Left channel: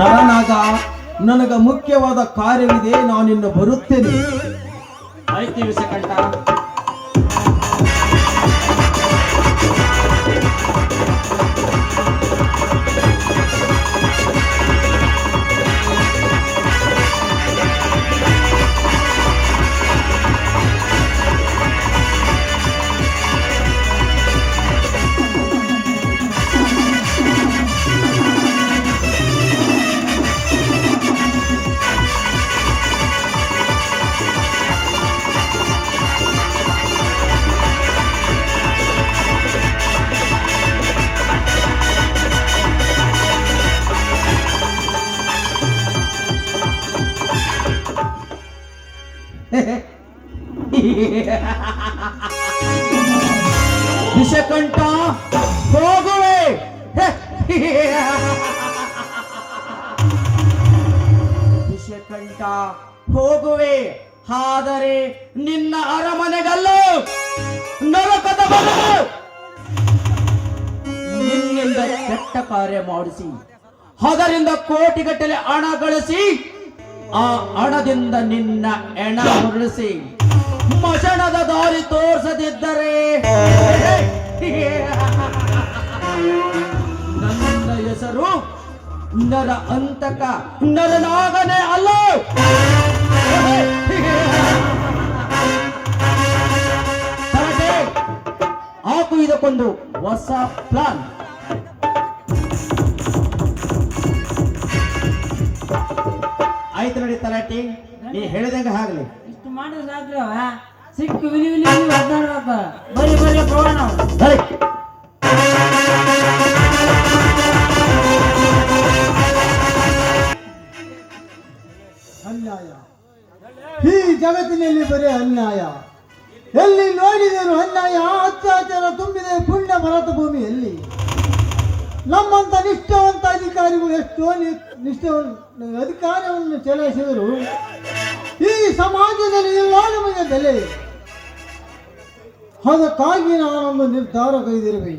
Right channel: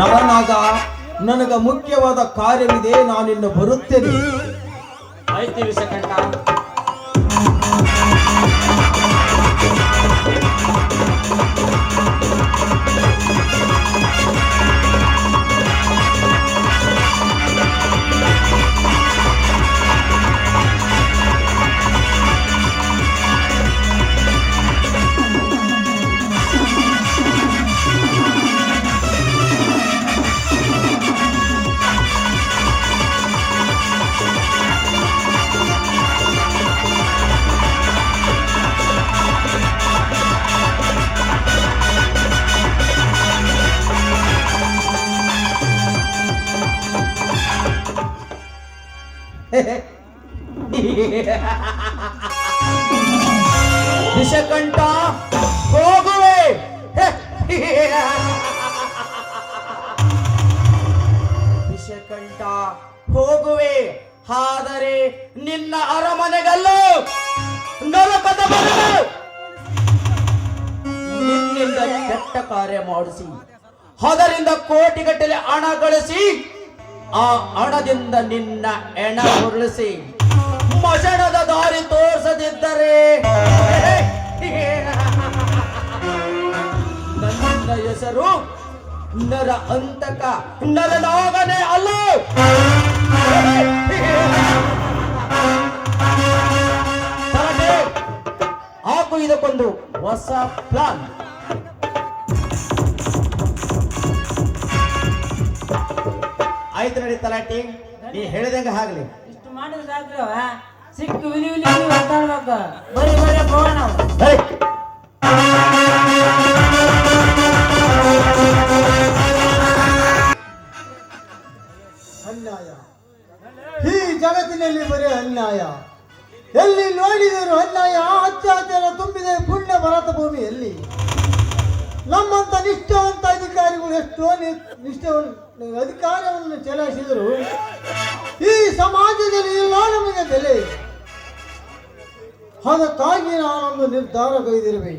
ನರನಾಗ, ನನಗ ಮುಖ್ಯವಾದ ಕಾರ್ಯವಿದೆ, ನಾನಿನ್ನು ಬರುತ್ತೇನೆ. ಆಯ್ತು ವಿಷಕಂಠ. ವಿಷಕಂಠ, ಹೋಗುವೆ. ವಿಷಕಂಠ, ಹೋಗುವೆ, ಆದರೆ ನಿನ್ನ ಅರಮನೆಗಲ್ಲೂ ನರಕದ ಬದಲು ನಿನ್ನಿಂದ ಕೆಟ್ಟ ಕಾರ್ಯ ಮಾಡಿಸಿ ಅದರಿಂದ ಕೋಟಿಗಟ್ಟಲೆ ಹಣ ಗಳಿಸಿ ಆ ಹಣದಿಂದ ನಿನ್ನ ಹೆಣ ಉರುಳಿಸಿ ಮಶಣದ ದಾರಿ ತೋರಿಸದಿದ್ದರೆ ನನ್ನ ಹೆಸರು ನರ ಅಂತಕ ನರನಾಗನೇ ಅಲ್ಲ. ಹಾಕು ಇದಕ್ಕೊಂದು ಹೊಸ ಪ್ಲಾನ್. ಆಯ್ತು ನೋಡಿ ತಲಾಟಿ, ನೀ ಹೇಳಿದಂಗ ಆಗ್ಲಿ. ಇಷ್ಟು ಮಾಡಿದ್ರೆ ಸಿಕ್ಕು ವಿಲಿ ವಿಲಿ ಮಾತಾಡ್ಬೇಕು. ಬರೀ ಬರೀ ಹೋಗೋಣ ನಾವು. ಅನ್ಯಾಯ, ಈ ಜಗತ್ತಿನಲ್ಲಿ ಬರೀ ಅನ್ಯಾಯ. ಎಲ್ಲಿ ನೋಡಿದರೂ ಅನ್ಯಾಯ, ಅತ್ಯಾಚಾರ ತುಂಬಿದ ಪುಣ್ಯ ಭರತ ಭೂಮಿಯಲ್ಲಿ ನಮ್ಮಂತ ನಿಷ್ಠಾವಂತ ಅಧಿಕಾರಿಗಳು ಎಷ್ಟೋ ಅಧಿಕಾರವನ್ನು ಚಲಾಯಿಸಿದರು ಈ ಸಮಾಜದಲ್ಲಿ ಇಲ್ಲ ನಮಗೆ ಬೆಲೆ. ಅದಕ್ಕಾಗಿ ನಾನೊಂದು ನಿರ್ಧಾರ ಕೈದಿರುವೆ.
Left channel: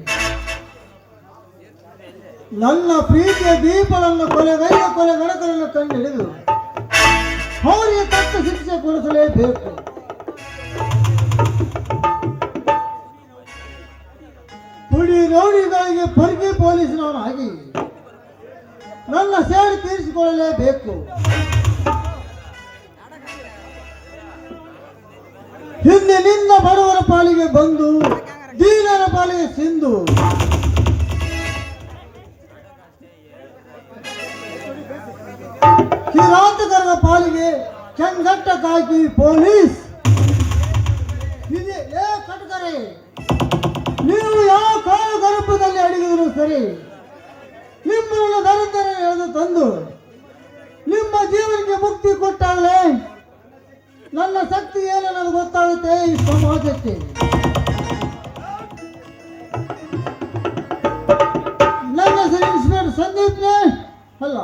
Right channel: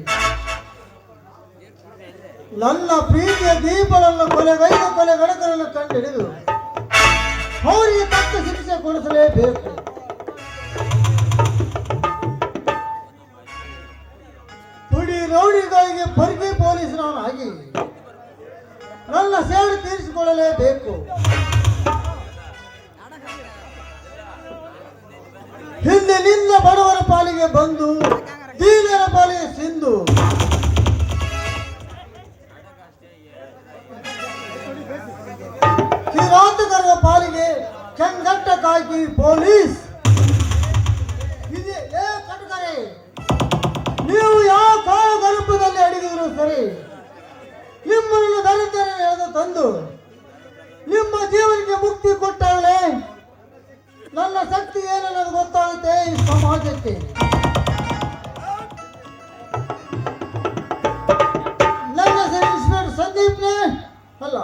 ನನ್ನ ಪ್ರೀತಿಯ ದೀಪಗಳನ್ನು ಕೊಲೆಗೈದ ಕೊಲೆಗಡಕರನ್ನು ಕಂಡುಹಿಡಿದು ಅವರಿಗೆ ತಕ್ಕ ಶಿಕ್ಷೆ ಕೊಡಿಸಲೇಬೇಕು. ಪುಡಿ ರೌಡಿಗಳಿಗೆ ಪರ್ಗಿ ಪೊಲೀಸನಾಗಿ ನನ್ನ ಸೇಡು ತೀರಿಸಿಕೊಳ್ಳಲೇಬೇಕು. ಹಿಂದೆ ನಿನ್ನ ಬಡವರ ಪಾಲಿಗೆ ಬಂದು ದೀನರ ಪಾಲಿಗೆ ಸಿಂಧು, ಕಿರಾತಕರ ಪಾಲಿಗೆ ಚಂಗಟ್ಟ ಕಾಯ್ಕಿ ಪೊಲೀಸ್. ಇದೇ ಕಟಕರೆ, ನೀವು ಯಾವ ಕಾಲ ಗರ್ಭದಲ್ಲಿ ಅಡಗಿದ್ರು ಸರಿ, ನಿಮ್ಮನ್ನು ದರಿದ್ರ ಎಳೆದು ತಂದು ನಿಮ್ಮ ಜೀವನಕ್ಕೆ ಮುಕ್ತಿ ಕೊಟ್ಟಾಗಲೇ ನನ್ನ ಶಕ್ತಿ ಏನನ್ನೋದು ಗೊತ್ತಾಗುತ್ತೆ ಈ ಸಮಾಜಕ್ಕೆ. ನನ್ನ ಹೆಸರು ಇನ್ಸ್ಪೆಕ್ಟರ್ ಸಂದೀಪ್ನೇ ಅಲ್ಲ.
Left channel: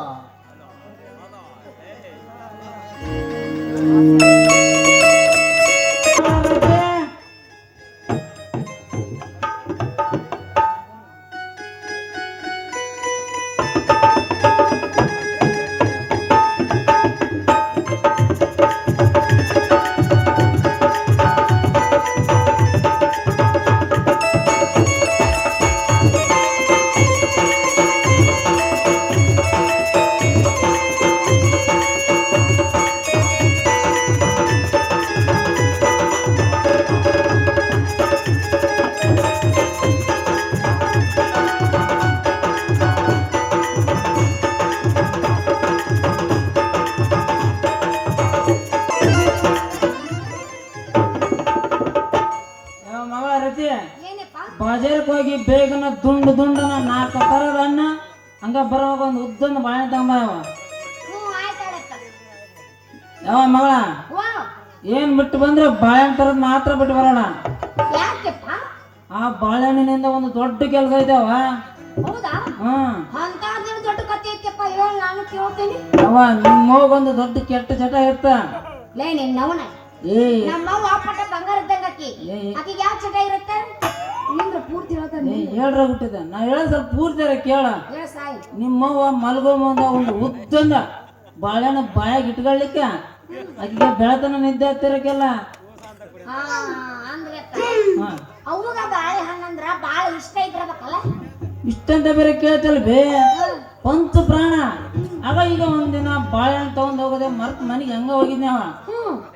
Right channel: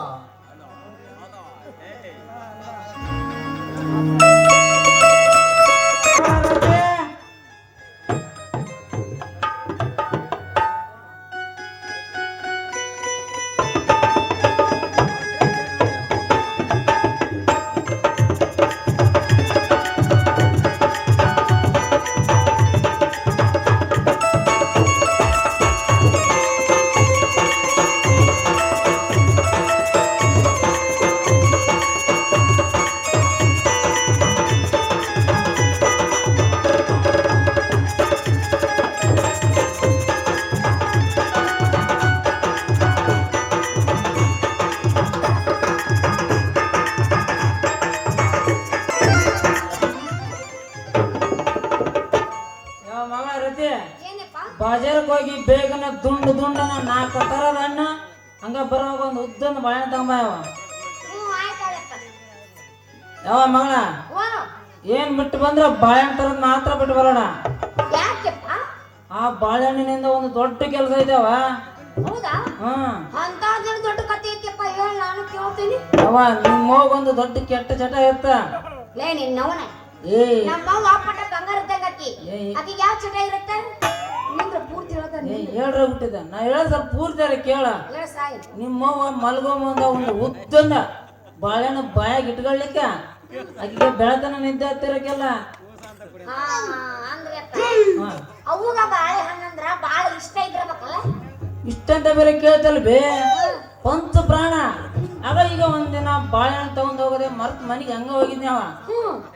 ಬಾಜಾರಕ್ಕೆ ಹೋಗಿ ಬೇಗನ ದುಂಡು ದುಂಡನ 4 ತರದ ಹಣ್ಣು ಹಂಗ ಬರುವಾಗ ಒಂದು ಉದ್ದೊಂದು ಬಾಳೆ ತಗೊಂಬ. ಯಾವ ಮಗಳ ಏನ್ ಬಿಟ್ಟು ಬಂದ್ರೆ ಬಾಳೆಹಣ್ಣು ತರದ್ ಮಾತ್ರ ಬಿಟ್ಟು ಬರೋಣ. ಆ ಬಾಳೆಹಣ್ಣಿನಿಂದ ಒಂದು ದೊಡ್ಡ ಕೆಲಸ ಇದಾವ. ಯಾವ ನಿಮ್ಮ ಹೋಗೊಂದು ದೊಡ್ಡ ಕೆಟ್ಟ ಚಟ ಇರ್ತ. ನಿಂದ್ರ ಪೂರ್ತಿ ಹೇಳ್ತಾನೆ ಹೇಳ್ರ ಬಿಟ್ಟಿದ್ದ ನಾ ಹೇಳ ಸ್ವಲ್ಪ ಪೂರ್ತಿಯಾರ ಕೇಳ ಹೇಳ ಸಾಯಿ ನಿಮ್ಮವ್ವ ಮಲ್ಗೋ ಮುಂದ ಒಂದು ಉದ್ದಂದ ಬಾಳೆಹಣ್ಣು ಬಾಯಾಗ ಇಟ್ಕೊಳ್ಳಿಕ್ಕ ಆಕಿಗೆ ಬೆಳತನ ನಿದ್ದೆ ಹತ್ತಿರಕ್ಕೆಲ್ಲ ಹಾ ಅಂದ್ರೆ ಅವಾಗ ಬಾಳೆಹಣ್ಣಂದ್ರ ಬಾಳ ಇಷ್ಟ ಇದ್ರಬೇಕಲ್ಲ ಇಷ್ಟಂತ ಬೇರೆ ಕೇಳ್ತಲ್ಲ ಬೇ ಪಂಚ ಪ್ರಾಣ ಆಗ ಈಗ ಒಂದಿನ ಬಾಳೆಹಣ್ಣು ತಗೊಂಡ್ ಹೋಗದೆ ಮರ್ತ್ ಮನೆಗೆ ಹಂಗ ಹೋಗಿದ್ನಿ ಅವ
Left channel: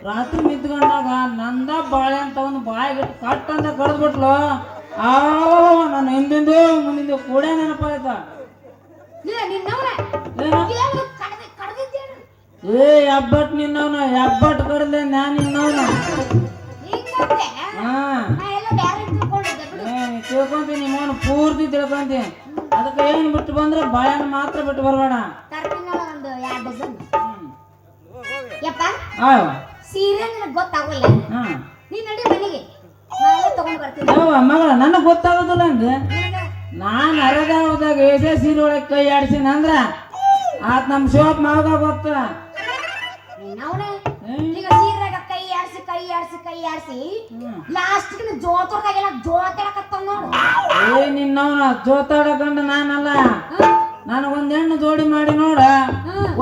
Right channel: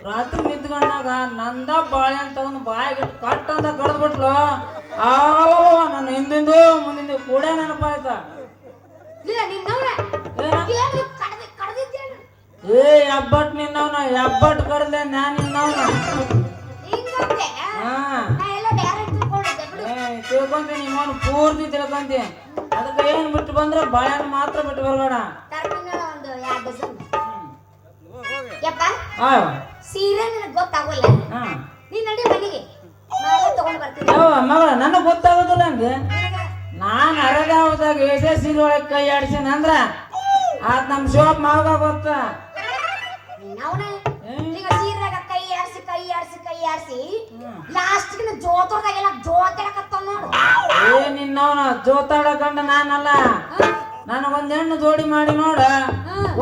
ರಾತ್ರಿ ನಿಂತ್ಕೊಂಡಾಗ ನಂದ ಬಾಳೆಹಣ್ಣು ತಗೊಂಡು ಬಾಯಿಗೆ ಕಟ್ ಅಂತ ಕಡ್ದ್ಬಿಟ್ಲು ಆ ನನ್ನ ಹಿಂದಿಂದು ಮುಂದಿಂದು ಕೂಡ ನೆನಪಾಯ್ತ ಏ ಹೆಬ್ಬಟ್ ನಿನ್ನವನ ಹೆಬ್ಬಟ್ ಕಡ್ದೆ ನಾನ್ ನಿನ್ನವನ ಹಾ ತಿಳ್ಕೊಂತೀನಿ ಮೋನ್ ಪೂರ್ತಿ ತಿಳ್ಕೊಂತಿ ಅದಕ್ಕೆ ಏನ್ ಬಿಟ್ಟು ಬಂದ್ರೆ ಬಾಳೆಹಣ್ಣು ಮಾತ್ರ ಬಿಟ್ಟು ಬರಬೇಡ ಸೀರೆ ನಿನಗೆ ಗೊತ್ತಾಗಲ್ಲ ನೀ ನಡಿ ಮನೆಗೆ ತಗೊಂಡ್ ಬರ್ತೀನಿ ಮಗಳ ನನಗೆ ಗೊತ್ತಾಗೋದಿಲ್ಲ ಅಂದೆ ನಾನು ಅರಗಾವದಾಗ ಎದೆ ಸೀರೆ ಒಳಗೆ ಕೈ ಆಡ್ಸೀನಿ ಅಂದ್ರ ಆತ್ ನಮ್ ಶಿವಪ್ಪ ಮಾವಾಗ ಗೊತ್ತ ಈಗ ಸೀರೆಗ ಕೈ ಆಡ್ಸಿ ಲಾಸ್ಟ್ ಜೋತೋರ್ದಾಗೆಲ್ಲ ಜೋತಾಡಕತ್ತಾವ ನೋಡು ಏ ನಿನ್ನವನ ಜೋತಾಡಕಂಡ ನಾನಲ್ಲ ನನಗೊಂದ್ ಹೆಣ್ಣು ಜೋಡಿ ಮಾಡಿ ನೋಡ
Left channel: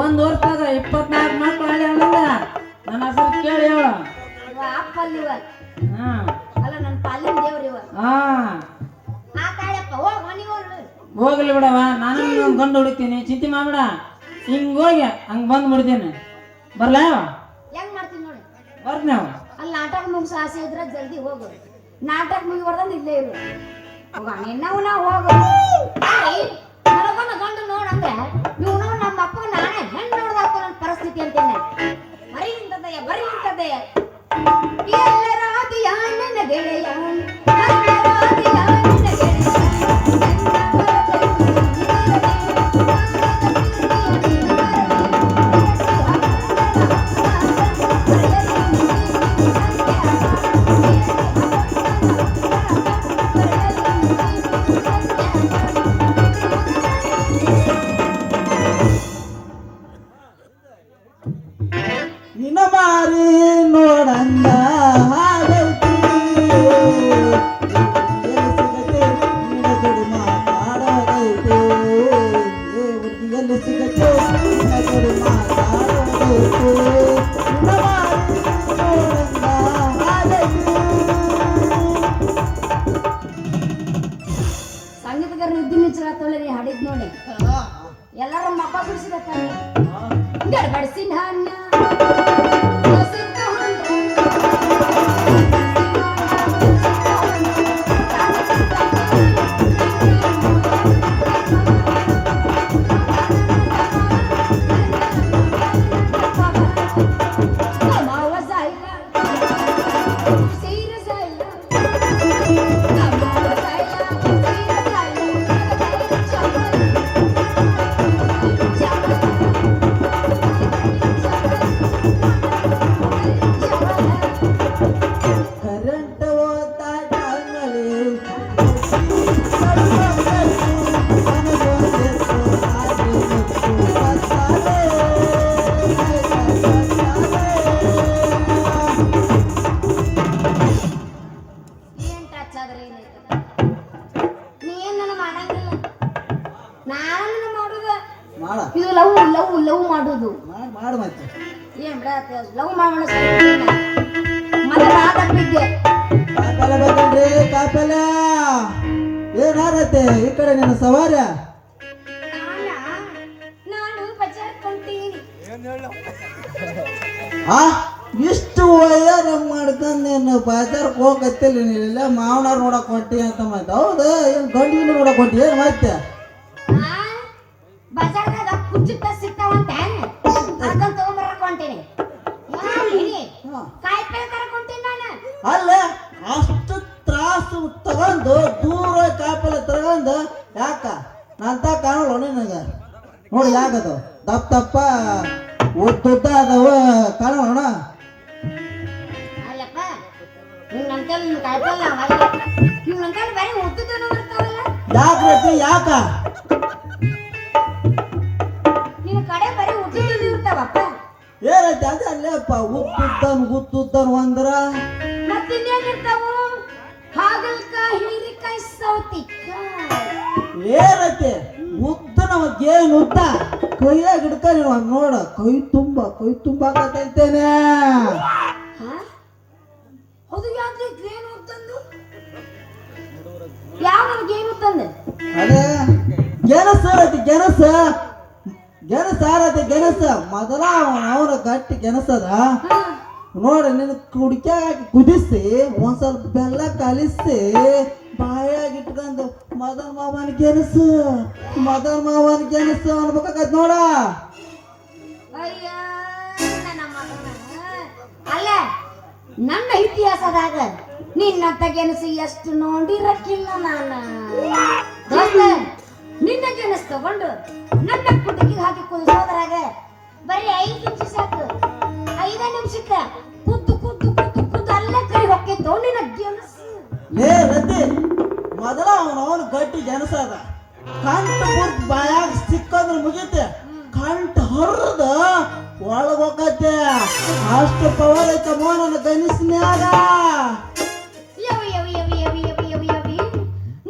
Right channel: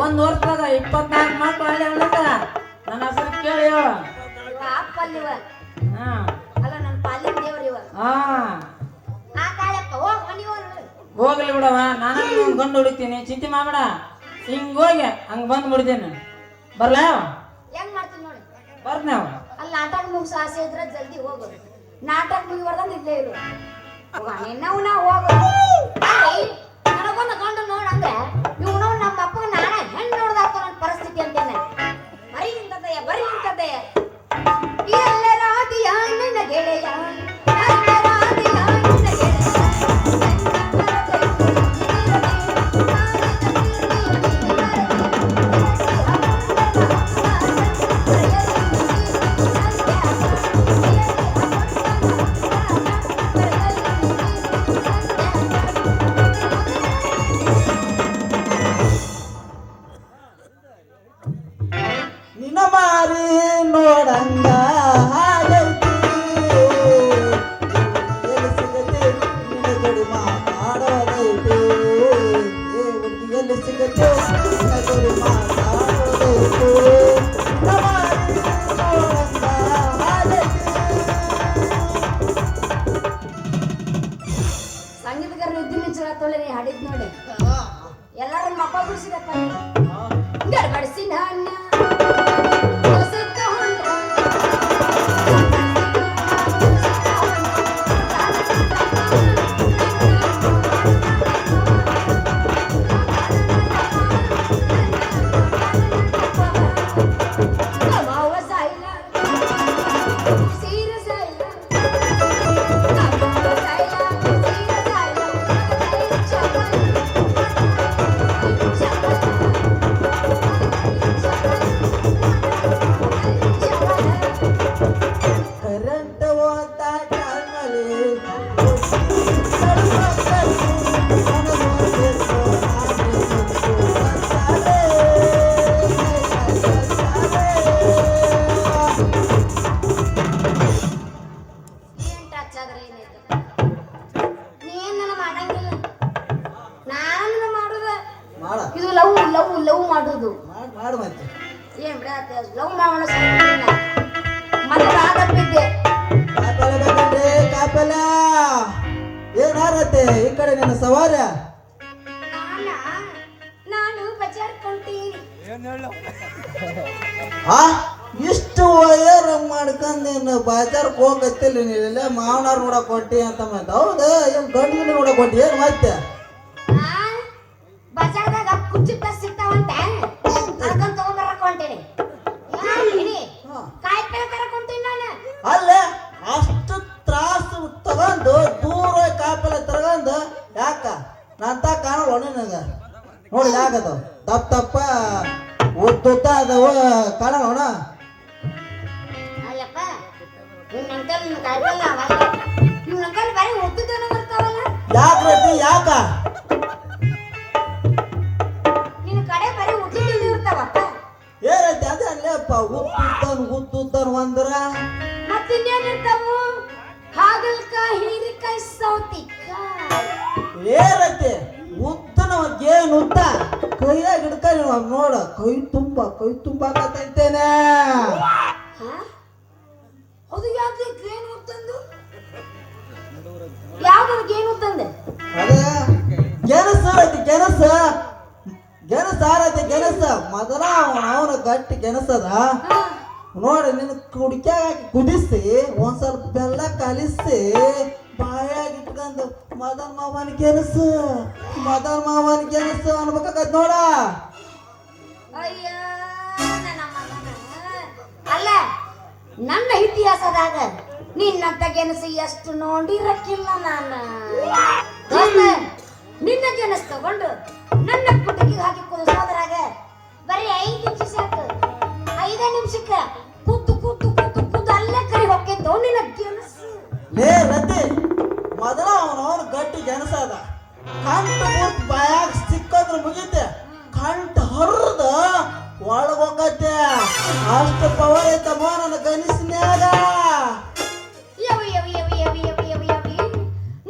ಒಂದ್ ವರ್ಷದಾಗ 24 ಮಕ್ಳು ಅಲ್ಲಿ ಅಲ್ಲಿಂದ ನನ್ನ ಹೆಸರು ಕೇಳಿ ಹೇಳ ಅಪ್ಪಲ್ಲಿವ ಹಾ ಅಲ್ಲ ನನ್ನ ಪಾಲಿನ ದೇವ್ರ ಇವ ಹಾ ಆ ಕಾಳಪ್ಪ ಹೋಗ್ ಮನಿ ಹೋಗ್ಲಿ ಬಿಡವ ನಾನು ಒಂದು ಗಂಡು ಹೊಡಿತೀನಿ ಚಿಂತೆ ಮಾಡಬೇಡ ಹಿಂಗ್ ಹೋಗಿ ಹಂಗ್ ಬಂದ್ ಬಿಡ್ತೀನಿ ಬರ್ಲ ಹೆಂಗ್ ಮಾಡ್ತೀನಿ ನೋಡಿ ಬರ್ತೀನಿ ಅವ ಅಲ್ಲಿ ನಾಟಕ ಮುಗಿಸೋ ಆಸೆ ಇದ್ರೆ ಜಲ್ದಿ ಹೋಗು ನಾಟಕ ಮುಗಿಬಾರ್ದಂದ್ರೆ ಇಲ್ಲೇ ಇರು ಹೋಗ ನಿನ್ನವು ನಾವು ಹೋಗು ನನಗೊಂದು ಗಂಡು ನೋಡಂದ್ರೆ ಇವ್ ನಾವು ನಮ್ಮ ಅಪ್ಪಗ ನಾನೇ ಹೆಣ್ಣು ನೋಡ್ದಾಕ ನನ್ನ ಪರಿಸ್ಥಿತಿ ಅಂತೇನೆ ಬರೀ ಇಂಥದ್ದಯ್ಯ ಎಲ್ಲರಾದಿಯ ನನ್ನ ಗೆಳೆಯ ಎಲ್ಲರಾದಿಯ ನನ್ನ ಗೆಳೆಯ ನಿನ್ನ ಮಾರಿ ನೋಡಂಗ ಹಾಗೈತಿ ಎಲ್ಲಿ ಸಿಗತ್ತೆ ನಿನ್ನ ಜೋಡಿ ಮಾತಾಡೋದೈತಿ ಎಲ್ಲಿ ಸಿಗತ್ತೆ ನಿನ್ನ ಜೋಡಿ ಮಾತಾಡೋದೈತಿ ನಿನ್ನ ಮಾರಿ ನೋಡಂಗ ಹಾಗೈತಿ ಸಂಗೀತಗಾರ ನಿದ್ದೆ ನಿಚ್ಚಳತ್ತೊಳ್ಳೆ ನೀ ಹಾಡಿದ್ ನೋಡಿ ಎಲ್ಲರೂ ಮಕ್ಕ ಬಿಡಿಸಿದಪ್ಪ ಗಡ್ಬಡಿಸಿ ನನ್ನ ಕರೆಂಟ್ ಹೋಗ್ತಾ ಟೈಮಲ್ಲಿ ಏನ್ ಟಚ್ ಆದ್ರೆ ಏನೈತೆ ನೀ ಏನ್ ನನ್ನ ಮಾಡಂಗಿಲ್ಲ ನಾನು ಮಾಡುದ ಮಾಡ ಇದು ಲವ್ ಲವ್ ಲವ್ ಮಾಡುದು ಮಾಡು ಮತ್ತೆ ಏನ್ ಬಿಡ ಲವ್ ಮಾಡೋಣ ಮತ್ತೆ ಬಾದಪ್ಪಿದ್ದೆ ಕಾಪೆಲ್ಲ ಬೇಕಂದ್ರೆ ಕಾಪೆಲ್ಲ ಏನಾರತ್ತೆ ಈ ಕಡೆ ನಿನ್ನ ಸವಾರ ನಾನು ಬಜಾರ್ ಕೊಂತೀನಿ ಆ ಇಷ್ಟು ವಯರ್ ಮಾಡ್ಕೊಂಡು ನೀನು ಬಾಜಾರ್ಗೆ ಹೋಗತ್ತಿಲ್ಲ ನೀನಿಲ್ಲ ಮಾವನಾರ್ ನೋಡಕ್ ಹೊಂಟಿ ಅಂತ ಮತ್ತೆ ಹೌದಾ ಏನು ಗಂಡಿನ ನೋಡಕ್ ಹೊಂಟಿ ಏನು ಮತ್ತೆ ಬಜಾರ್ದಾಗ ಕುಚ್ಚಿಟ್ಟ ಸಿಗ್ತಾವಂತ ಅದನ್ನ ತಗೊಂಡ್ಬರಕ್ ಹೊಂಟೇನಿ ಕಾಯಿ ಪೇಳೆ ತರಕ್ ಹೊಂಟೇನಿ ನಾನು ಅಲ್ಲೇ ಅಷ್ಟು ತ್ರಾಸು ತಗೊಂಡು ದೂರ ಕಾಪೆಲ್ಲ ತಗೊಂಡು ಯಾಕ ನಂತ ಕಾಣಲ್ಲ ನಿನಗೆ ನೋಡಿ ಯಾಕದು ದಪ್ಪ ದಪ್ಪ ಉದ್ದುದ್ದ ಅದವ ಕಾಣೋಣ ಅಲ್ಲಪ್ಪ ನಿನ್ನಂತಲ್ಲಿ ನಿನ್ನ ಕಾಯಿಪಲ್ಲ ನಿನ್ನಂತಲ್ಲಿ ಬರೀ ಉದ್ದುದನ ಬರ್ತಾವಲ್ಲ ಯಾಕ್ರತಿ ಯಾಕ ನಿನ್ನ ಕಡೆ ಬರೀ ಉದ್ದುದನ ಇರ್ತಾವಪ್ಪ ಏನೈತಿ ಅದೇ ಅಲ್ಲೇಪ್ಪ ಉದ್ದುದ್ದನ್ ಅಂದ್ರ ಮತ್ತಿನ್ನೇನ್ ಇರ್ತಾವು ಹಾಗಲ್ಕಾಯಿ ಹೀರಿಕಾಯಿ ಮೈ ಸೌತಿಕಾಯಿ ಏನೈತಿ ಉದ್ದ ನಾವು ಗೇನ್ ಉದ್ದ ಕೈಯಾಗ ಹಿಡ್ಕ ನೀವು ನೋಡ ಕೈ ತುಂಬಾಕತೈತೇನೆ ಹಾ? ಅದು ಯಾಕೆ ಗೇನು ತಂದು ಯಾವ್ದು ಗೇನು ತಂದೆ ಅದೇ ಗೆಣಸ ಐತಿ ಗೆಣಸ ಮೊದಲ ಅವನ ಗಟ್ಟಿ ಗೆಣಸದ ನೋಡಿ ನಿನ್ನ ಕುಡಿಕ್ಯಾಗ ಹಾಕಿ ಕುದಿಸಿ ಒಂದ್ ಸ್ವಲ್ಪ ಬೆಲ್ಲ ಕಲಿಸಿ ಬಾಯಾಗ ಇಟ್ಕೊಂಡು ಮದನ್ ಮಾವನ ಗೆಣಸು ಅನ್ಬೇಕಾಗತ್ ನೋಡ. ಅಯ್ಯ ನನ್ನ ಮಗನ ಅಲ್ಲ ನನ್ನ ಇತಿಹಾಸದಾಗ ನಿನ್ನಂತ ಗೆಣಸು ಎಷ್ಟು ನೋಡಿರಕ್ಕಿಲ್ಲ ನಾನು. ದೋಸ್ತ ನಿನ್ನ ಗೆಣಸು ತಗೊಂಡು ನನ್ನ ಕುಟುಕಿಗೆ ಹಾಕಿ ಕುದಿಸೋದ್ರಾಗ ಬರೀ 5 ನಿಮಿಷ ಸಾಕು. 5 ನಿಮಿಷಕ್ಕ ಕುದ್ದು ಅಲ್ಲೇ ಕೈ ಹೊಕ್ಕಿತ್ತು ನಿನ್ನ ಗೆಣಸು. ಲೇ ರತಿ ಮೊದಲ ಅವನ ಗಟ್ಟಿ ಗೆಣಸ ಅದ ಕಂಠ ಪೂರ್ತಿ ಬಾಯಾಗ ಸಿಕ್ಕಂದ್ರೆ ಮುಗೀತೆ ಕಂಠ ಹರಿದ ಒಳಗೋಕತ್ತೆ ಅಷ್ಟು ಪವರ್ ಐತಮ್ಮ ನನ್ನ ಗಣಿಸ್ನ್ಯಾಗ.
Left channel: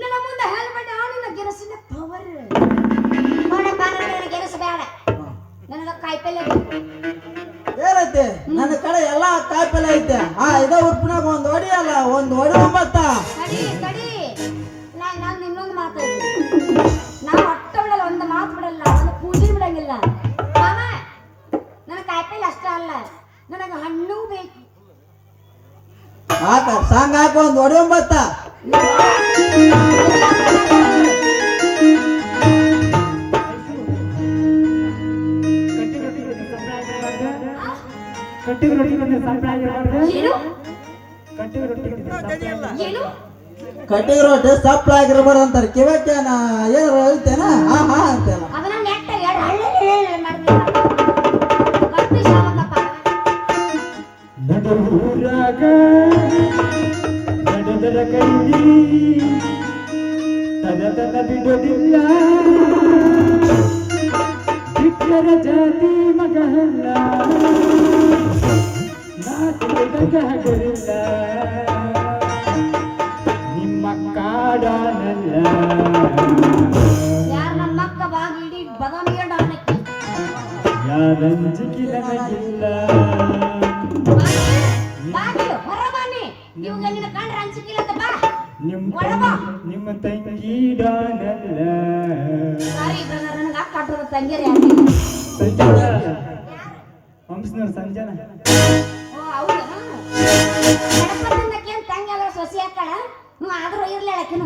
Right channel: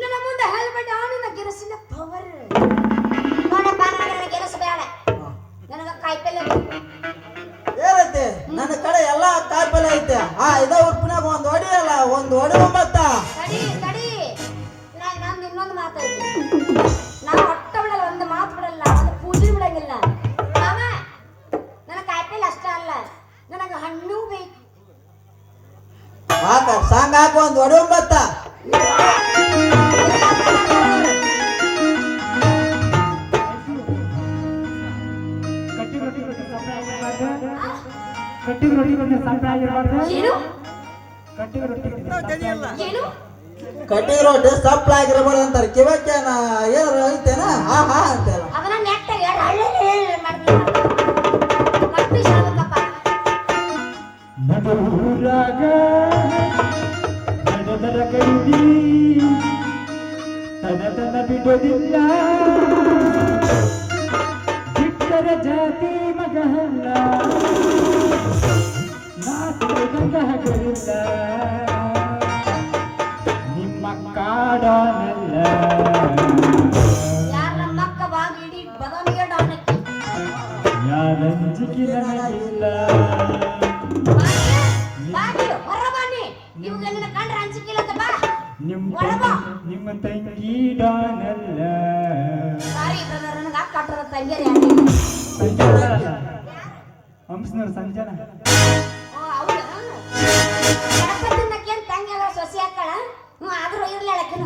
ನನ್ನ ಮುಂದೆ ಹೇಳ್ಬೇಡ ನಿನ್ನ ಗೆಣಸಿನ ಪವರ್. ನೋಡಪ್ಪ ನನಗೆ ಗೆಣಸು ಬೇಡ, ನನಗ ಕಾಯಿಪಲ್ಲೆ ಏನೈತೆ ನನ್ನ ಕಡೆ ಎಲ್ಲಾ ಕಾಯಿಪಲ್ಲೆ ಐತೆ. ಇದ ಉಪ್ಪಿನಾಗ ಒಂದು ಒಡಿ 9. ತಡಿ ನಾನು ಇನ್ನೊಂದು ಮಾತಾಡ್ತೀನಿ. ನಾವು ಒಟ್ಟ ಬಿಡಲ್ಲ, ಒಂದು ಮಾತು ಬಿಡಲ್ಲ, ಒಂದು ಪೂಜೆ ಬಿಡಂಗಿಲ್ಲ. ಮಾಮ ನನ್ನ ಕಾಯಿಪಲ್ಲೆ ಅಷ್ಟ ಅಲ್ಲ, ನನಗೆ ಹಣ್ಣು ಬೇಕು. ಸಾಂಗ್ ಹಾಕ ಒಂದು ಒಡಿ 9. ಏನು ಏನು ಕಟ್ಟಿಗೆ ರೊಟ್ಟಿ ಸಪ್ಲ ಆಗಿರ್ಬಾರ್ದು ಅಂತಾರೆ. ಕಿವಕ್ಕೇನ ಏನಾರ ಐತೇನ ಅಂತಲ್ಲ ಅದನ್ನ ನೆಟ್ಟಾಗ ಹಳ್ಳಿ ಮಾಡ್ಬೇಕಪ್ಪ. ಬಿಡೋದಿಲ್ಲ ಬಿಟ್ಟರ ಜಾತಿ ಮಗಲ್ಲ ನಾಟಕರಿಲ್ಲ ನಿಮ್ಮ ಕಾಡನೆಲ್ಲ ಯಾರ ನಮ್ಮ ಅಕ್ಕ ಬಾಗಿ ಇಡೀ ಬದಾಮಿಗೆ ಡಾನಕ್ಕೆ ಯಾರಂಜಿಕೆ ನನಗಿಲ್ಲ ಬಾಗಿ ಹೊರ ಬನ್ನಿ. ಇವಾಗ ನಿನ್ನ ಕಂಡ್ರೆ ಅಂಜಿಕಿಲ್ಲ ಬಾ. ನಿಮ್ಮ ತಂಗಿ ಡಾನಲ್ಲ ಸಾರಿ ನನಗೆ ಅಕ್ಕ ಆಟದ ತಂಗಿಯರು ಹಂಸನವ್ರ ಸಂಜನ. ಓ ಹೌದಾ? ಗಣಪತಿನಕ್ಕೇನು ತಂಗಿಯಾಗ ಸೊಸಿ ಹಾಕಳ? ಆದ್ರೂ ಇರ್ಲಿ ಹೇಳಕ್ಕಿನ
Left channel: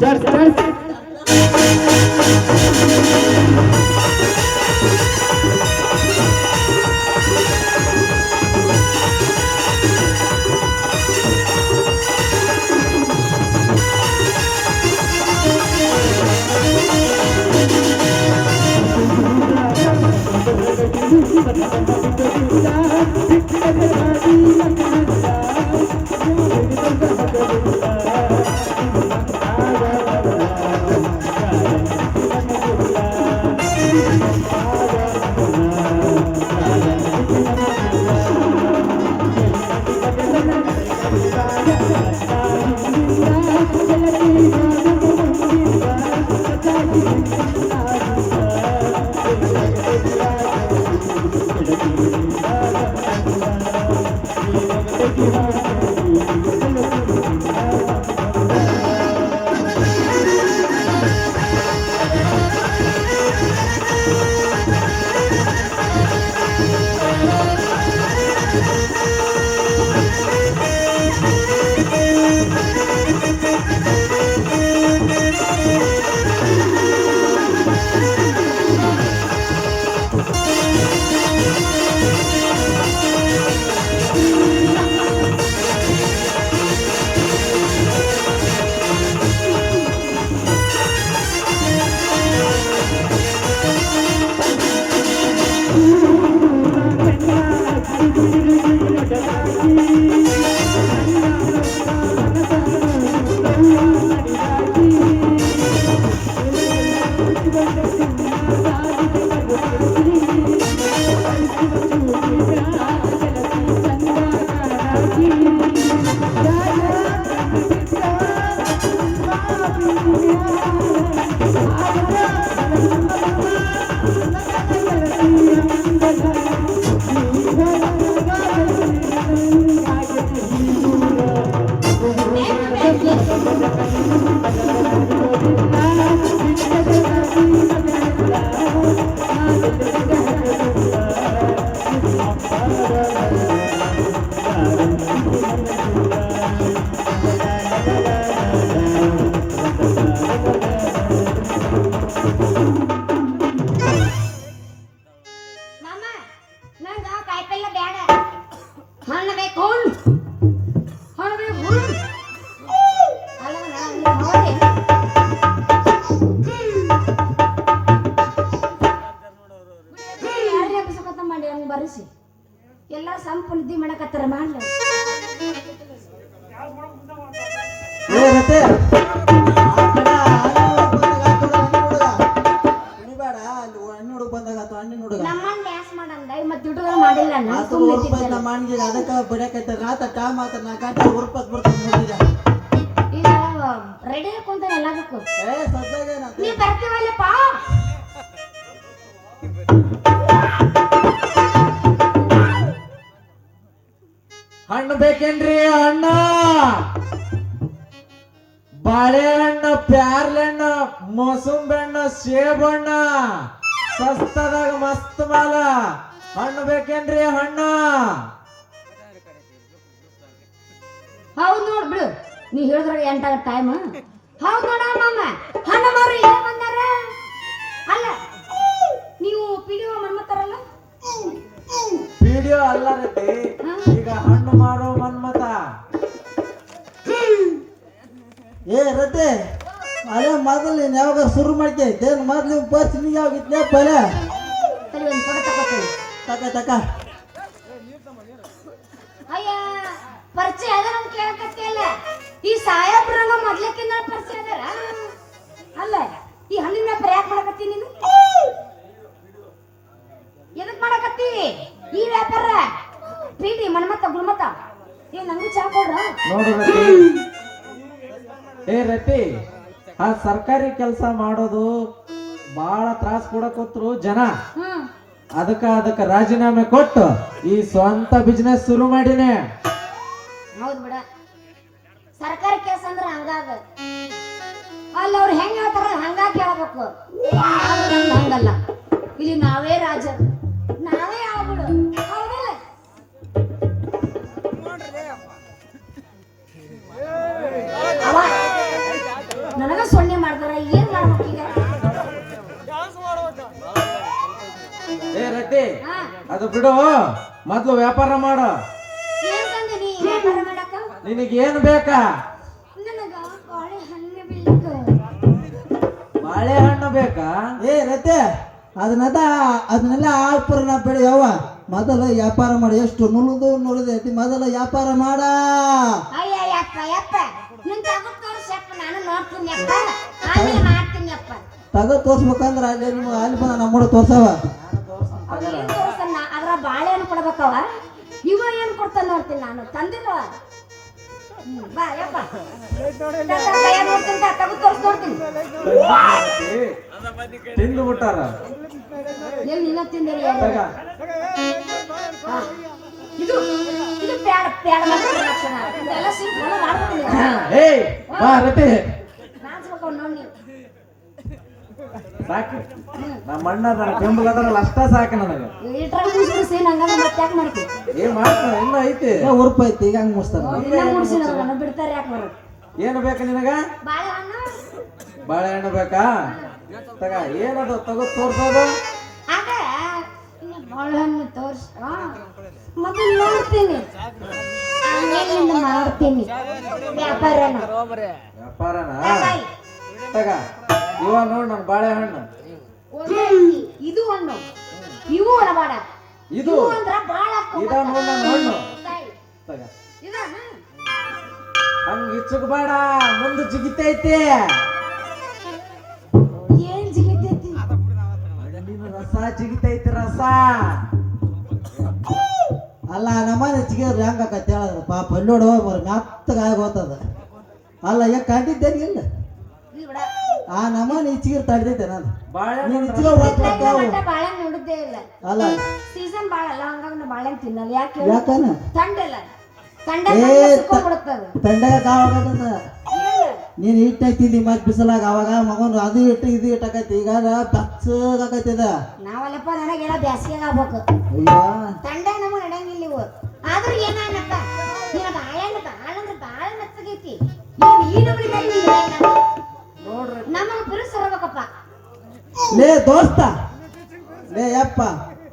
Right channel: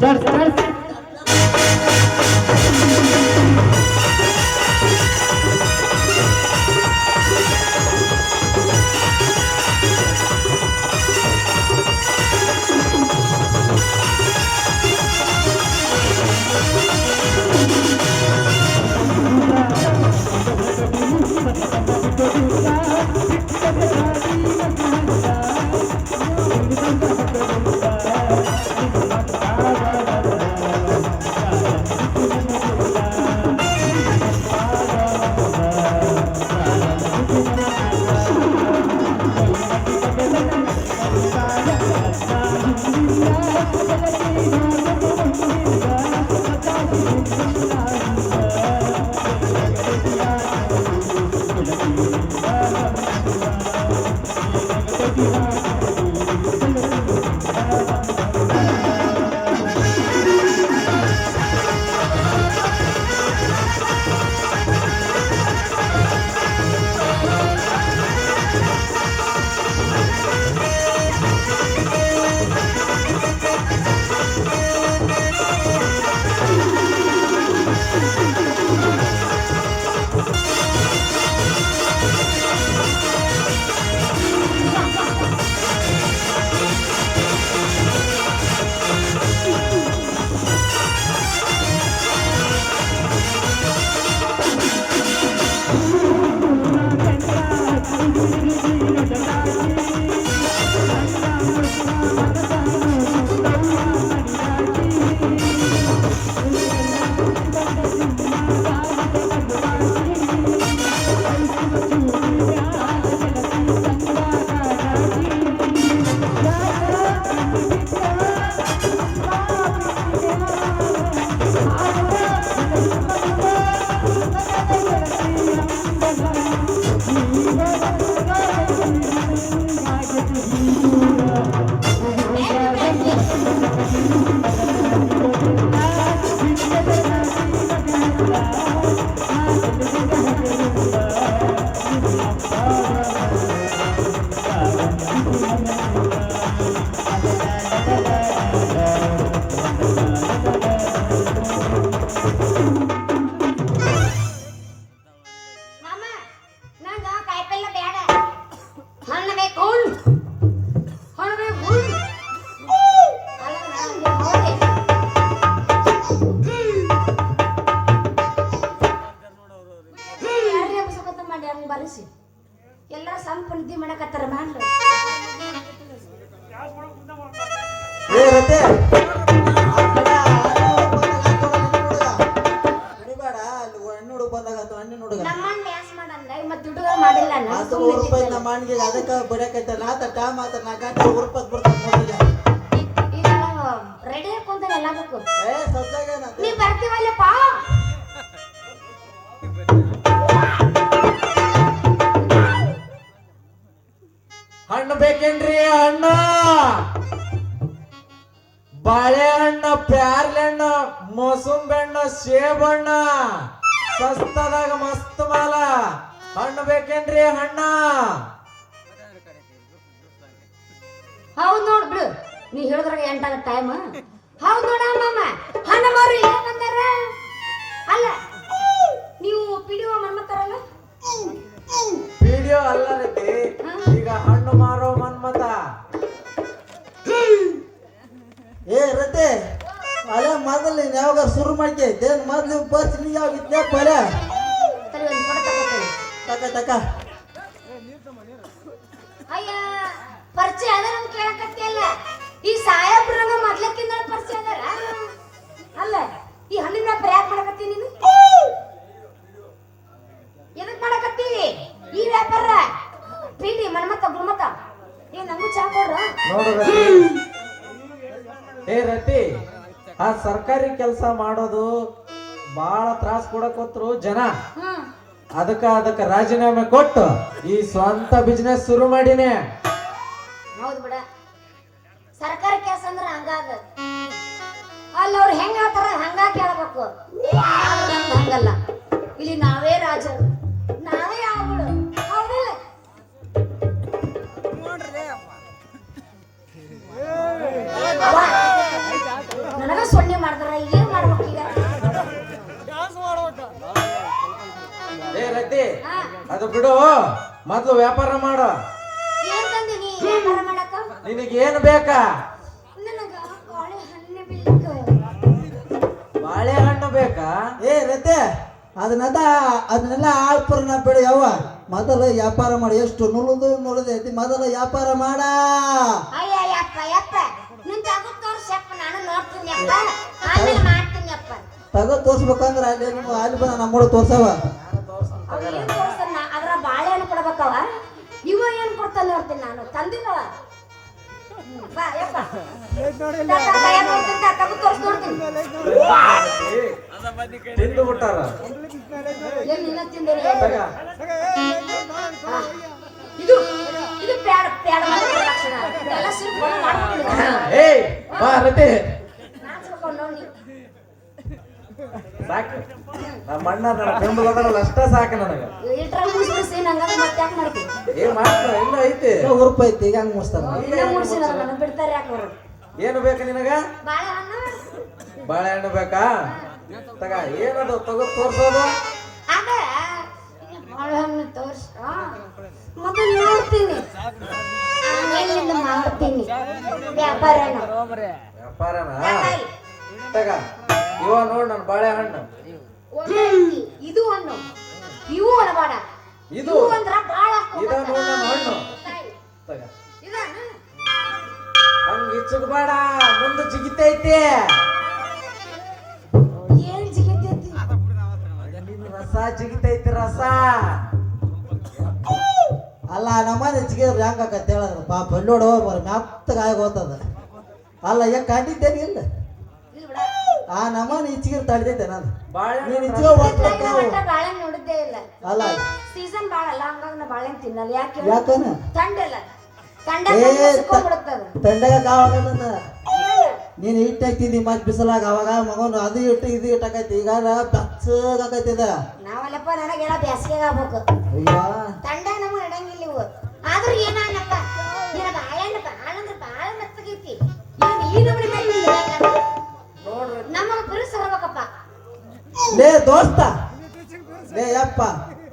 ಮಾಮ ನಂಗ ಕಾಯಿಪಲ್ಲೆ ಬೇಡ ಹಣ್ಣು ಬೇಕು ಹಣ್ಣು ಬೇಕು ಅಲ್ಲ ನಾನು ಹೋದೆ ಯಾರೇ ಬಸಕತ್ತ ಮಾಡಿ ಹಂಗೆ ಬರಿಸಿ ಎಲ್ಲ ಸಂಪು ನಿದ್ದೆ ಮಾಡಕತ್ತಾರ ಮಾಡ್ರಿ ಏ ರತೆ ಆ ಕಡೆ ಕುಡಿಬೇಡ ಅಲ್ಲಿ ಹಣ್ಣು ಹುಡುಗ ಬಂದಾಗ ಆತು ಹಣ್ಣಿನ ಹುಡುಗ ನಮ್ಮನ್ನ ಡ್ಯಾನ್ಸ್ ಮಾಡಂದ ಮತ್ತೆ ದುಡ್ಡುಗಳು ಮಾಡಿಲ್ಲ ನಾನು ಆತು ಸುಮ್ಮನೆ ರೂಪಾಯಿ ಇದ್ದಿದ್ದೆ. ನಮ್ಮ ಅಣ್ಣಿಗೆ ಅದಕ್ಕೆ ಬಿಡಕೈತೆ ನಾತ ಟೈಮ್ ಆತ ನಾ ಕಾಟ ರೂಪಾಯಿ ಬಿಡ್ತಾನೆ ನೋಡಿದ ಈಗ ರೆಡಿ ಕುಂತ ಎಲ್ಲದಕ್ಕೂ ಏ ಸದ್ದಾಗ ನೀ ಬರ್ತೀವಲ್ಲಪ್ಪ ಹಣ್ಣು ಬೇಕೇನ್ರಿ ಹಣ್ಣು ಬಾಳೆಹಣ್ಣು ಪ್ಯಾರ್ಲೆಹಣ್ಣು ಮೋಸಂಬಿ ಹಣ್ಣು ಸೇಬಣ್ಣು ಸಸ್ತದಾಗ ಮಸ್ತ್ ಮಾಲ ಹಣ್ಣು ಬೇಕೇನ್ರಿ ಹಣ್ಣ ಹೌದು ನೋಡ್ ಬಿಡು ನೀ ಹೇಳಿದ್ರಾಗ ಎಂಟಾಗ ಟೈಮ್ ಹೌದು ನೋಡ ಮಾಮ ಹಣ್ಣ ಮಾರು ಇಲ್ಲೇ ಬಂದಾರ ಅಲ್ಲ ನೀವು ಪಿಡಿಒ ಮನ್ಮತ್ತಾರಲ್ಲ ವಿಡಿಯೋ ಅಲ್ಲ ರೀತಿ ಈಗ ಹಣ್ಣು ಮಾರೋ ಮನ್ಮತ ಏ ರತೆ ಅಲ್ಲೇ ಮೊದಲು ನೀನು ಯಾವಾಗ ಶುರು ಮಾಡ್ಕೈತೆ ಮೊದ್ಲು ಬಸ್ ನೀ ಯಾವಾಗ ಇದ್ನ್ಯಪ್ಪ ಅಲ್ಲ ಸರಿ ಒಂದು ಫೋಟೋ ತಗೋತೀನಿ ತಕ ಅಯ್ಯ ಪರಿಚಯ ಅದ ನಮ್ ಕೇಳಕತ್ತಿಯಲ್ಲ ಈ ಸಾಹೇಬ್ರಂಗ ಮೊದ್ಲಕ್ಕಿಂತ ಪರಿಚಯ ಅದಾರ ಅಲ್ಲ ಈ ಹಣ್ಣಿನ ವ್ಯಾಪಾರ ಯಾಕೆ ಮಾಡಕತ್ತಿ ನೀನು ಎದಕ್ ಮಾಡಕತ್ತಿ ಈ ವ್ಯಾಪಾರ ಪೀಡಿ ಮನ್ಮತ್ತ ಗುಣಮತ್ತ ಏ ನಂಗೂ ಚಾ ಕೊಡ್ರ ನೋಡು ರತಿ ಏ ರತಿ ಆ ಸರ್ಕಾರಿ ಕೆಲಸ ಮಾಡೋದು ಬಹಳ ತ್ರಾಸ ಕೊಡಕೋತ್ರು ಜನ ಹ್ಮ್ ಅದಕ್ಕ ರಾಜೀನಾಮೆ ಕೊಟ್ಟು ಈ ಸ್ವಂತ ಬಿಸ್ನೆಸ್ ಶುರು ಮಾಡಿನೇ ಹೌದು ಬಿಡ ಸರ್ಕಾರಿ ಕೆಲಸ ಅಂದ್ರೆ ಹಂಗಾಗ ಅಲ್ಲಿ ಅವ್ರು ಹೆಂಗ್ ಹೇಳ್ತಾರ ಹಂಗ ಕೇಳ್ಬೇಕು ಆದ್ರೆ ನಮ್ದು ಹಂಗಲ್ಲ ಇಲ್ಲಿ ನಾವೇ ರಾಜರು ನಾವೇ ಆಗ್ಬಿಡು ಹೌದಲ್ಲ ಅವ್ವ, ನನಗ ಸೊನ್ನೆ ಮಾಡ್ತಾರ ಏನ್ ಮಾಡ್ಬೇಕು ಈಗ ಏ ರತಿ ಹಾ, ಅದು ಬಿಡು ಮೊದ್ಲು ವ್ಯಾಪಾರ ಮಾಡು ಏನ್ ತಂದಿನಿ ವ್ಯಾಪಾರ ಮಾಡಕ ನಿನಗೇನು ಬೇಕಾ ನನಗ ಬಾಳೆಹಣ್ಣು ಬೇಕು ಬಾಳೆಹಣ್ಣು ಬೇಕಾ ಏ ರತೆ ಅದನ್ನೆಲ್ಲ ಆಳ್ಪುರನ ಬಿಡಿ ಯವ್ವ ಮೊದಲು ವ್ಯಾಪಾರ ಮಾಡಿ ಎಷ್ಟು ನುಳಿದೈತಿ ಮೊದಲು ವ್ಯಾಪಾರ ಮಾಡ ಅಯ್ಯ ಯಪ್ಪ ಯಪ್ಪ ನಿನ್ ತಗೋ ತೋರ್ಸಪ್ಪ ನಾನು ನೋಡ್ತೀನಿ ಯಪ್ಪ ಆಮೇಲೆ ಮಾಡ್ತೀನಿ ಯಪ್ಪ ತಗ ತೋರ್ಸ್ಬೇಕಂದ್ರ ಅಲ್ಲಿ ಬಂದ ನಮ್ಮ ಹುಡುಗ ತೋರ್ಸವ ಅವ್ ಏನ್ ತೋರಿಸ್ತಾನ ಅದ್ರ ಬಾಳೆಹಣ್ಣು ಕೊಡ್ಬೇಕವ ಇವ ಏನ್ ಕೊಡ್ತಾನ ನೋಡ್ತೀನಿ ನಾನು ತಂದಿಲ್ಲವ ಬಾ ಯಪ್ಪ ನೋಡ್ತೀನಿ ತಗೋ ತೋರ್ಸ್ ನೋಡ್ತೀನಿ ತಿಂದು ಬಿಟ್ಟಾರ ಎಲ್ಲಿ ನಿನ್ನ ತಿಂದಿರಿ ತಗ. ಹಾ. ಇದು ಇದು ಪ್ಯಾಡ ಪ್ಯಾಡ ಮಾತ್ರ ಲಕ್ಷಣ ಇದೆಲ್ಲ ಸಿರು ಫಾಲೋ ಮಾಡ್ಕೊಂಡು ಏಯ್ ಬಾ ರತಿ ನಾಚ್ಬೇಕು ನೋಡಿ ಸಾಕು ನಮ್ಮ ಅಣ್ಣ ನನ್ನ ಬೆಂಬಲ ಅದರಲ್ಲ ಅಷ್ಟ ಸಾಕು ನನಗೆ ಇಟ್ರಾಗ ಮುಗಿಸ್ಬಿಡಿಸಿ ನಂಗಂದ್ರೆ ಮತ್ತೆ ಯಾಕೆ ಮಾಡ್ತೀನಿ ಏನ್ ಮಾಡ್ತಾರ ಇನ್ನೂ ಐತಿ ಉರುಪ ಐತಿ ಈಗ ಹಂಗ ಮುಗಿಸ್ತಾರ ಇನ್ನ ಮುಗಿಸಿ ನನ್ನ ಬಿಡ್ತಾರೆ ಯಾಕೆ ಬರೋದು ಏನು ಬೇಕು ನಿನಗ ಬಾಳೆಹಣ್ಣು ಬಾಳೆಹಣ್ಣು ಬೇಕಾ ತಗ ಏನದು ತಗೋ ತೋರ್ಸೋದು ಅದ ಬಾಳೆಹಣ್ಣು ತೋರ್ಸ ಮೊದಲು ನೋಡ್ತೀನಿ ಆಮೇಲೆ ಇನ್ನು ಮಾಡ್ತೀನಿ ವ್ಯಾಪಾರನ ವ್ಯಾಪಾರನಾ ತಗ ಇವ ನೋಡ್ ನನ್ನ ಬಾಳೆಹಣ್ಣು ಇದು ಹಣ್ಣು ಇವು ಅಳಬಾಡ ಇದು ಅಂದ್ರ ಬಾಳ ಇದ ನೋಡ್ ನನ್ನ ಹಣ್ಣು ತಗ ಇದಾನ ಹಂಗ ಇಚ್ಚಕ್ ಬೇಡ ಮುಂದೆ ಜಿಗಿತೈತಿ ಏನ್ ಜಿಗಿತೈತಿ ಹಣ್ಣಿನ ರಸ ಜಿಗಿತೈತಿ ರಸ ಅಲ್ಲ ನಮ್ಮನೆ ಚಿಗಿದ್ರೆ ಹೆಂಗ ಆಕತ್ತೆ ಹೇಳಿದ್ರ ಪಾಪ ನೋಡು ಮರ ಮೆತ್ತಗ ಆಗಿ ಹೋಗ್ತದ ಅಲ್ಲ ಈಗ ಕಂಡಿದ್ದೇನೆ ಇಲ್ಲ ಇದು ಬಿಡ ಆ ನಮ್ಮನೆ ಇಚ್ಚಿಗೆ ತಡೆದೈತೆ ನಾನು ಬಾಳೆಹಣ್ಣು ನೀನ್ ಇಚ್ಚಿಗೆ ಇತ್ಲಾಗ ಮಟ್ಟ ಬಾಳೆಹಣ್ಣು ನೋಡಿದ್ದೇ ಇಲ್ಲ ಅಲ್ಲ ಸೀಸನ್ ಬಾಳ ಅಲ್ಲ ಹಂಗಾಗಿ ನಾ ಬಾಳೆಹಣ್ಣು ತಿನ್ನಲ್ಲ ಯಾಕೆ ಯಾಕನ ಥಂಡಿಲ್ಲ ಥಂಡ ಏ, ಸಿಕ್ಕೊಂಡ್ಬಿಡುತ್ತದ ತಂಡಗ ಕಾವಾಗದ ನೀನ್ ಇಟ್ಟೈತಿದ್ದಿ ಮತ್ ಬಿಸಲಾಗ ಅವಾಗ ಮಗನು ಅದು ಇಟ್ಟು ಇದು ಇಟ್ಟಕೈತಿ ಈಗ ಬೆಚ್ಚಗಾಕೈತಿ ಅದ ನಾವಲ್ಲಪ್ಪ ನನಗೆಲ್ಲ ಬ್ಯಾಸಿಗೆ ಆಗ್ಬೇಕು ಅಯ್ಯೋ ತಂಡ ನಮಗೆ ನಡೆಯಂಗಿಲ್ಲ ಇವು ಆದ್ರೂ ಏನಾಗಪ್ಪ ನಿನ್ನ ಬಾಳೆಹಣ್ಣು ಬಾಳ ಅಂದ್ರೆ ಬಾಳ ಮೆತ್ತಗೈತಿ ಈ ನಮೂನಿ ಬೇಕು ನೋಡ್ರಿ ನಮಗ ಬಿರುಸು ಹರ್ಬೇಕಪ್ಪ ಲೇ ದೋಸ್ತ ಲೇ ಯಪ್ಪ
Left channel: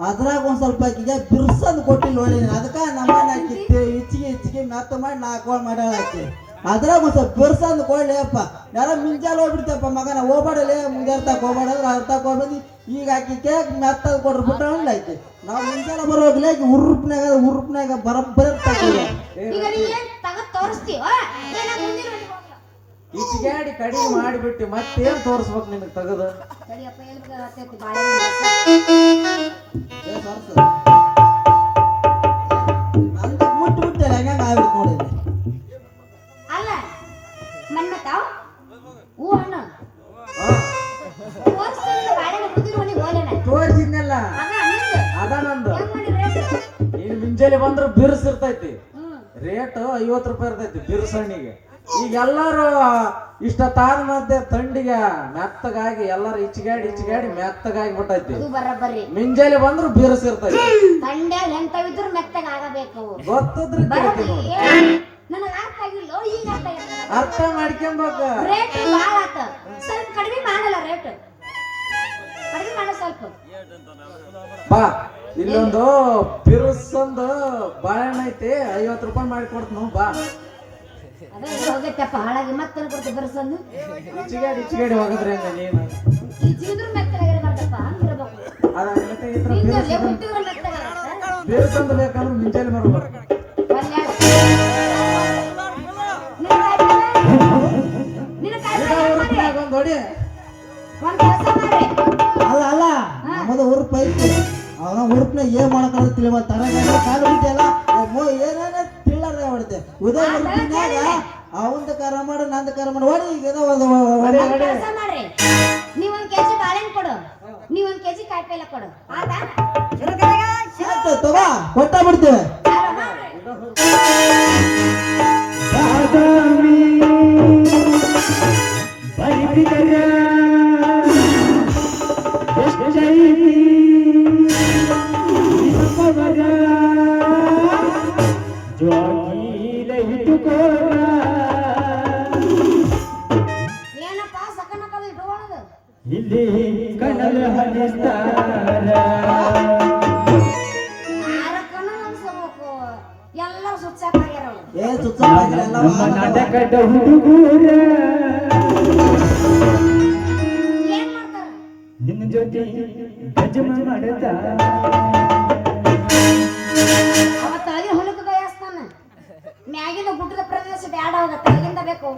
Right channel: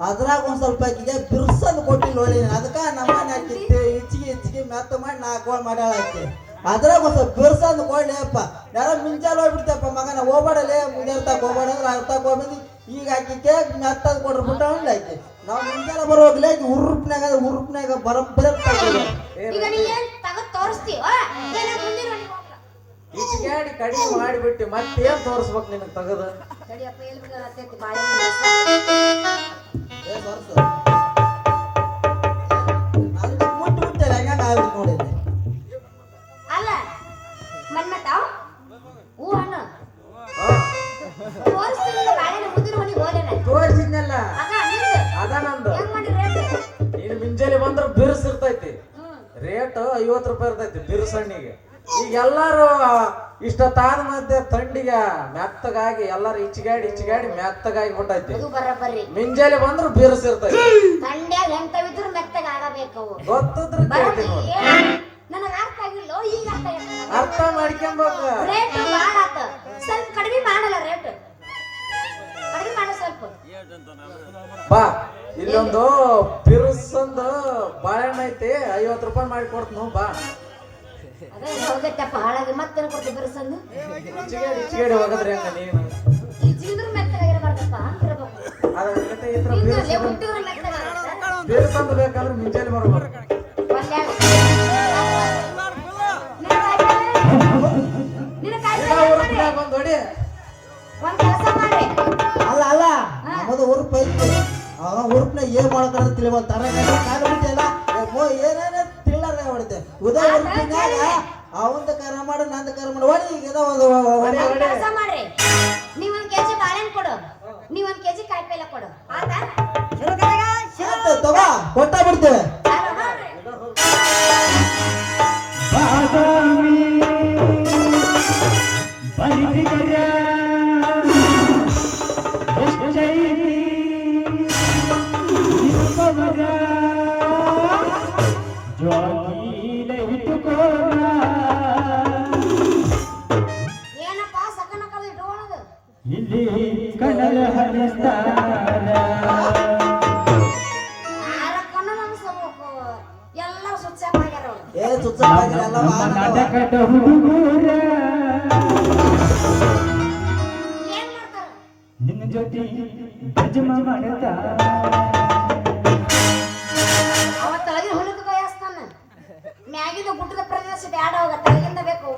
ಅದ್ರಾಗ ಒಂದ್ ಸ್ವಲ್ಪ ಆಕಿಗೆ ಬಿರ್ಸದ್ ಕೊಟ್ಟಿಲ್ಲ ನೋಡಿ ಅದಕ್ಕ ನಮ್ಮನೆ ಹಾಕಿತ್ತು ಹೆಚ್ಚಿಗೆ ಮೆತ್ತ ಮಾಡಿ 4 ಗೋಳ್ ಮಾಡ್ಯಾಳ ಆಕಿ ಅದ್ರಾಗ ಒಂದ್ ಸ್ವಲ್ಪ ಬಿರ್ಸಂದ್ ಕೊಡ್ಲಿ ಅಪ್ಪ ಯಾರ ಮಿಂಚಾಲ್ ಹೋಗ್ಬಿಡ್ತಪ್ಪ ಮಗನ ಹೋಗ್ಬೇಡಲೇ ಮುಂಜಾನೆ ಹೋಗ್ಬೇಡ ಅಂದ್ರೆ ಅರ್ಧಕ್ಕೆ ಹೋಗ್ಬಂದು ಈಗ ಆಕಿ ಕೇಕ್ ಮೆತ್ತದ್ ಕೊಡ್ರಿ ಬಿಟ್ಟ ಆಕಿ ನಾವು ಮುಂಜಾನೆ ಬರೋಗ್ಲಿ ಆಕಿ ಉರುಪ್ನಾಗ ಬರಬ್ಬರ ಈಗ ನೀ ಏನ್ ತಗದ್ ತೋರಿಸ್ತೀವ ಏನ ಮುಂದಿನ ಮನೆಗೆ ಹೋಗ್ಲ ಈಚಿಗಾಡಿ ಕಡಿಮೆ ಮಾಡಿಬಿಟ್ಟು ಮತ್ತೇನ್ ತೋರಿಸ್ಬೇಕು ನಿನಗೆ ತೆಗೆದು ಸರಿಯಪ್ಪ ಎಲ್ಲಿ ಬರ್ತೈತಿ ಬಾಳೆಹಣ್ಣು ನಂದು ಮುಟ್ಟ ಹೆಂಗ ಆಗ್ಬಿಟ್ಟು ನೋಡಿದ್ರಿ ಅಲ್ಲ ಮನ್ಮತಾವ್ ಹೂ ಹಣ್ಣು ಹಾ ತೋರಿಸ್ತೀನಿ ಬಾಳೆಹಣ್ಣು ಮುಂದಿನ ಮನೆಗೆ ಹೋಲೇನ ತೋರಿಸಿದ್ನಲ್ಲ ಅದ ನಿಂದು ಅದ ನಂದು ಹೆಂಗ್ ಮಾಡಿ ರೇಟ್ ನೀನು ಮುಂಜಾನೆ ಬಂದ್ರೆ ಬಿರುಸ್ ಇರ್ತೈತಿ ರೇಟ್ 50 ರೂಪಾಯಿ ಇರ್ತೈತಿ ಬಿರುಸ್ ಹಣ್ಣಿಗೆ ಈಗ ಎಲ್ಲಾರು ಇಷ್ಟ ತಾನ ಮಧ್ಯೆ ಥಂಡಿಗೆ ಮೆತ್ತಗಾಗಿ ಎಲ್ಲಾರು ಇಚ್ಚಿಗಾಡಿ ಮೆತ್ತಗಾಗಿ ಬಿಟ್ಟೈತಿ ಅದು ಬರಬ್ಬರಿ ಮುಂಜಾನೆ ಬಂದ್ರು ಬಿರುಸ್ ಇರ್ತೈತಿ ತಂಡ್ಯಾಗ ಎಂತವಿದ್ರು ಮೆತ್ತಗ ಆಗಬೇಕು ಗೊತ್ತದ್ರಿ ಕೇಳ್ತಿ ನೋಡಿ ನನಗ ಅರ್ಥ ಆಗಿಲ್ಲ ಈಗ ಅರ್ಥ ಆಗಿಲ್ಲ ಅರ್ಥ ಮಾಡ್ಕೊಂಬೇಕು ರೇಟ್ ಭಾಳ ಆತ ಸ್ವಲ್ಪ ಕಡಿಮೆ ಮಾಡಲ್ಲ ರೇಟ್ ಕಡಿಮೆ ಮಾಡ ಸ್ವಲ್ಪ ಬಾ ಇಲ್ಲೊಂದು ಬಿರುಸ್ ಒಂದು ಬಾಳೆಹಣ್ಣು ಐತಿ 50 ರೂಪಾಯಿ ಮಾಡಿ ಕೊಡ್ತೀನಿ ಬಾ ಅದೇ ಹೋಗೈತಪ್ಪ ಹಾಳಾಗಿ ಮತ್ತೇನು ಕೊಡ್ತೀವಿ ಬರ್ಸಂದು ಇಚ್ಚಿಗಾಡಿ ಹೋಗದ್ರಿ ಹಂಗ ನೀನು ಈ ಜೀದ್ರ ಮೆತ್ತಗಾಗಿರ್ಬಾರ್ದಪ್ಪ ಹಂಗಿರ್ಬೇಕು ಅದ ಅದಕ್ಕೆ ಈ ತರ ಹಿಂಗಲ್ಲೇ ಹುಟ್ಟಿದ್ರೆ ಮೆತ್ತಗಾಗತ್ತ ಬಿರುಸ್ ಅಂತ ಬೇಕಂದ್ರೆ ಮುಂಜಾನೆ ಬರ್ಬೇಕು ಒಂದ್ ಹೊಡಿ ಒಂದ್ ಕೆಲಸ ಮಾಡ್ರಿ ಅಲ್ಲ ನಮ್ಮದು ಉರುಪ್ ಐತಿ ಅವನ ಉರುಪ್ನ ಏನ್ ಮಾಡ್ಕೊಂಡು ತಿಳಿವ ತರಗಾಡಿ ಕಾಲು ಬಿಟ್ಟಿಲ್ಲ ಏನೇನ ತಿಳ್ಳಾರ ಹೊಡಿತೆ ಉದಯ ಉರುಪಿನಾಗ ಅವಂದ ಕರ ಮಾಡು ನಂದು ಕರ ಮಾಡು ಹೊಡಿ ಈಗ ಏನೋ ಒಂದ್ ಕೆಲಸ ಮಾಡ್ರಿ ನೀವೊಂದ್ ಕೆಜಿ ಬಾಳೆಹಣ್ಣು ಕೊಡು ನೀವೊಂದ್ ಕೆಜಿ ಕಾಯಿಪಲ್ಲೆ ಕೊಡು ಆತಾ ಆಯ್ತು ತಗೋ ಕೊಟ್ಟ ಬಿಡ್ತೇವೆ ಏನಪ್ಪ ಸಕನ ಕಲ್ ಇಟ್ಕೊಳ್ಳೋದು ಯಾರಕ್ಕನ ಅನ್ಸ್ಬೇಕು ಎಲ್ಲರೂ ಸುಚ್ಚಾಪಾಗ್ಯಾರ ಅವ್ರು ಏ ಸುತ್ತ ಏನ್ ಮಾಡ್ತಾರ ನಿನ್ನ ಜೊತೆ ಭಜಮ ಮಾಡದ ಅವತ್ತ ಅಲ್ಲಿ ಹೊಲಕ್ಕೆ ಕೈಯಾಸ್ತಾನ ಮ್ಯಾಗಿನ ಗುಡ್ಡದ ಪ್ರದೇಶ ಬ್ಯಾಡ ಹೋಗ ತಳಗಿಂದ ಬೇಕು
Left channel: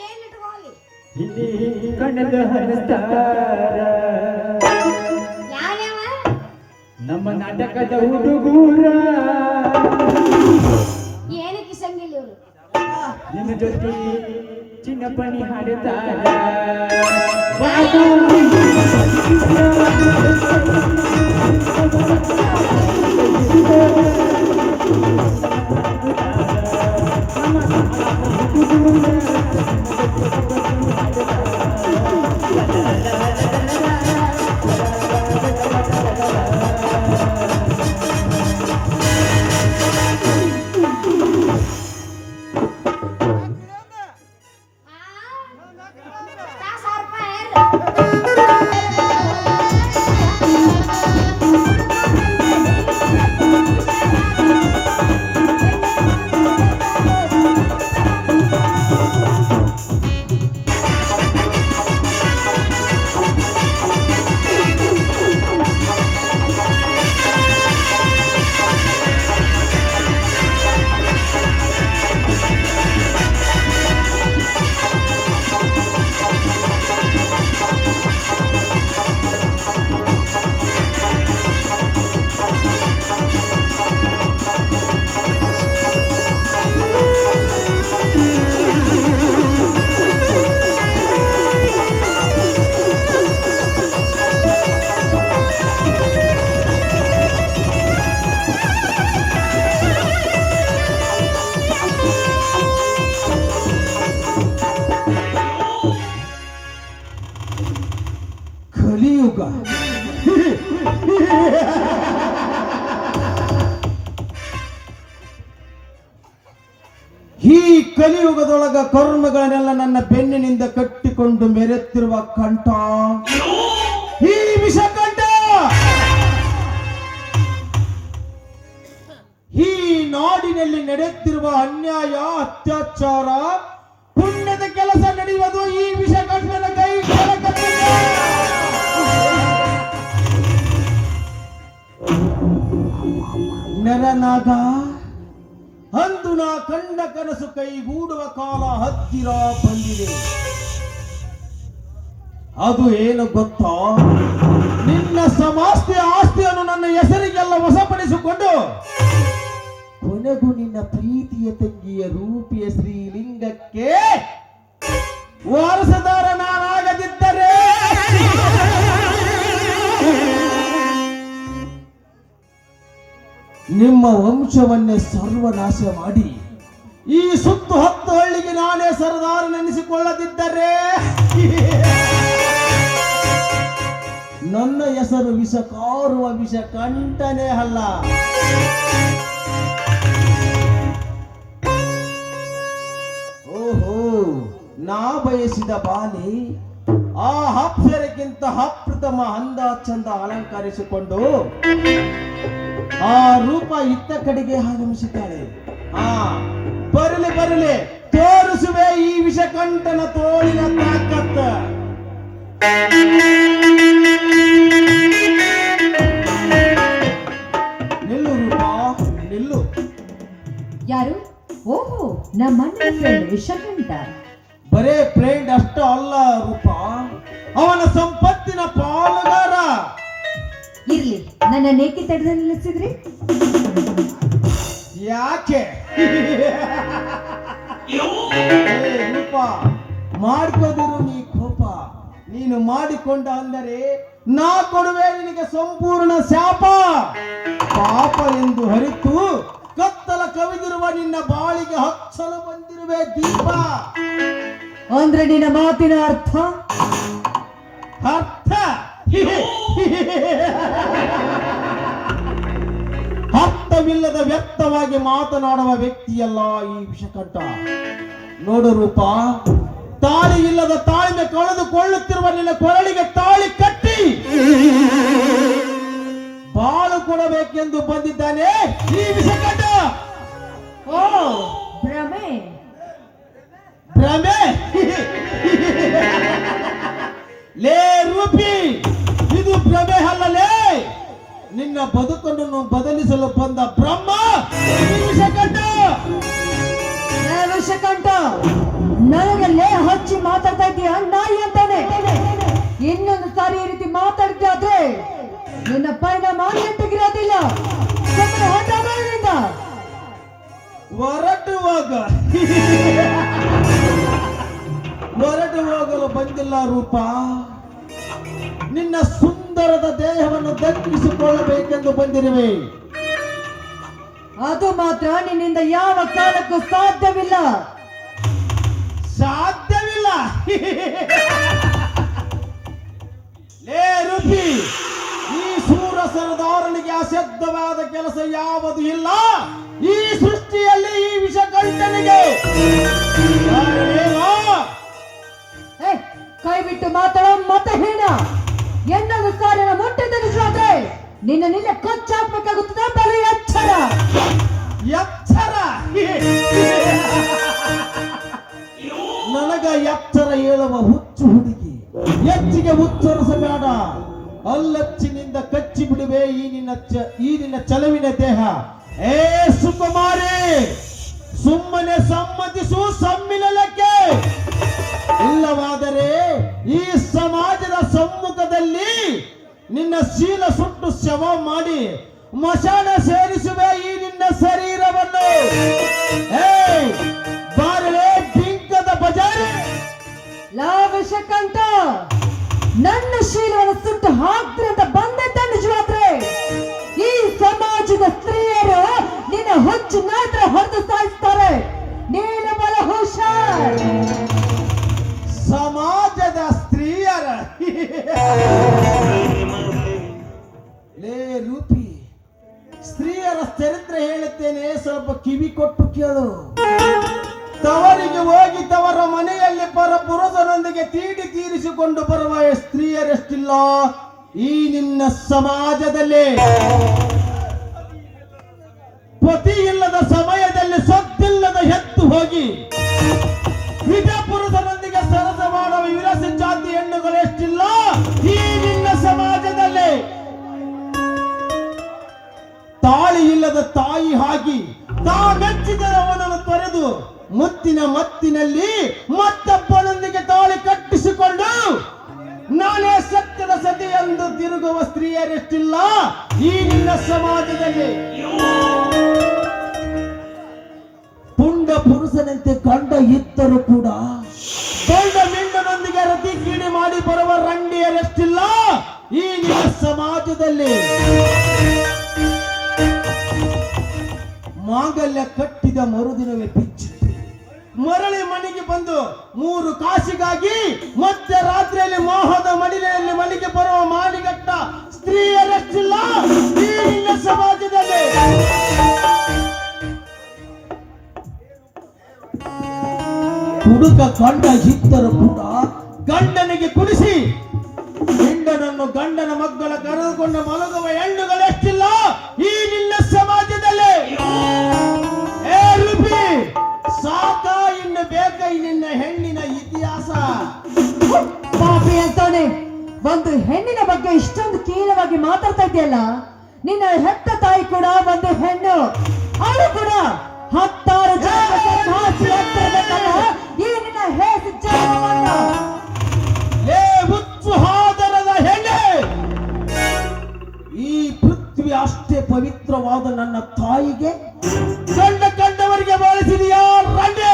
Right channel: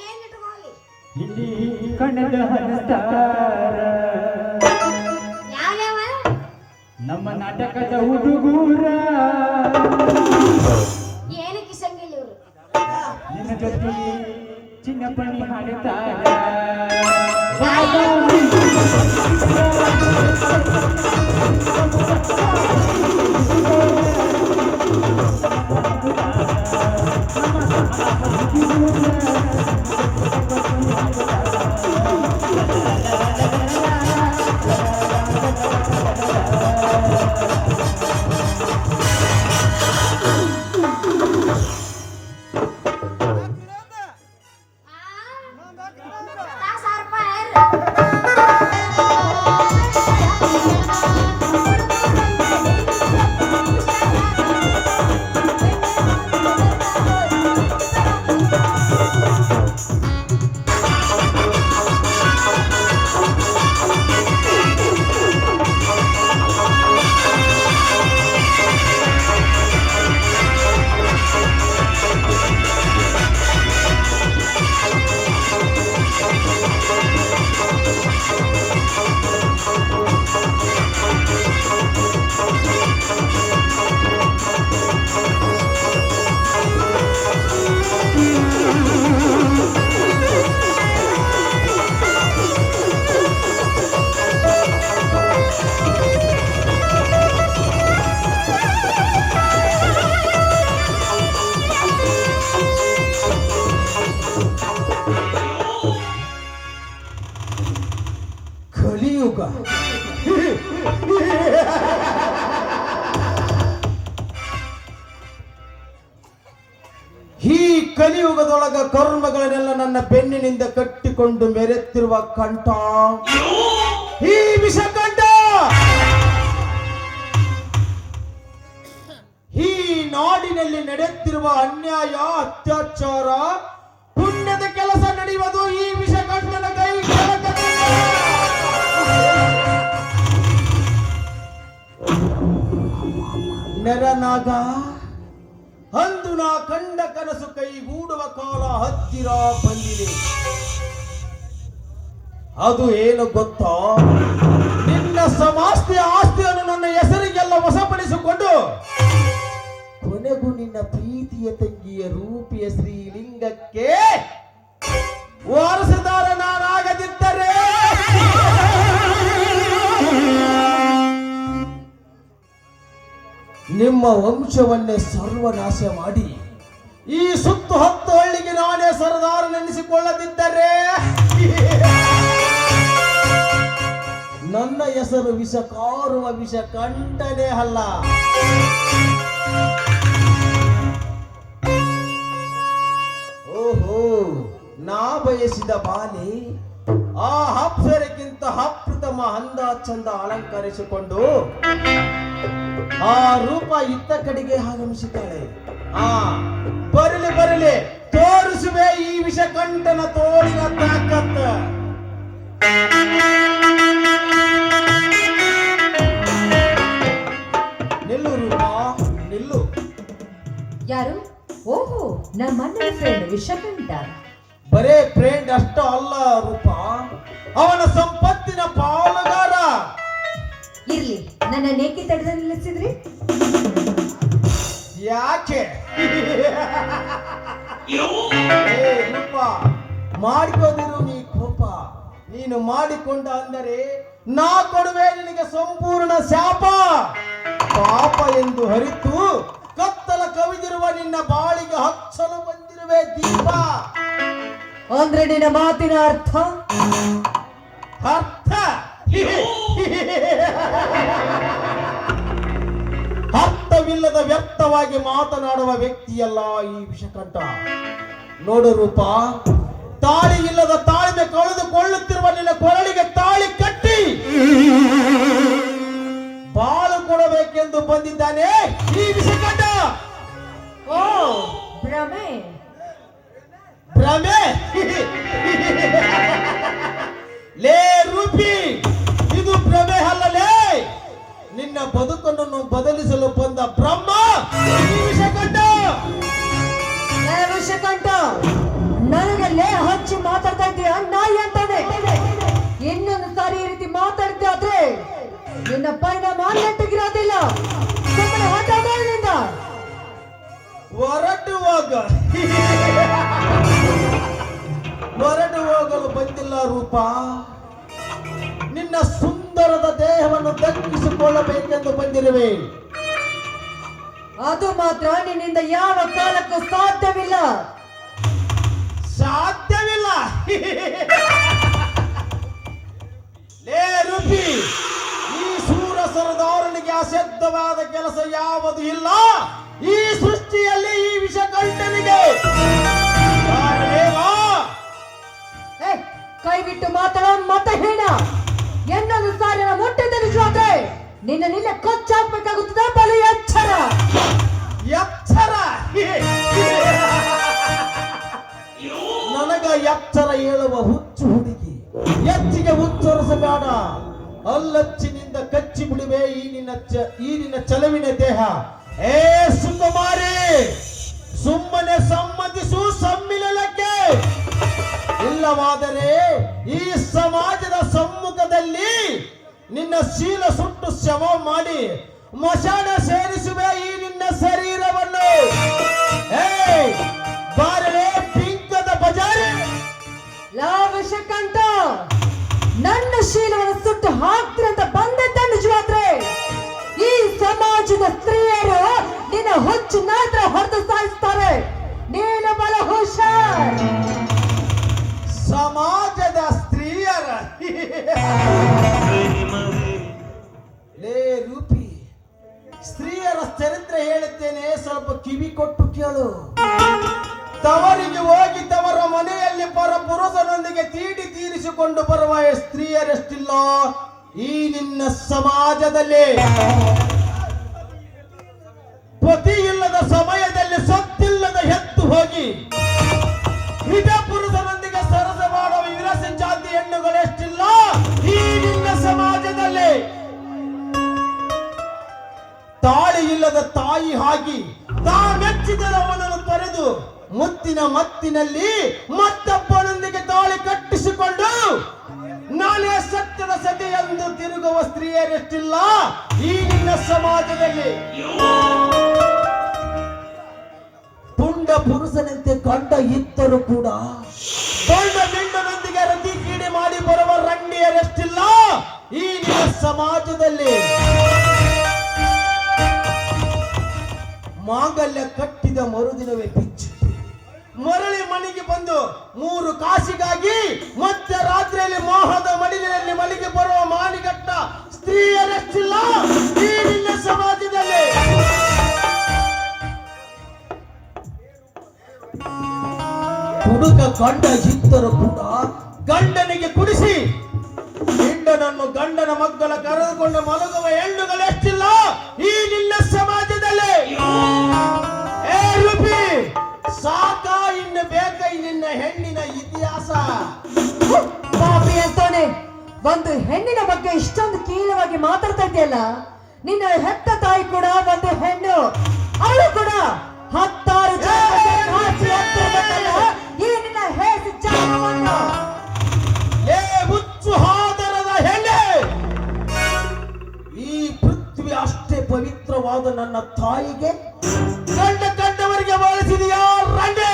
ಏನ್ ಇಟ್ಕೊಳ್ಳಿ ಕಣದ ಹರಿಸ್ತಾರ ಯಾವ್ಯಾವ ನಮ್ಮ ನಾಟಕದ ಹುಡುಗೂರ ಏನು ಕಿಸಂಗಿಲ್ಲ ಇವ್ರು ನಿನ್ನ ಜೊತೆ ಚಿನ್ನಪ್ಪಣಿ ಹಾಡುತ್ತಾರ ಕಲಿಯುಗ ಈ ಕಲಿಯುಗದೊಳಗ ಕರ್ಮಗಳನ್ನೆಲ್ಲ ನನ್ನ ಬೆನ್ನಿನಿಂದ ಕಟ್ಟಿಕೊಂಡು ಮೆರೆತಿರುವ ಕಂಠ ಈ ವಿಷಕಂಠ ಈ ನಾಡಿನಲ್ಲಿ ನಡೆಯುತ್ತಿರುವ ಅನ್ಯಾಯ ಅತ್ಯಾಚಾರ ಪುಣ್ಯದ ಕೆಲಸ ನಡೆಯುವುದು ಈ ವಿಷಕಂಠನ ಕೈ ನರನಾಗ ಅಂದು ನಾ ಕಂಡ ಕನಸು ಕೈಗೂಡುವ ಕಾಲ ಹತ್ತಿರ ಬಂದಿದೆ. ಅದು ಏನು ಗೊತ್ತಾ? ನಿನ್ನ ಸಮಸ್ತ ಆಸ್ತಿಯನ್ನು ನನ್ನ ಹೆಸರಿಗೆಲ್ಲ ವಶಪಡಿಸಿಕೊಂಡು ಕೊನೆಗೂ ನಿನ್ನ ಪ್ರೀತಿಯ ತಂಗಿಯ ರೂಪಿಯ ಶ್ರೀಲಿಂಗಕ್ಕೆ ವಾರಸದಾರ ನಾನಾಗದಿದ್ದರೆ ನಿಮ್ಮ ವಂಶವನ್ನೇ ಸರ್ವನಾಶ ಮಾಡಿ ಈ ಸುತ್ತು 10 ಹಳ್ಳಿಗೆ ನಾನೇ ಸರದಾರ ನೆನೆಸಿಕೊಳ್ಳದಿದ್ದರೆ ನನ್ನ ಹೆಸರು ವಿಷ ಕಾರುವ ವಿಷ ಕಂಠನೇ ಅಲ್ಲ. ಓಹೋ, ನಾ ಬಯಸಿದ ಬಾಲೆ ಆ ಅಪ್ಸರಕ್ಕಿಂತ ಅಪ್ರಥಮ ಅಂದ ಚಂದ ಅಲಂಕರಿಸಿಕೊಂಡು ಆ ರೂಪ ಇತ್ತ ಕಡೆಗೆ ಆಗಮಿಸುತ್ತಾಳೆ. ಬರಲಿ ಬರಲಿ, ತೋರಿಸುವೆ ಈ ವಿಷಕಂಠನ ತೋಳಿನ ತಾಕತ್ತ. ನಿಲ್ಲು ರೂಪ, ನಿಲ್ಲು. ಯಾರು? ಓಹೋ, ನಮ್ಮ ಫ್ರೆಂಡ್ ವಿಷಕಂಠ. ಬರೇ ಫ್ರೆಂಡ್ ಅಷ್ಟ ಅಲ್ಲ ರೂಪ, ಅವನ ಸಂಪತ್ತಿನ ಪಾಲುಗಾರ. ಇರ್ಲಿ, ನನ್ನ ನೇಕಿ ತಡೆದ ನಿಲ್ಲಿಸಿದ್ರಿ? ಯಾಕೆ? ರೂಪ, ಮಾಡ್ಕೋದಿರು ನೀ ಕೋಪ. ನೀನು ಮಾಡಿಕೊಂಡ ಅಂದರೆ ನಾ ಕೊಡುವೆ ನಿನಗೆ ಸಂಪೂರ್ಣ ಶಾಪ. ಪಾಪ ಎಂದು ಹರಿತು ಕತ್ತಲ ಕವಿದಿರುವ ನಿನ್ನ ಬಾಳಿಗೆ ಹಚ್ಚಲು ಬಂದಿರುವೆ ದೀಪ. ಅಂದ್ರೆ ನಿನ್ನ ಮಾತಿನ ಅರ್ಥ? ಅರ್ಥ ಅರ್ಥವಿಲ್ಲದ ವ್ಯಕ್ತವಾಗಿ ಮಾತನಾಡುವ ವ್ಯಕ್ತಿಯಲ್ಲ ಈ ವಿಷಕಂಠ. ನೋಡು ರೂಪ, ತಾಳಿ ಇಲ್ಲದ ತಾಳ್ಮೆ ಕಳೆದುಕೊಳ್ಳುತ್ತಿರುವ ನಿನ್ನ ಕೊರಳಿಗೆ ತಾಳಿ ಕಟ್ಟಿ ಬಾಳು ಕೊಡಬೇಕೆಂದು ಬಂದಿದ್ದಾನೆ ಈ ವಿಷಕಂಠ. ಓ, ಭ್ರಮೆ ಭ್ರಮೆ? ಲೇ ರೂಪಿ, ಇದು ಭ್ರಮೆ ಅಲ್ಲಲೇ, ನಿನ್ನ ಬದುಕನ್ನು ಬದಲಿಸಲು ಬಂದ ಬ್ರಹ್ಮ ಈ ವಿಷಕಂಠ. ವಿಷಕಂಠ, ನನಗಲ್ಲೇ ಹಚ್ಚಿ ಮಾತಾಡ್ತಾ ಇದ್ದೀಯ ನಾಯಿ ಅಂತಾನೆ. ಇನ್ನೊಂದು ಸಾರಿ ಈ ರೀತಿ ಮಾತಾಡ್ತೀಯ ಆದ್ರೆ ನಿನ್ನ ಪರಿಣಾಮ ನೆಟ್ಟಗಿರೋದಿಲ್ಲ. ಸುಮ್ಮನೆ ಹೊರಟಾಗ ಹೊರಟು ಹೋಗ. ಹೊರಟು ಹೋಗಲು ಬಂದಿಲ್ಲ ರೂಪ. ನಿನ್ನ ಸುಂದರದ ದೇಹವನ್ನು ದಕ್ಕಿಸಿಕೊಳ್ಳಬೇಕೆಂದು ಬಂದಿರುವೆ. ಅದು ಮಾತ್ರ ನಿನ್ನಿಂದ ಯಾವ ಕಾಲಕ್ಕೂ ಸಾಧ್ಯವಿಲ್ಲ. ಸಾಧ್ಯವಿಲ್ಲ. ಲೇ ರೂಪಿ, ಈ ಸೂರ ಸರದಾರನಿಗೆ ಅಸಾಧ್ಯವಾದ ಕೆಲಸ ಯಾವುದು ಇಲ್ಲ ಈ ಸೃಷ್ಟಿಯಲ್ಲಿ. ಈ ವಿಷಕಂಠನಿಗೆ ಕೈ ಬಿಟ್ಟು ಮಾತಾಡೋ ಮತ್ತೆ ಹೀನ. ಎನ್ನೊಂದು ಸಾರಿನ ಮೊಟ್ಟೆ ತರಿಸಾದ್ರೆ ನಿನ್ನ ಕೊಚ್ಚಾಕ್ಬೇಕಾಗುತ್ತದೆ. ಬಲು ಎಚ್ಚರ. ಎಚ್ಚರ. ನನಗ ಎಚ್ಚರ ಹೇಳುವ ಹುಚ್ಚು ಹುಡುಗಿ. ಹೆಚ್ಚಿಗೆ ಉಚ್ಚರಿಸಬೇಡ. ಅಲ್ಲಚ್ಚಿನಿಂದ ಕಚ್ಚಿ ಬಿಡುವೆ ಈ ನಿನ್ನ ಚಲವಿನ ದೇಹ. ಏ ಸುಕುಮಾರಿ, ಸುಮ್ಮನೆ ಸಮ್ಮತಿಸು ಸಮ್ಮಿಲನಕ್ಕೆ. ಇಲ್ಲವಾದರೆ ಈ ಸಮಾಜದ ಸಮ್ಮುಖದಲ್ಲಿ ನಿನ್ನ ಶೀಲ ಸುಟ್ಟು ಶವ ಮಾಡಿ ಮಶಾನ ಸೇರಿಸುವೆ ಈ ನಿನ್ನ ಶರೀರವನ್ನು. ಬಾರಳೆ ಬಿಂಕದ ಬಜಾರಿ. ಲಾವಶಕಂತ ನನ್ನ ಶೀಲವನ್ನು ಸುಟ್ಟು ಹಾಕ್ತಾರೆ ಅಂತ ಬಂದೆ ತಂಡಿಸುವಾದ್ರೆ ಈ ಸಮಾಜದ ಸ್ತ್ರೀಯರು ನಿನ್ನ ಹುಚ್ಚು ಮಾತ್ರ ಹೊರತು ಸಾಯಿಸ್ತಾರೆ. ನೀನು ಬಲ ಹುಷಾರ್. ಸಮಾಜದ ಸ್ತ್ರೀಯರ. ಲೇ ರೂಪಿ, ಸ್ತ್ರೀಯರ ಚರಿತ್ರೆ ಹೇಳುತ್ತೇನೆ, ಸ್ವಲ್ಪ ಕಿವಿ ಕೊಟ್ಟು ಕೇಳು. ತವರಿಗೆ ಹೋಗಿ ತವರ ಮನೆಯಲ್ಲಿ ಪರ ಪುರುಷನೊಂದಿಗೆ ತೀರಿಸಿಕೊಂಡು ಬರುವ ಸ್ತ್ರೀಯರೆಷ್ಟಿಲ್ಲ ಈ ನಿನ್ನ ಸಮಾಜದಲ್ಲಿ. ಪತಿ ಇಲ್ಲದ ಸಮಯದಲ್ಲಿ ಸೊತ್ತಿಲ್ಲದ ಎತ್ತು ಹೋಗಿ ವಿಧ ಪುರುಷನೊಂದಿಗೆ ಸರಸ ಮಾಡುವ ವಿರಸ ಜಾತಿ ಹೆಣ್ಣುಗಳೆಷ್ಟಿಲ್ಲ ಈ ನಿನ್ನ ಸಮಾಜದಲ್ಲಿ. ತಾಳಿ ಇಲ್ಲದ ತಾಯಿ ಆಗಿ ತಾವೆಚ್ಚಿದವನನ್ನು ತೊರೆದು ಮುತ್ತಿನ ಮತ್ತಿನಲ್ಲಿ ಮತ್ತೊಬ್ಬನೊಂದಿಗೆ ತಾಳಿ ಕಟ್ಟಿಸಿಕೊಂಡು ನಾನೇ ಸತ್ಯದ ಸತಿ ಎಂದು ತಿರುಗುವ ಸ್ತ್ರೀಯರೆಷ್ಟಿಲ್ಲ ಈ ನಿನ್ನ ಸಮಾಜದಲ್ಲಿ. ಪುಂಡ ಪುರುಷನಂತೆ ಗಂಡ ಇದ್ದರೂ ಕೂಡ ಗಂಡ ಮಿಂಡನೊಂದಿಗೆ ರತಿ ಕೀಡಿ ಮಾಡಿ ಬರುವ ರಂಡಿಯರೆಷ್ಟಿಲ್ಲ ಈ ನಿನ್ನ ಸಮಾಜದಲ್ಲಿ. ಮಾಂಗಲ್ಯ ಕಟ್ಟಿದ ಮರುದಿನವೇ ಬಿಚ್ಚಿತ್ತು. ಮರಳಿ ಮನೆಗೆ ಬಂದು 3 ಕಾಸಿಗಾಗಿ ಮತ್ತೆ ರಾತ್ರಿಯಲ್ಲಿ ಮೋಹದ ಮಡಿಲೆಯಲ್ಲಿ ಮನೆಗೆ ಬರುವ ಮಾನಿಗಟ್ಟ ಸ್ತ್ರೀಯರೆಷ್ಟಿಲ್ಲ ಈ ನಿನ್ನ ಸಮಾಜದಲ್ಲಿ. ಹುಡುಗ ಗಂಡ ಇದ್ದರೂ ಕೂಡ ಗಂಡನಿಗೆ ಕುಡಿಸಿ ಹೆಂಡನನ್ನು ಗಂಡನ ಮಗ್ಗಲ ಕರೆದುಕೊಂಡು ಮಲಗುವ ಹೆಣ್ಣುಗಳೆಷ್ಟಿಲ್ಲ ಈ ನಿನ್ನ ಸಮಾಜದಲ್ಲಿ. ಏ ರೂಪಿ, ಸಾಕ ಇನ್ನು ಬೇಕ ನಿನ್ನ ಹೆಣ್ಣಿನ ಇತಿಹಾಸ. ಪಾಪಿ ಅಂತವನೇ, ಒಂದು ಹೆಣ್ಣಿನ ಬಗ್ಗೆ ಇಷ್ಟೊಂದು ಕೀಳವಾಗಿ ಮಾತಾಡ್ತಾ ಇದೆಯಲ್ಲ. ನಿನ್ನ ಹೆತ್ತ ತಾಯಿ ಕೂಡ ಒಂದು ಹೆಣ್ಣು. ಅವಳು ಕೂಡ 16 ಜನ್ಮಕ್ಕೆ ನಾಚಿ ಆಗ್ತಿರ್ಬೇಕಲ್ಲ ಈ ನಿನ್ನ ಹೇಸಿ ಜನ್ಮವನ್ನು. ಏ ಹುಚ್ಚು ಹಾದರದ ಹೆಣ್ಣೆ, ಈ ಪೃಥ್ವಿ ಅಷ್ಟೇ ಪವಿತ್ರವಾದ ನನ್ನ ತಾಯಿಗೆ ಕಂಡವರಿಗೆ ಬಳಸಿದೆಯಾ ರಂಡೆ?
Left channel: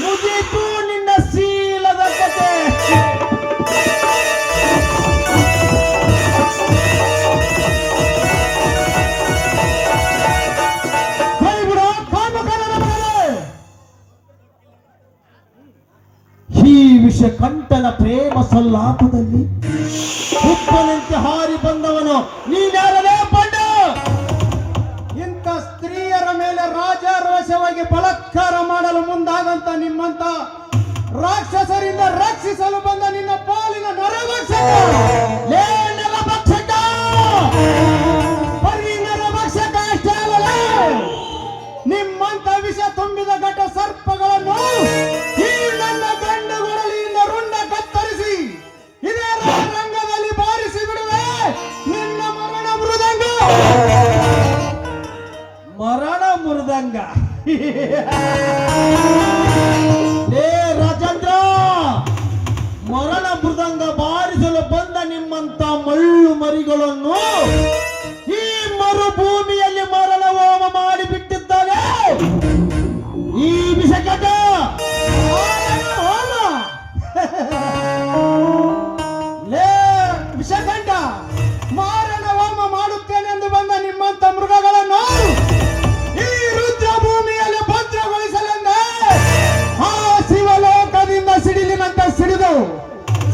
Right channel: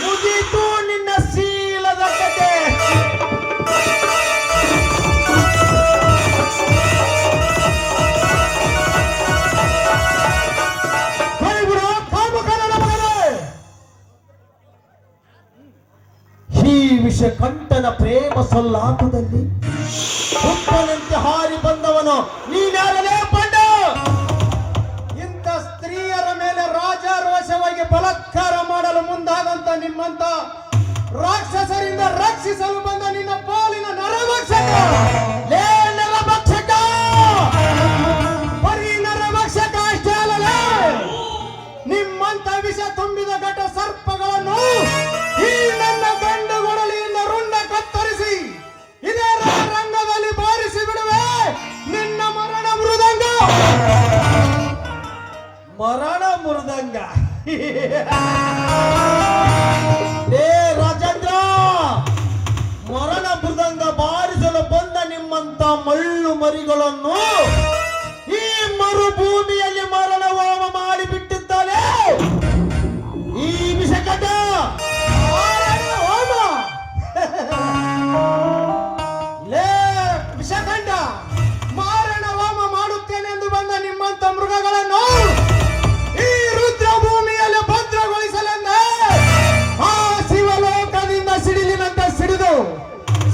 ಮುಗೀತು ನಿನ್ನ ಶೀಲದ ಕತೆ. ಈ ವಿಷಕಂಠನ ಪ್ರೇಮ ಸಲ್ಲಾಪದಲ್ಲಿ ಹುಪ್ಪನಂತೆ ಹಾರಿ ಬಂದವನು ನೀನ್ಯಾರಲೇ ಬಂಡ? ಇಂಥ ಸ್ತ್ರೀಯರ ಮೇಲೆ ರಾಜಾರೋಷವಾಗಿ ಬಲಾತ್ಕಾರ ಮಾಡಲು ಮುಂದಾದಂತ ನಿಮ್ಮಂತ ರಾಕ್ಷಸರಿಂದ ರಕ್ಷಿಸಲು ಬಂದ ನಿನ್ನ ಪಾಲಿನ ನರಭಕ್ಷಕ. ಲೇ ನರಭಕ್ಷಕ, ಬರೀ ನರಭಕ್ಷಕ ಅಷ್ಟೇ ಅಲ್ಲಲೇ, ನಿಮ್ಮಂತ ವಿಷ ತುಂಬಿದ ಘಟ ಸರ್ಪಗಳನ್ನು ಈ ನನ್ನ ಗಂಡುಗೊಡಲಿಯಿಂದ ರುಂಡ ಕತ್ತರಿಸಿ ಇದೇ ರಂಗದಲ್ಲಿ ಬಾರಿಸಿ ಬಿಡುವೆ ನಿನ್ನ ಮರಣ ಮೃದಂಗ. ಮರಣ ಮೃದಂಗ. ಲೇ ಮರಿಗಳನ್ನು ಈ ಮರುಭೂಮಿಯಲ್ಲಿ ಮರಣ ಹೋಮ ಮಾಡಿಬಿಟ್ಟಿದ್ದಾನೆ ಈ ವಿಷಕಟ ಮಾರಣ ಹೋಮ. ಲೇ ವಿಷಕಂಠ, ಮಾರಣ ಹೋಮ ಮಾಡುತ್ತೇನೆಂದು ಬಂದ ನಿಮ್ಮಂತ ಮೃಗಗಳನ್ನು ಈ ರುದ್ರ ಭೂಮಿಯಲ್ಲಿ ಭದ್ರಗೊಳಿಸಲೆಂದೇ ಆ ಶಿವಲೋಕದಿಂದ ಸಿಡಿಲಿನಂತೆ ಸಿಡಿದು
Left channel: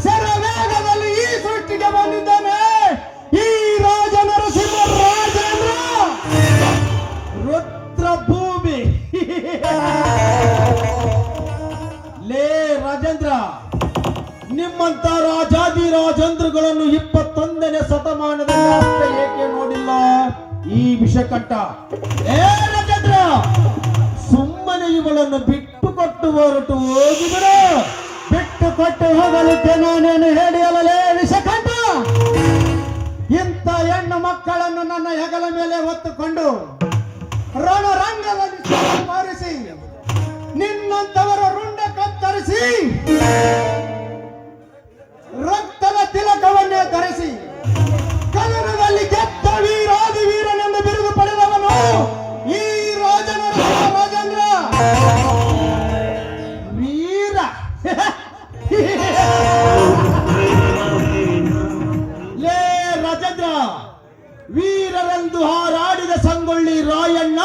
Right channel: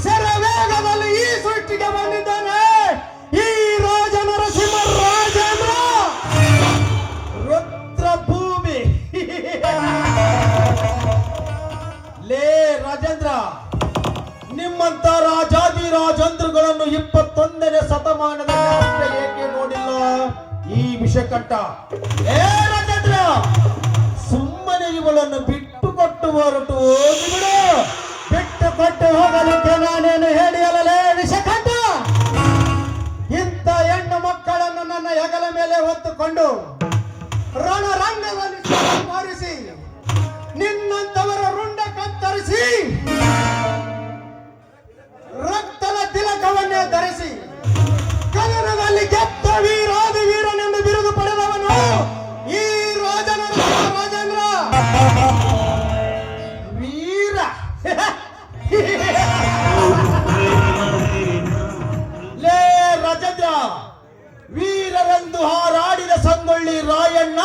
ಶರವೇಗದಲ್ಲಿ ಈ ಸೃಷ್ಟಿಗೆ ಬಂದಿದ್ದಾನೆ ಈ ರಾಜ ನರಸಿಂಹ ರಾಜೇಂದ್ರ ರುದ್ರ ಭೂಮಿ. ಲೇ ರಾಜೇಂದ್ರ, ನಿಮ್ಮಂತ ರಾಜಾದಿ ರಾಜೇಂದ್ರಗಳನ್ನು 21ನೇ ಶತಮಾನದಲ್ಲಿ ಅಷ್ಟೇ ಏಕೆ ನೋಡಿಲ್ಲ ಈ ವಿಷಕಂಠ? ಏ ರಾಜೇಂದ್ರ, ಸುಮ್ಮನೆ ಇವಳನ್ನು ಬಿಟ್ಟು ಕೊಟ್ಟು ಹೊರಟು ಹೋಗಿಬಿಡು. ಬಿಟ್ಟು ಕೊಟ್ಟು ಹೋಗಲಿಕ್ಕೆ ನಾನೇನು ಹೇಳಿಯಲೇ ವಿಷಕಂಠ? ಇಂಥ ಹೆಣ್ಣು ಮಕ್ಕಳನ್ನು ನನ್ನ ಹೆಗಲ ಮೇಲೆ ಹೊತ್ತುಕೊಂಡು ರಣರಂಗದಲ್ಲಿ ಮಾರಿಸಿ ನಿನ್ನಂತವರ ರುಂಡ ಕತ್ತರಿಸಿ ರಕ್ತದ ತಿಲಕವನ್ನೇ ಧರಿಸಿ ಕನ್ನಡದಲ್ಲಿ ಗೆದ್ದ ವೀರಾದಿ ವೀರನೆಂದು ಬಿರುದು ಪಡೆದವನು ಈ ರಾಜನ ರಾಜೇಂದ್ರ ವೀರ. ಲೇ ರಾಜೇಂದ್ರ, ವೀರರೆಂದು ಹಾರಾಡಿದ ಸಂಗೊಳ್ಳಿ ರಾಯಣ್ಣ,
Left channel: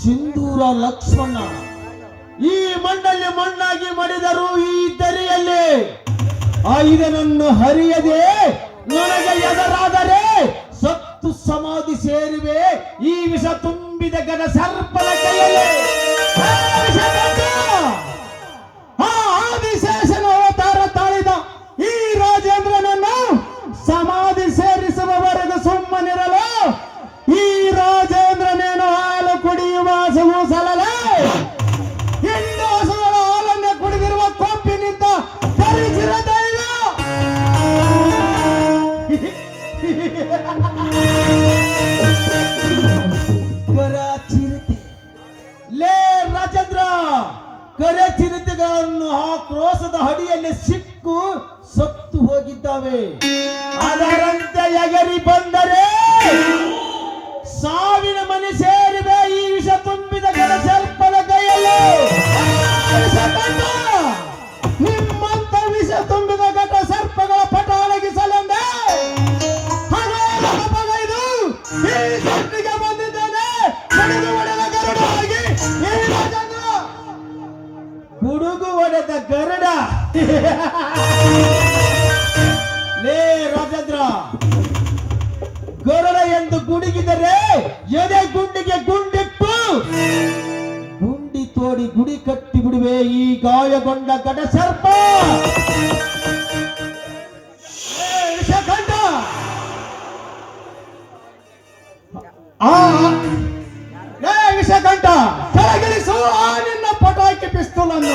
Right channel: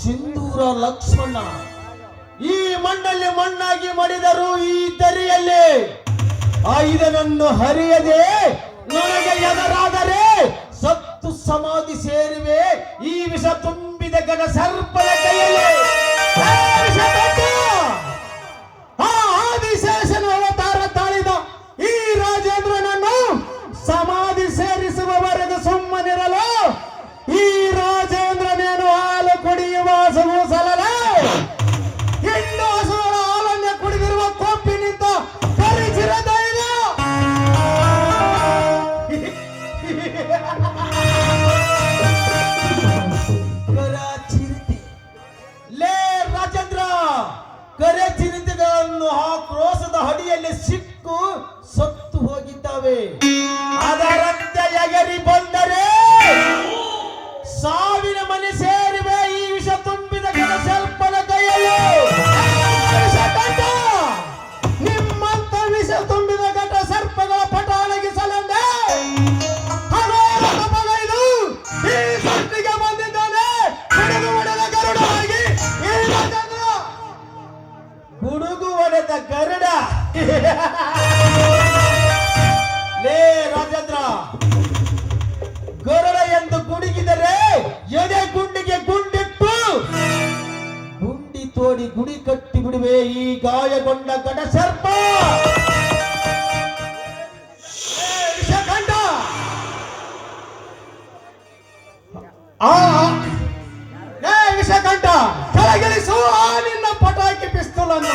ಸಿಂಧೂರ ಲಕ್ಷ್ಮಣ ಈ ಮಣ್ಣಲ್ಲಿ ಮಣ್ಣಾಗಿ ಮಡಿದರು ಈ ದರಿಯಲ್ಲಿ ಆಯುಧನನ್ನು ಹರಿಯದೆ ನನಗೆ ಎದುರಾದರೆ ಸತ್ತು ಸಮಾಧಿ ಸೇರಿವೆ ಈ ವಿಷ ತುಂಬಿದ ಗದ ಸರ್ಪದ ಕೈಯಲ್ಲಿ. ಆದಿಶೇಷನ ಅವತಾರ ತಾಳಿದ ಈ ರಾಜೇಂದ್ರನನ್ನು ಸಮಾಧಿ ಸೇರಿಸುವವರೆಗೂ ಸುಮ್ಮನಿರಲು ಈ ರಾಜೇಂದ್ರನೇನು ಹಾಲು ಕುಡಿಯುವ ಹಸುವು ಸಲಲೆ ಹೆಣ್ಣು ಹಸುಗಳ ಹಾಲನ್ನು ಕುಡಿದಿರುವ ಕೊಂಪಿನಿಂದ ಪರಿಚಿರತೆ ಚಿರತೆ. ಲೇ ರಾಜೇಂದ್ರ, ಕರೆ ಚಿರತೆಗಳನ್ನು ಆ ಕ್ರೋಸದ ಹಡಿಯಲ್ಲಿ ಸಿಕ್ಕು ಸತ್ತು ಹೋಗಿದ್ದಾವೆ. ಅದರಂತೆ ಎಗರಿ ಬಂದರೆ ಸಾವಿನ ಮನೆ ಸೇರಿವೆ ಈ ವಿಷ ತುಂಬಿದ ಗಣಸರ್ಪದ ಕೈಯಲ್ಲಿ. ನಿಮ್ಮಂತ ವಿಷ ತುಂಬಿದ ಘಟ ಸರ್ಪಗಳ ಪಟ ಅಡಗಿಸಲೆಂದೇ ಈ ಸೃಷ್ಟಿಗೆ ಬಂದಿದ್ದಾನೆ ಗುಡುಗು ಹೊಡೆದ ಗರುಡ. ಲೇ ರಾಜೇಂದ್ರ, ಗರುಡ ಎಂದು ಗುಡುಗಿದರೆ ಎದೆ ಗುಂಡಿಗೆ ಗುಂಡಿಟ್ಟು ಗುಂಡಿ ತೋಡಿ ಗುಡಿ ಕಟ್ಟಿ ಬಿಡುವೆ ಈ ಗಾಯಗೊಂಡ ಗಡ ಸರ್ಪ. ವಿಷಕಂಠ, ವಿಷಕಂಠ, ಕೆಳಗಿಳಿಸು ಆ ನಿನ್ನ ಪಟಾಕಿ ಪಿಸ್ತೂಲನ್ನು.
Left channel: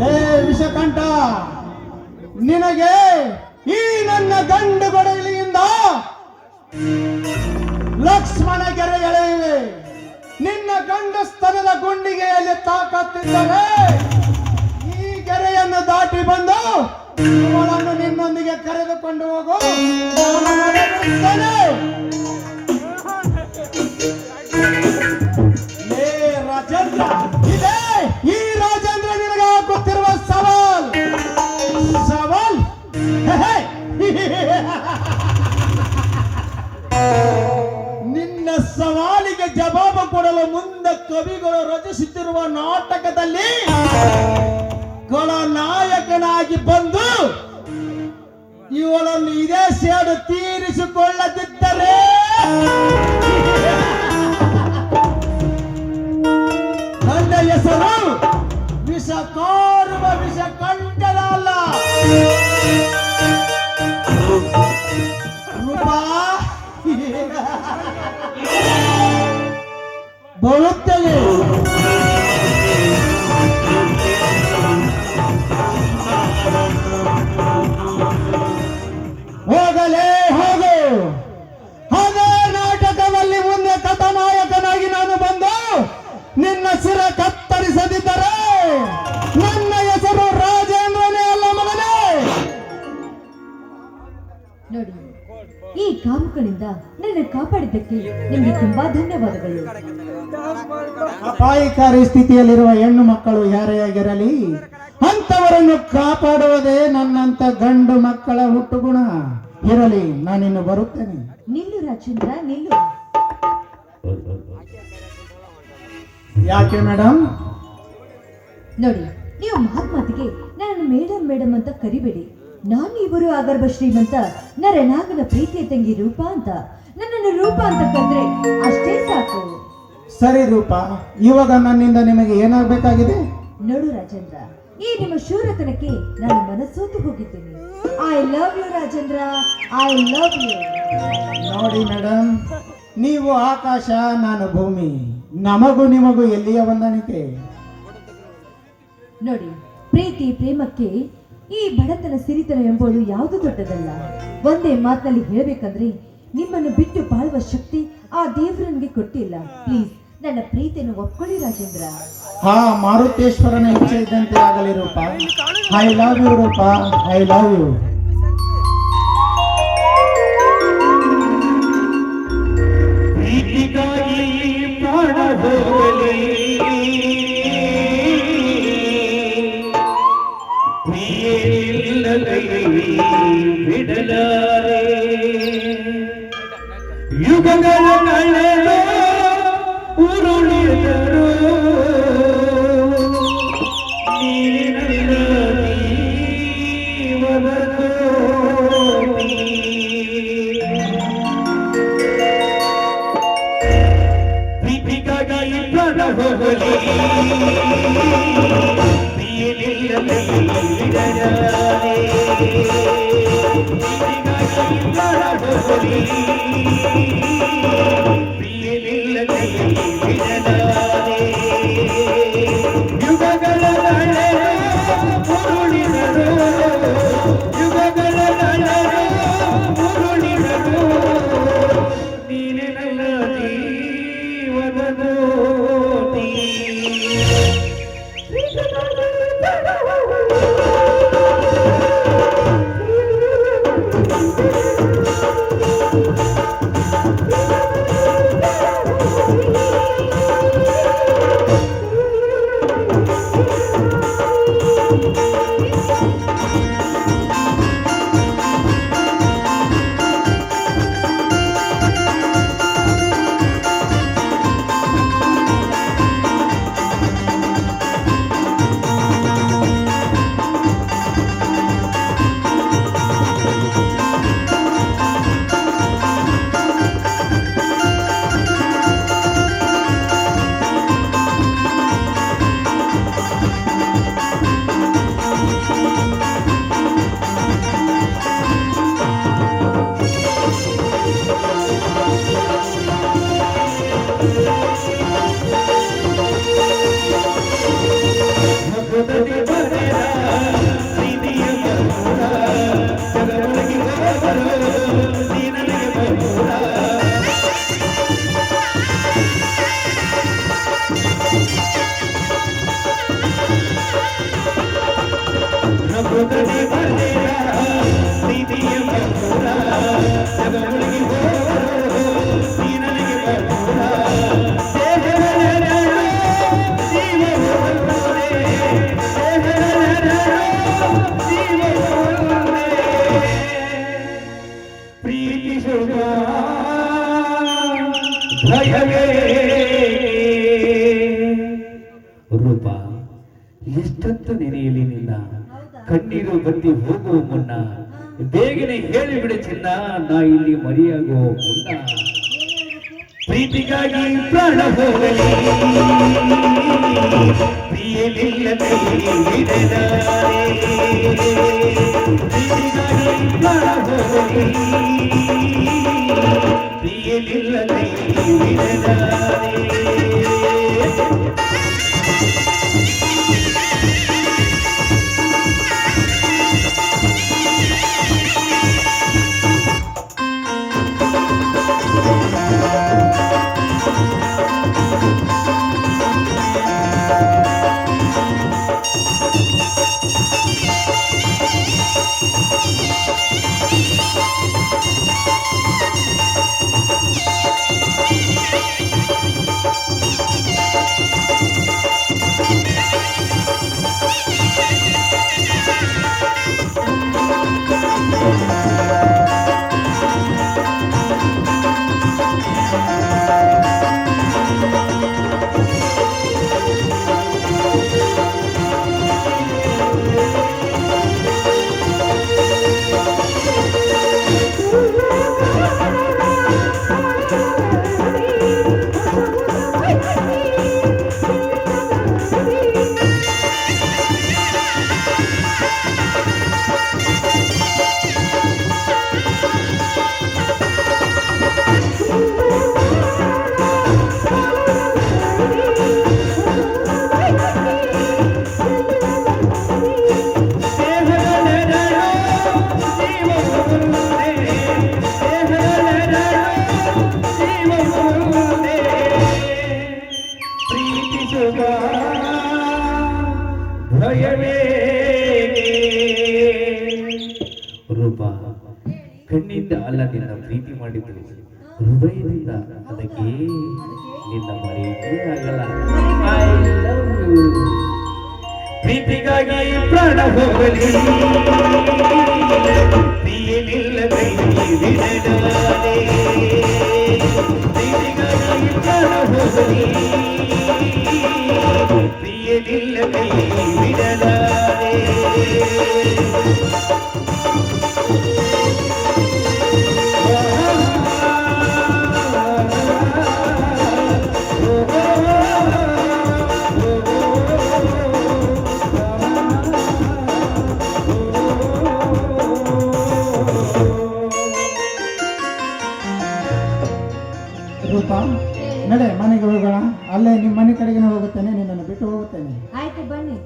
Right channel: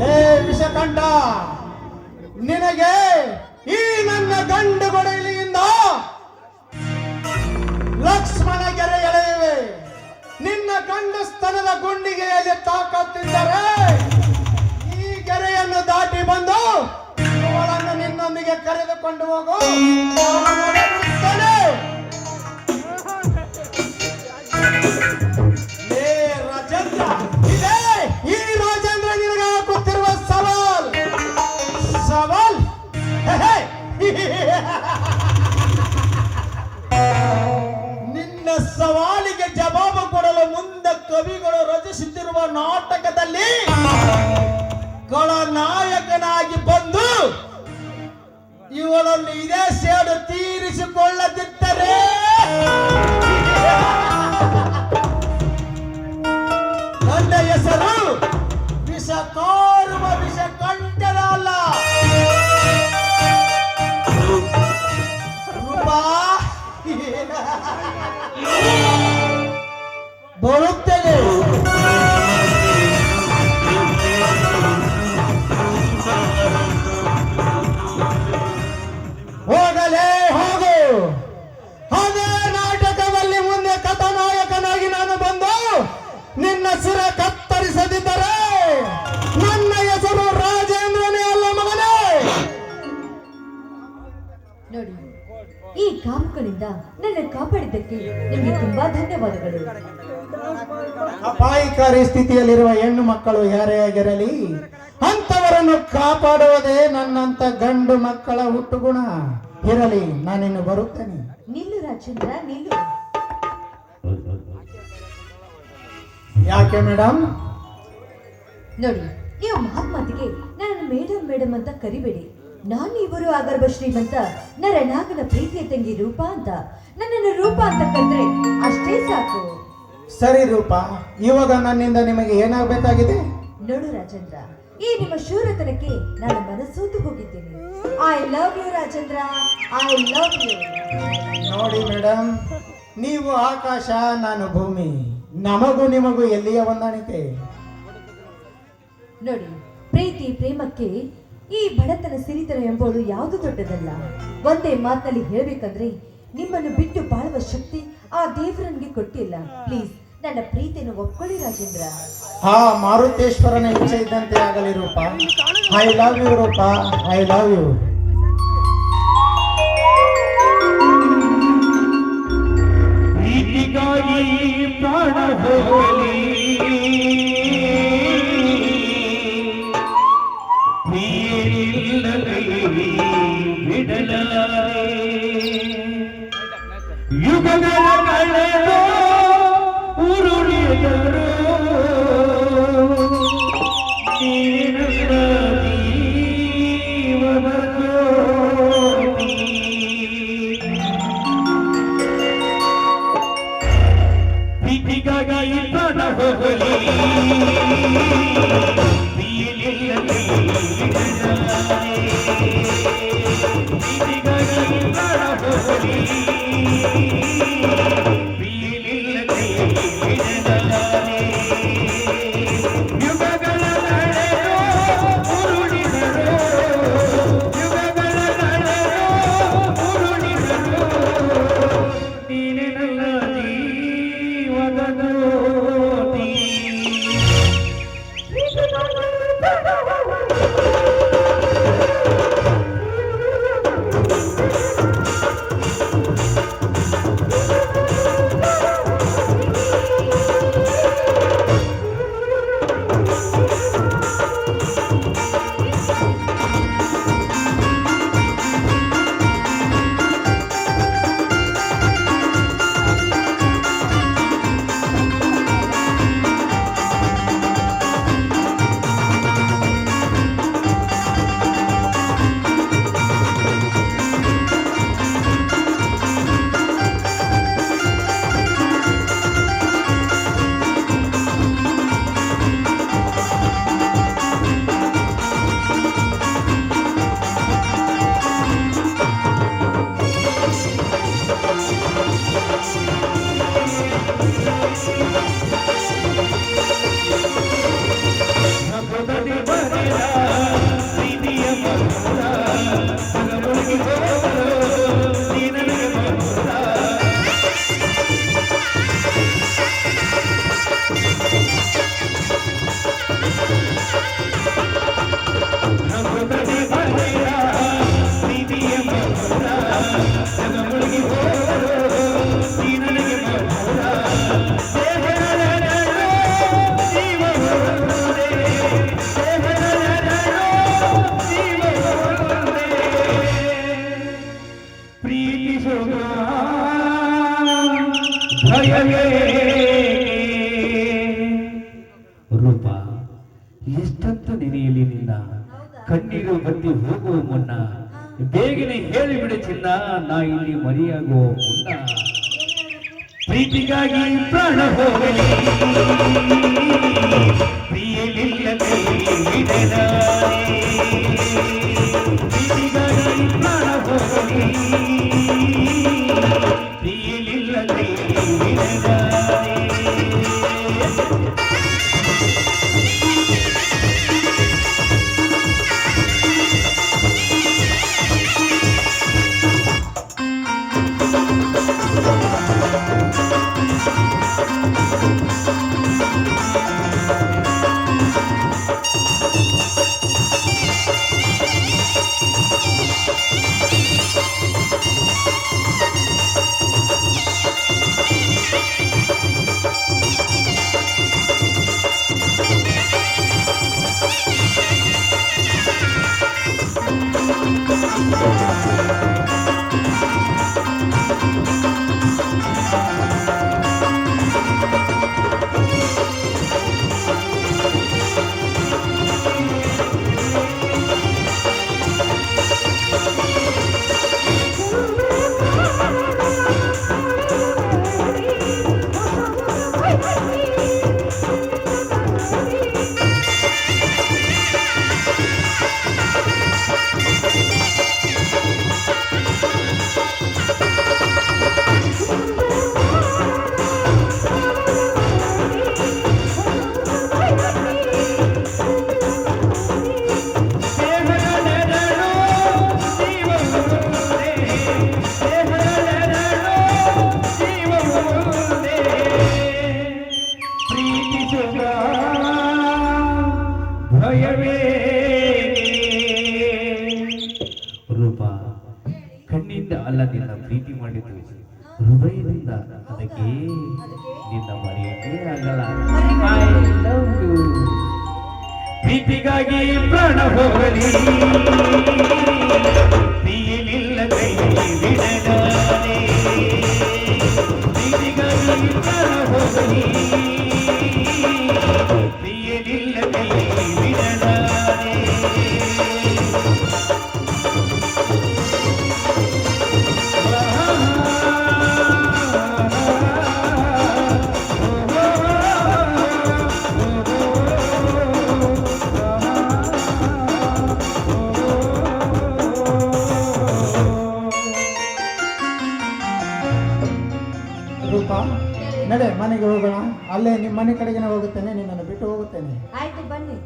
ಲೇ ವಿಷಕಂಠ, ನಿನಗೆ ಈ ನನ್ನ ಗಂಡು ಗೊಡಲಿಯಿಂದ ಲಕ್ಷ್ಮಣ ಗೆರೆ ಎಳೆಯುವೆ. ನಿನ್ನ ಗಂಡಸ್ತನದ ಗುಂಡಿಗೆಯಲ್ಲಿ ತಾಕತ್ತಿದ್ದರೆ ಈ ಗೆರೆಯನ್ನು ದಾಟಿ ಬಂದು ಅವಳನ್ನು ನಿನ್ನೊಂದಿಗೆ ಕರೆದುಕೊಂಡು ಹೋಗು. ಲೇ ರಾಜೇಂದ್ರ, ಇದೇ ಈ ರಾಜೇಂದ್ರ ನಿನಗೆ ಹಾಕುತ್ತಿರುವ ಸವಾಲ್. ಸವಾಲ್ ನಿನ್ನ ಸವಾಲಿಗೆ ಜವಾಬು ಕೊಡಲು ಮುಂದೆ ಕವಿಗಳು ರಚಿಸುತ್ತಿರುವ ನಾಟಕದಲ್ಲಿ ನಾಯಕನಾಗಿ ಬಂದು ಇವಳನ್ನು ಇದೇ ಸೇಡು ತೀರಿಸಿಕೊಳ್ಳದಿದ್ದರೆ ನನ್ನ ಹೆಸರು ವಿಷ ಕಾರುವ ವಿಷ ಕಂಠದಲ್ಲ. ರೂಪಾ ಬರುತ್ತಲೇ ಹೋಗಲೇ ಹೋಗು. ಅದೇ ನಾಟಕದಲ್ಲಿ ಮುಂದೆ ಅಪಾಯಕಾರಿ ಸ್ಥಿತಿಯಲ್ಲಿರುವ ಹೆಣ್ಣು ಮಕ್ಕಳು ಯಾರೇ ಆಗಿರಲಿ ಅಂತವರನ್ನು ಕಾಪಾಡುವುದೇ ನನ್ನಂತ ಗಂಡು ಮಕ್ಕಳ ಹುಟ್ಟುಗುಣ. ಇರಲಿ, ನಾನಿನ್ನು ಬರುತ್ತೇನೆ. ನಿಲ್ಲು ರಾಜೇಂದ್ರ, ನಿಲ್ಲು. ಯಾಕೆ ಮೇಡಮ್? ನೋಡಿ, ನೀವು ಮಾತಿಗೆ ನನ್ನನ್ನು ಮೇಡಮ್ ಮೇಡಮ್ ಅಂತ ಕರಿಬೇಡಿ. ನಾನು ಇವರು ಆಗರ್ಭ ಶ್ರೀಮಂತ ನರನಾಗನ ಪ್ರೀತಿಯ ತಂಗಿ ರೂಪಾ ಅಂತ. ನನ್ನನ್ನು ರೂಪಾ ಅಂತ ಕರೆದ್ರೆ ಅಷ್ಟೇ ಸಾಕು. ಸರಿ ರೂಪಾ, ಇವಾಗ ನನ್ನಿಂದ ನಿಮಗೆ ಏನಾಗಬೇಕಾಗಿದೆ? ನೋಡು ರಾಜೇಂದ್ರ, ಈ ನಿಮ್ಮ ಶೂರತನಕ್ಕೆ ನಾನು ಮನಸ್ಸೋತು ಹೋಗಿದ್ದೇನೆ. I love you Rajendra, I love you. ನೋಡಿ ಮೇಡಮ್, ನೀವು ಆಕಾಶ, ನಾನು ಭೂಮಿ. ನಮಗೂ ನಿಮಗೂ ಎಲ್ಲಿಯ ಹೊಂದಾಣಿಕೆ? ನೋಡಿ, ಪ್ರೀತಿ ಪ್ರೇಮಕ್ಕೆ ಈ ಬಡತನ ಸಿರಿತನ ಎಂಬುದು ಯಾವುದು ದೊಡ್ಡದಲ್ಲ. ಒಂದೇ ಮಾತಿನಲ್ಲಿ ಹೇಳಬೇಕಂದ್ರೆ, ನಿಮ್ಮನ್ನು ಬಿಟ್ಟು ಬಾಳುವ ಶಕ್ತಿ ಆ ದೇವರು ನನಗೆ ಕೊಟ್ಟಿಲ್ಲ. ಪ್ಲೀಸ್ ನನ್ನ ಪ್ರೀತಿಯನ್ನು ಒಪ್ಕೊಳ್ಳಿ ರಾಜೇಂದ್ರ. ಹಾ, ಮಾರುತೇಶ್ವರನ ಇಚ್ಛೆ ಇದ್ದಂತೆ ಆಗಲಿ Roopa. I love you Roopa, I love you. ಪ್ರೀತಿಗಾಗಿ ಪ್ರಾಣ ಹೋಗಲಿ, ಪ್ರಿಯರಿಲ್ಲದೆ ಬಿಡಲಾರೆ, ಯುಗಗಳ ಕಳೆದ ಉರುಳಿದರು ನೀನಲ್ಲ ಜೀವನಕೋಟಿ. ಪ್ರೀತಿಗಾಗಿ ಪ್ರಾಣ ಹೋಗಲಿ, ಪ್ರಿಯರಿಲ್ಲದೆ ಬಿಡಲಾರೆ, ಪ್ರೀತಿಗಾಗಿ ಪ್ರಾಣ ಹೋಗಲಿ, ಪ್ರಿಯರಿಲ್ಲದೆ ಬಿಡಲಾರೆ, ಯುಗಗಳ ನಡುವೆ ಉರುಳಿದರು, ಯುಗಗಳ ನಡುವೆ ಉರುಳಿದರು, ನೀನೆಲ್ಲ ಜೀವನಕೋಟಿ. ರೂಪ, ಎಷ್ಟೊತ್ತು ನೆನೆಯಲಿ ನಿನ್ನ ಕಣ್ಣೀರು ಬಂದು ಹೋಗುವ ಮುನ್ನ, ಬೇಗನೆ ಹೇಳಿಬಿಡ ಚಿನ್ನ, ನಾ ಇಲ್ಲಿ ಮರಿಯಾಗುವ ಮುನ್ನ. ಪ್ರೀತಿಗಾಗಿ ಪ್ರಾಣ ಹೋಗಲಿ, ಪ್ರಿಯರಿಲ್ಲದೆ ಬಿಡಲಾರೆ, ಪ್ರೀತಿಗಾಗಿ ಪ್ರಾಣ ಹೋಗಲಿ, ಪ್ರಿಯರಿಲ್ಲದೆ ಬಿಡಲಾರೆ. ಹೃದಯದಿಂದ. ಅದಕ್ಕೆ ನಿನ್ನ ಮರೆಯೇ ಆಗಲ್ಲ. I love you. ಪ್ರೀತಿಗಾಗಿ ಪ್ರಾಣ ಹೋಗಲಿ, ಪ್ರಿಯನಿಲ್ಲದೆ ವಿಡನಾದೆ. ಪ್ರೀತಿಗಾಗಿ ಪ್ರಾಣ ಹೋಗಲಿ, ಪ್ರಿಯನಿಲ್ಲದೆ ವಿಡನಾದೆ. ರೂಪ, ನಡೆ ಮನೆಗೆ ಹೋಗೋಣ. ಅಲ್ಲೇ ನಿಮ್ಮ ಮನೆ ಕಡೆಗೆ ಹೋಗುತ್ತೇನೆ, ನಿನ್ನನ್ನು ಬಿಟ್ಟು ಹೋಗುತ್ತೇನೆ. ಆಯ್ತು ಬನ್ನಿ.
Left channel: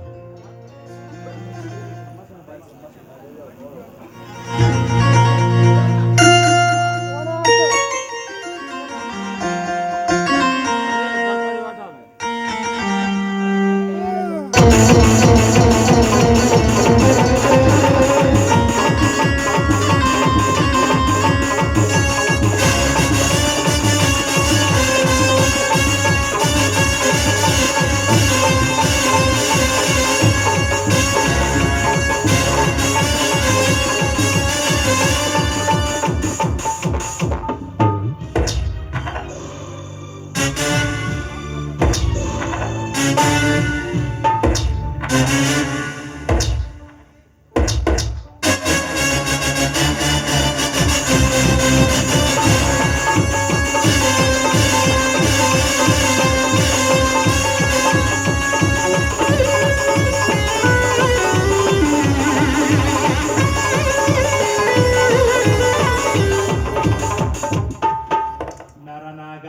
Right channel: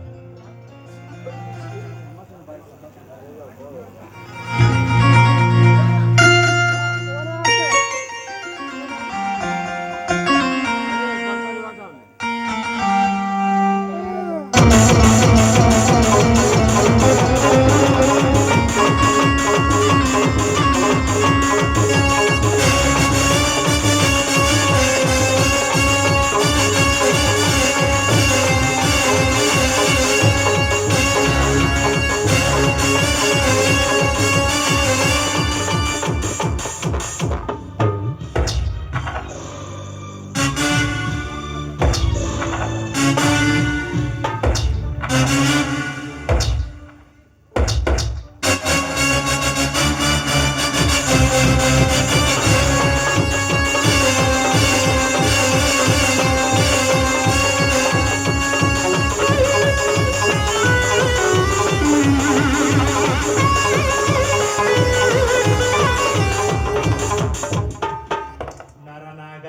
ನರನಾಗ,